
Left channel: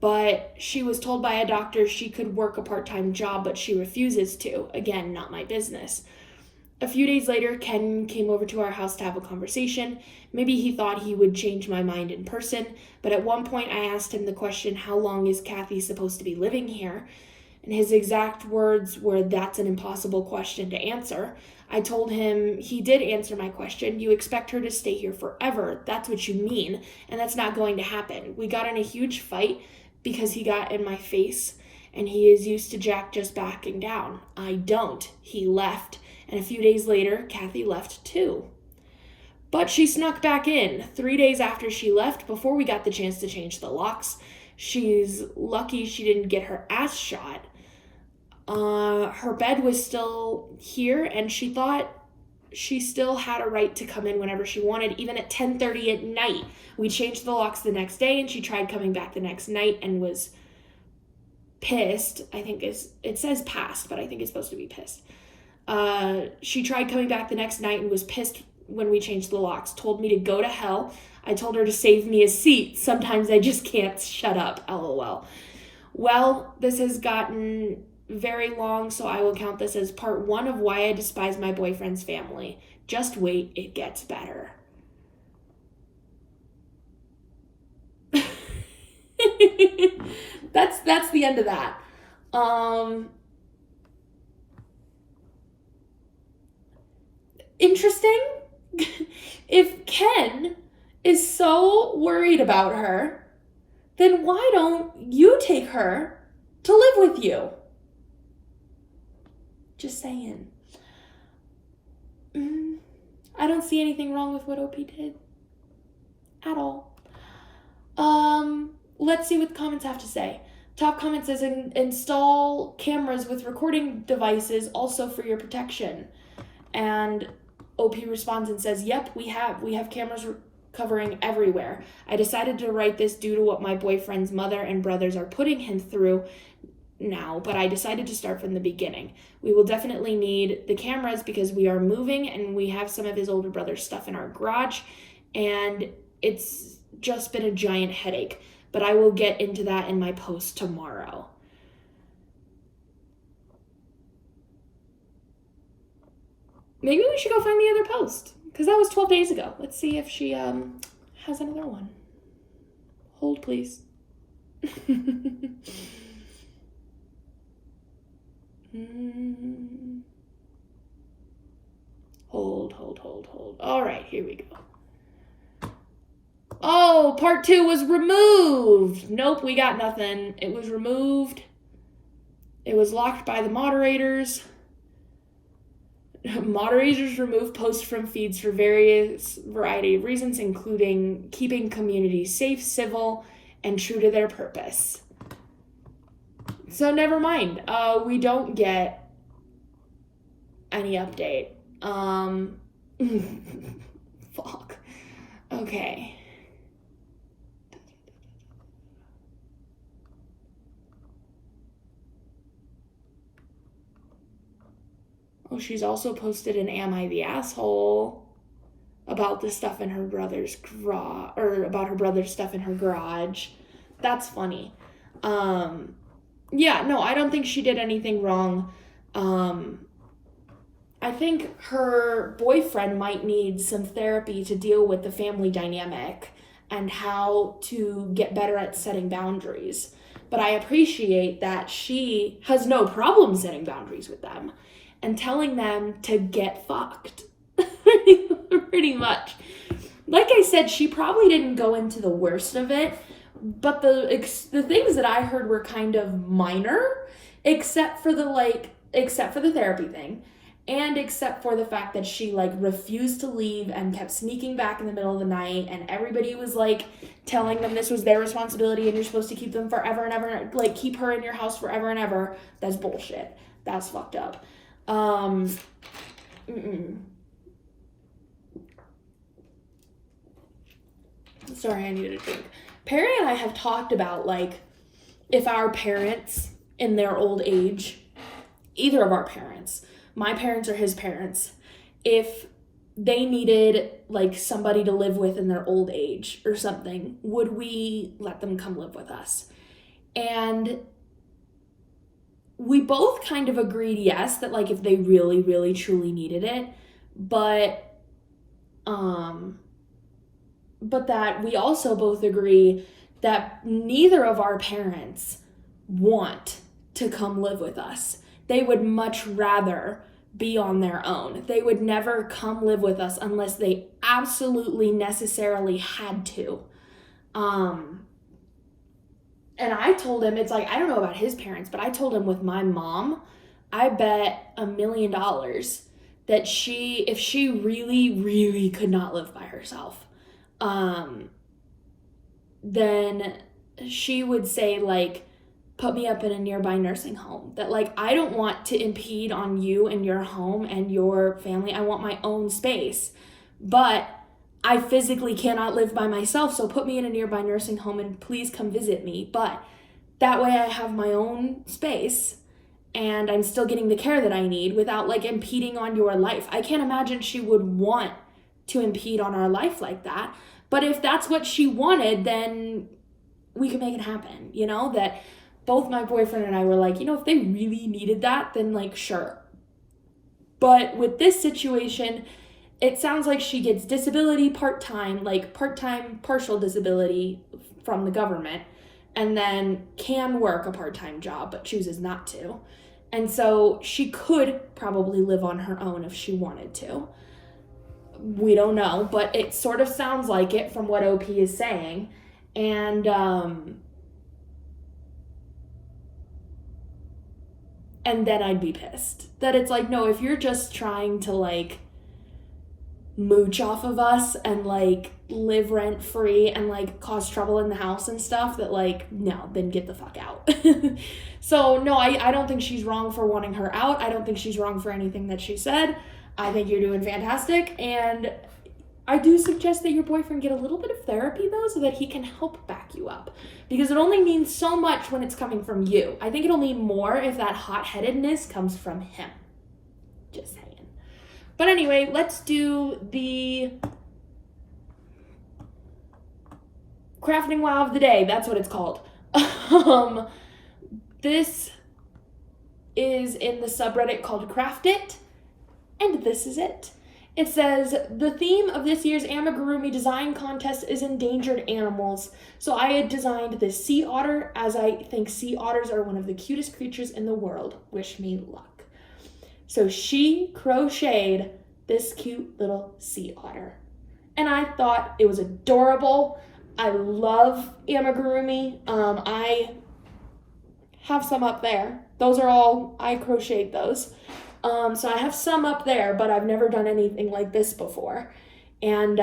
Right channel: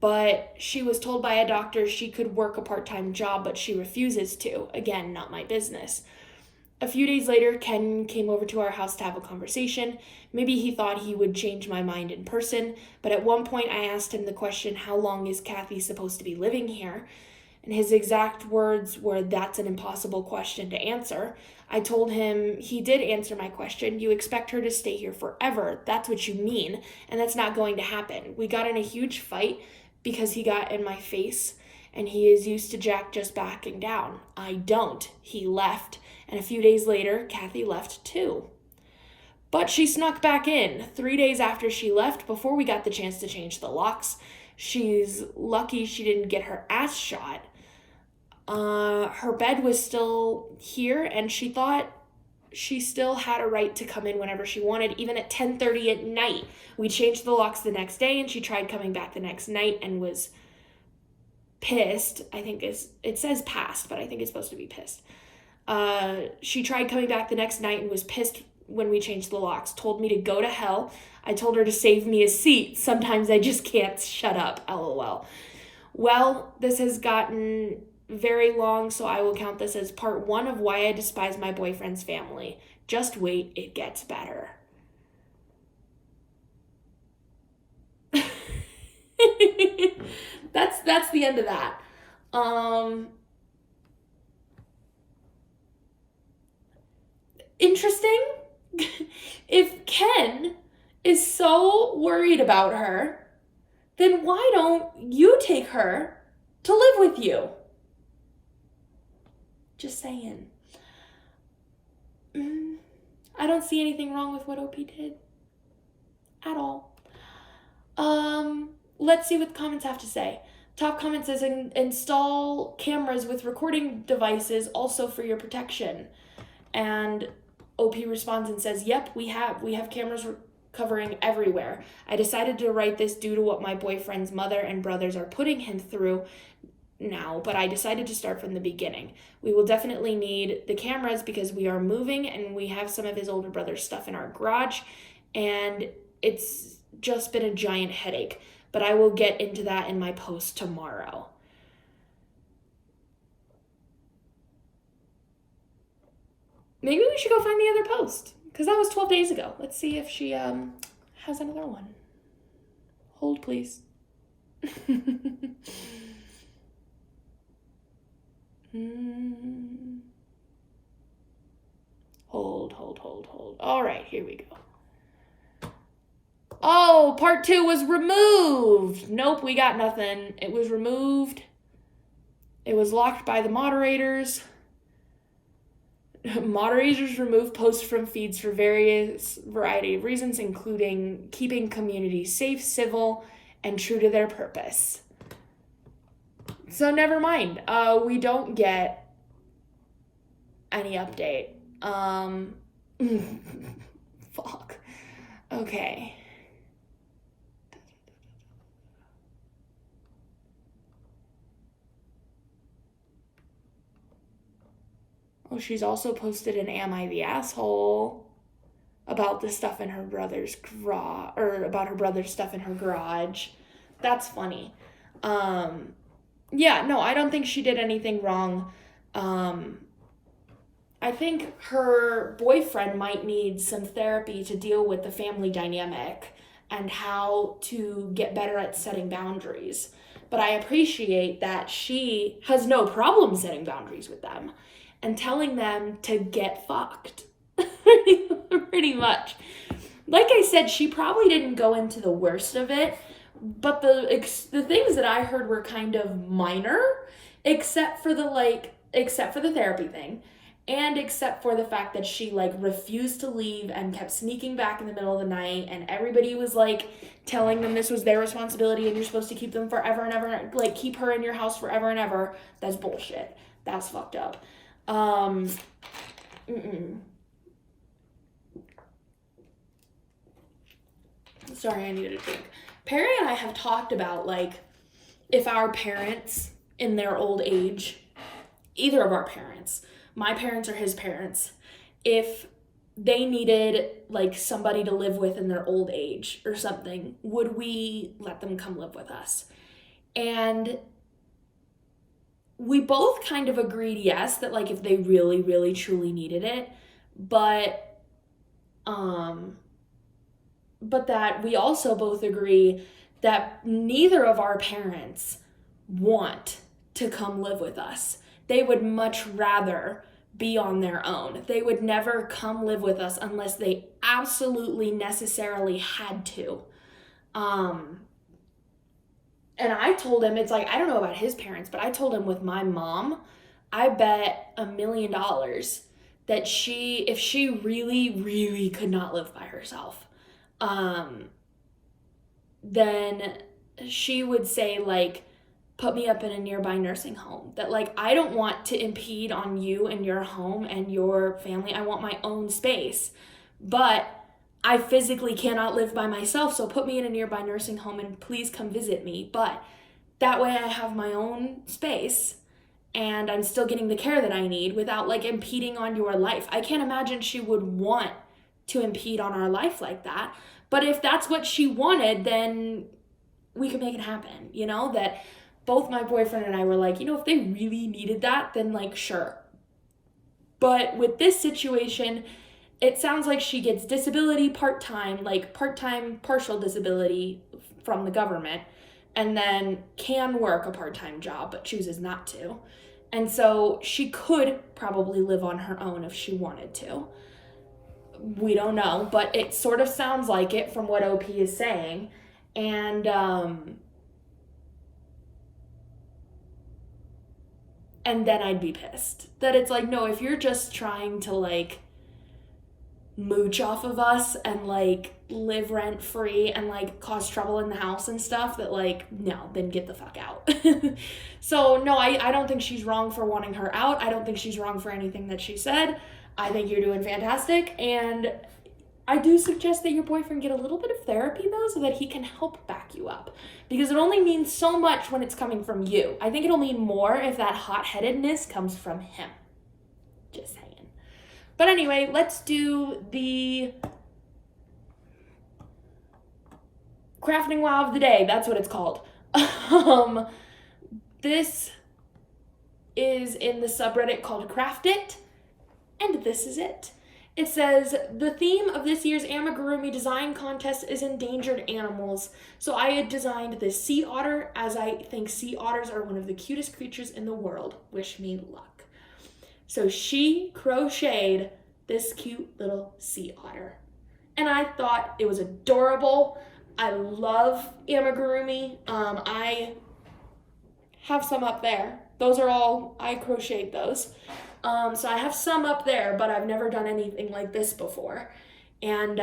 But she was told by a doctor she could work a part-time job, but she refuses to. Again, not my business. A few days later, Ken came over to our house to have a conversation. Maybe he thought he would change my mind in person, but at one point I asked him the question, how long is Kathy supposed to be living here? And his exact words were, that's an impossible question to answer. I told him he did answer my question. You expect her to stay here forever. That's what you mean, and that's not going to happen. We got in a huge fight because he got in my face, and he is used to Jack just backing down. I don't. He left. And a few days later, Kathy left too. But she snuck back in 3 days after she left, before we got the chance to change the locks. She's lucky she didn't get her ass shot. Her bed was still here, and she thought she still had a right to come in whenever she wanted, even at 10:30 at night. We changed the locks the next day, and she tried coming back the next night and was pissed. It says past, but I think it's supposed to be pissed. She tried coming back the next night and was pissed when we changed the locks, told me to go to hell. I told her to save me a seat. Sometimes I just can't shut up, LOL. Well, this has gotten very long, so I will count this as part 1 of why I despise my boyfriend's family. Just wait, it gets better. That's the end of that. Interesting. If Ken is so worried about her, then why don't you take her to live with you? Just saying. I don't see anything wrong with what OP did. At all. Let's see what the comments have to say. Top comment says, install cameras with recording devices also for your protection. And OP responds and says, yep, we have cameras covering everywhere. I decided to write this due to what my boyfriend's mother and brothers are putting him through now, but I decided to start from the beginning. We will definitely need the cameras because we are moving and we have some of his older brother's stuff in our garage, and it's just been a giant headache, but I will get into that in my post tomorrow. Maybe we should go find the other post, because that was 12 days ago. Let's see if she has another one. Hold, please. Hold. All right, here we go. Oh, part 2 was removed. Nope, we got nothing. It was removed. It was locked by the moderators. Moderators remove posts from feeds for various variety of reasons, including keeping communities safe, civil, and true to their purpose. So never mind. We don't get any update. Fuck. Okay. Oh, she's also posted an Am I the Asshole about the stuff in her brother's garage, or about her brother's stuff in her garage. That's funny. Yeah, no, I don't think she did anything wrong. I think her boyfriend might need some therapy to deal with the family dynamic and how to get better at setting boundaries. But I appreciate that she has no problem setting boundaries with them and telling them to get fucked. Pretty much. Like I said, she probably didn't go into the worst of it, but the things that I heard were kind of minor, except for the therapy thing, and except for the fact that she refused to leave and kept sneaking back in the middle of the night, and everybody was telling them this was their responsibility and you're supposed to keep them forever and ever, keep her in your house forever and ever. That's bullshit. That's fucked up. Sorry, I needed a drink. Perry and I have talked about, if our parents in their old age, either of our parents, my parents or his parents, if they needed, somebody to live with in their old age or something, would we let them come live with us? And we both kind of agreed yes, that, if they really, really, truly needed it, but that we also both agree that neither of our parents want to come live with us. They would much rather be on their own. They would never come live with us unless they absolutely necessarily had to. And I told him, it's I don't know about his parents, but I told him with my mom, I bet $1 million that if she really, really could not live by herself, then she would say, put me up in a nearby nursing home. That, I don't want to impede on you and your home and your family. I want my own space. But I physically cannot live by myself, so put me in a nearby nursing home and please come visit me. But that way I have my own space and I'm still getting the care that I need without, impeding on your life. I can't imagine she would want to impede on our life like that. But if that's what she wanted, then we could make it happen, that both my boyfriend and I were if they really needed that, then sure. But with this situation, it sounds like she gets disability part-time, partial disability from the government. and then can work a part-time job but chooses not to. And so she could probably live on her own if she wanted to. We don't know, but it sort of sounds like it from what OP is saying. And then I'd be pissed. That it's like, no, if you're just trying to like mooch off of us and like live rent free and like cause trouble in the house and stuff, that like, no, then get the fuck out. So no, I don't think she's wrong for wanting her out. I don't think she's wrong for anything that she said. I think you're doing fantastic, and I do suggest that your boyfriend get a little bit of therapy though, so that he can help back you up, because it only means so much when it's coming from you. I think it'll mean more if that hot-headedness comes from him. Just saying. But anyway, let's do the crafting wow of the day. That's what it's called. This is in the subreddit called Crafty, and this is it. It says, the theme of this year's amigurumi design contest is endangered animals. So I had designed this sea otter, as I think sea otters are one of the cutest creatures in the world. Wish me luck. So she crocheted this cute little sea otter, and I thought it was adorable. I love amigurumi. I have some up there. Those are all, I crocheted those. So I have some up there, but I've never done anything like this before. And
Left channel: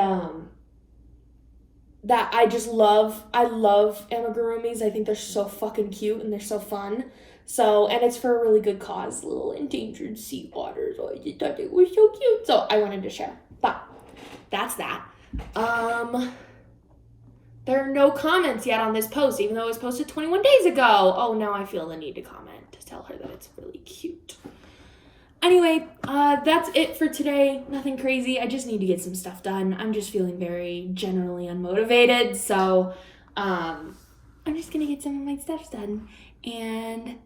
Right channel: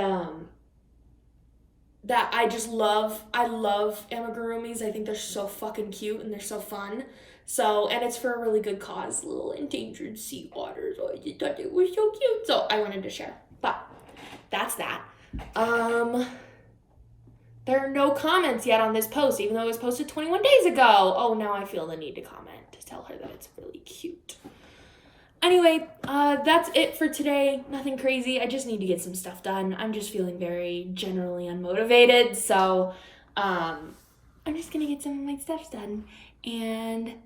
that I just love. I love amigurumis. I think they're so fucking cute and they're so fun. So, and it's for a really good cause, little endangered sea otters. Oh, I just thought they were so cute. So I wanted to share. But that's that. There are no comments yet on this post, even though it was posted 21 days ago. Oh, now I feel the need to comment to tell her that it's really cute. Anyway, that's it for today. Nothing crazy. I just need to get some stuff done. I'm just feeling very generally unmotivated. So, I'm just gonna get some of my stuff done and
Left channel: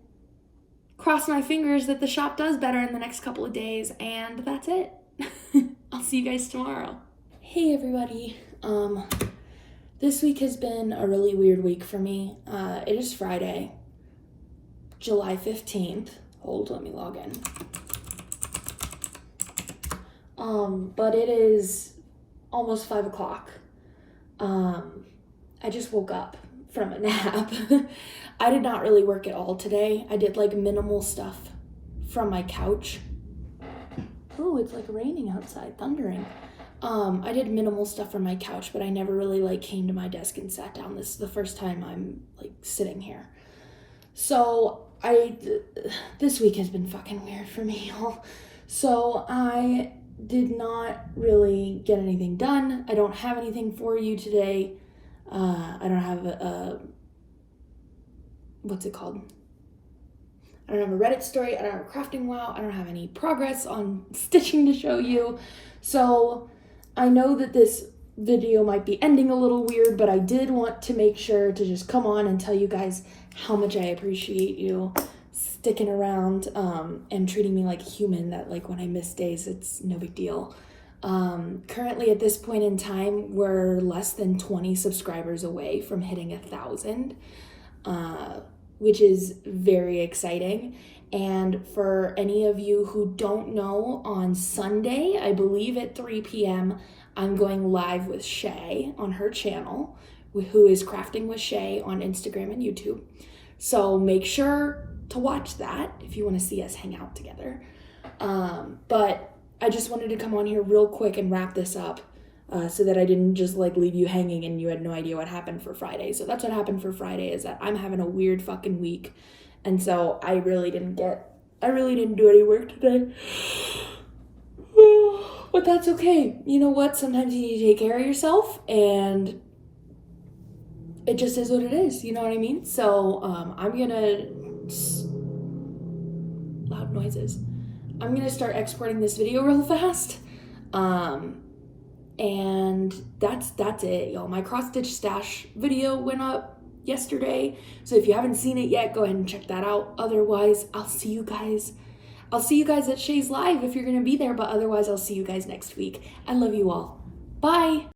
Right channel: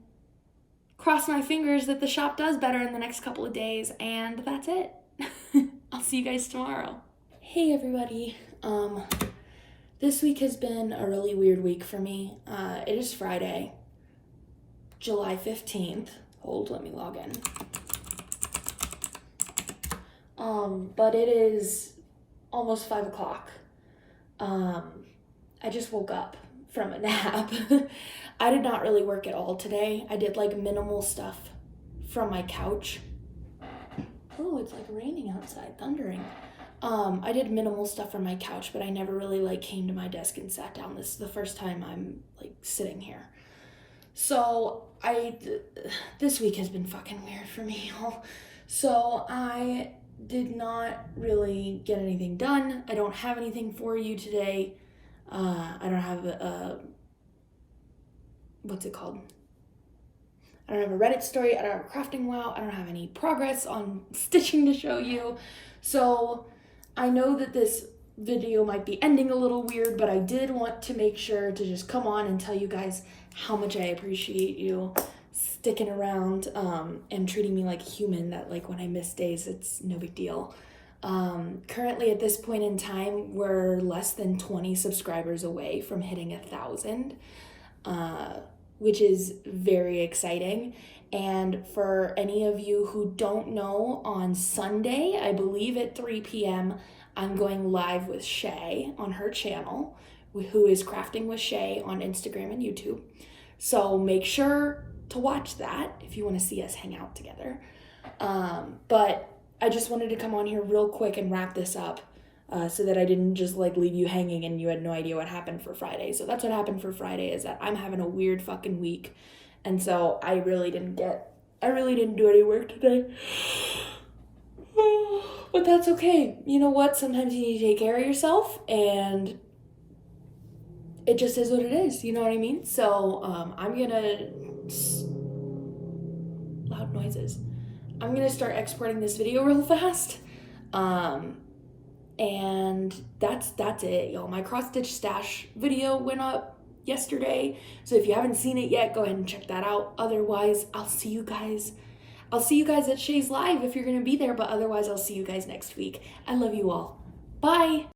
cross my fingers that the shop does better in the next couple of days. And that's it. I'll see you guys tomorrow. Hey, everybody. This week has been a really weird week for me. It is Friday, July 15th. Hold, let me log in. But it is almost 5 o'clock. I just woke up from a nap. I did not really work at all today. I did like minimal stuff from my couch. Oh, it's like raining outside, thundering. I did minimal stuff from my couch, but I never really like came to my desk and sat down. This is the first time I'm like sitting here. So this week has been fucking weird for me, y'all. So I did not really get anything done. I don't have anything for you today. I don't have what's it called? I don't have a Reddit story. I don't have a crafting wow. I don't have any progress on stitching to show you. So I know that this video might be ending a little weird, but I did want to make sure to just come on and tell you guys how much I appreciate you sticking around and treating me like a human, that like when I miss days, it's no big deal. Currently at this point in time, we're less than 20 subscribers away from hitting 1,000, which is very exciting. And for any of you who don't know, on Sunday, I believe at 3 p.m., I'm going live with Shay on her channel, who is Crafting with Shay on Instagram and YouTube. So make sure to watch that if you want to see us hang out together. But I just wanted to come on here real quick and wrap this up so that I didn't just like leave you hanging and you had no idea what happened for Friday. So that's what happened for Friday, is that I'm having a weird fucking week. And so I really didn't do any work today. But that's okay. You know what? Sometimes you need to take care of yourself, and it just is what it is. You know what I mean? So I'm gonna loud noises. I'm gonna start exporting this video real fast. And that's it, y'all. My cross stitch stash video went up yesterday, so if you haven't seen it yet, go ahead and check that out. Otherwise, I'll see you guys at Shay's Live if you're gonna be there, but otherwise I'll see you guys next week. I love you all. Bye.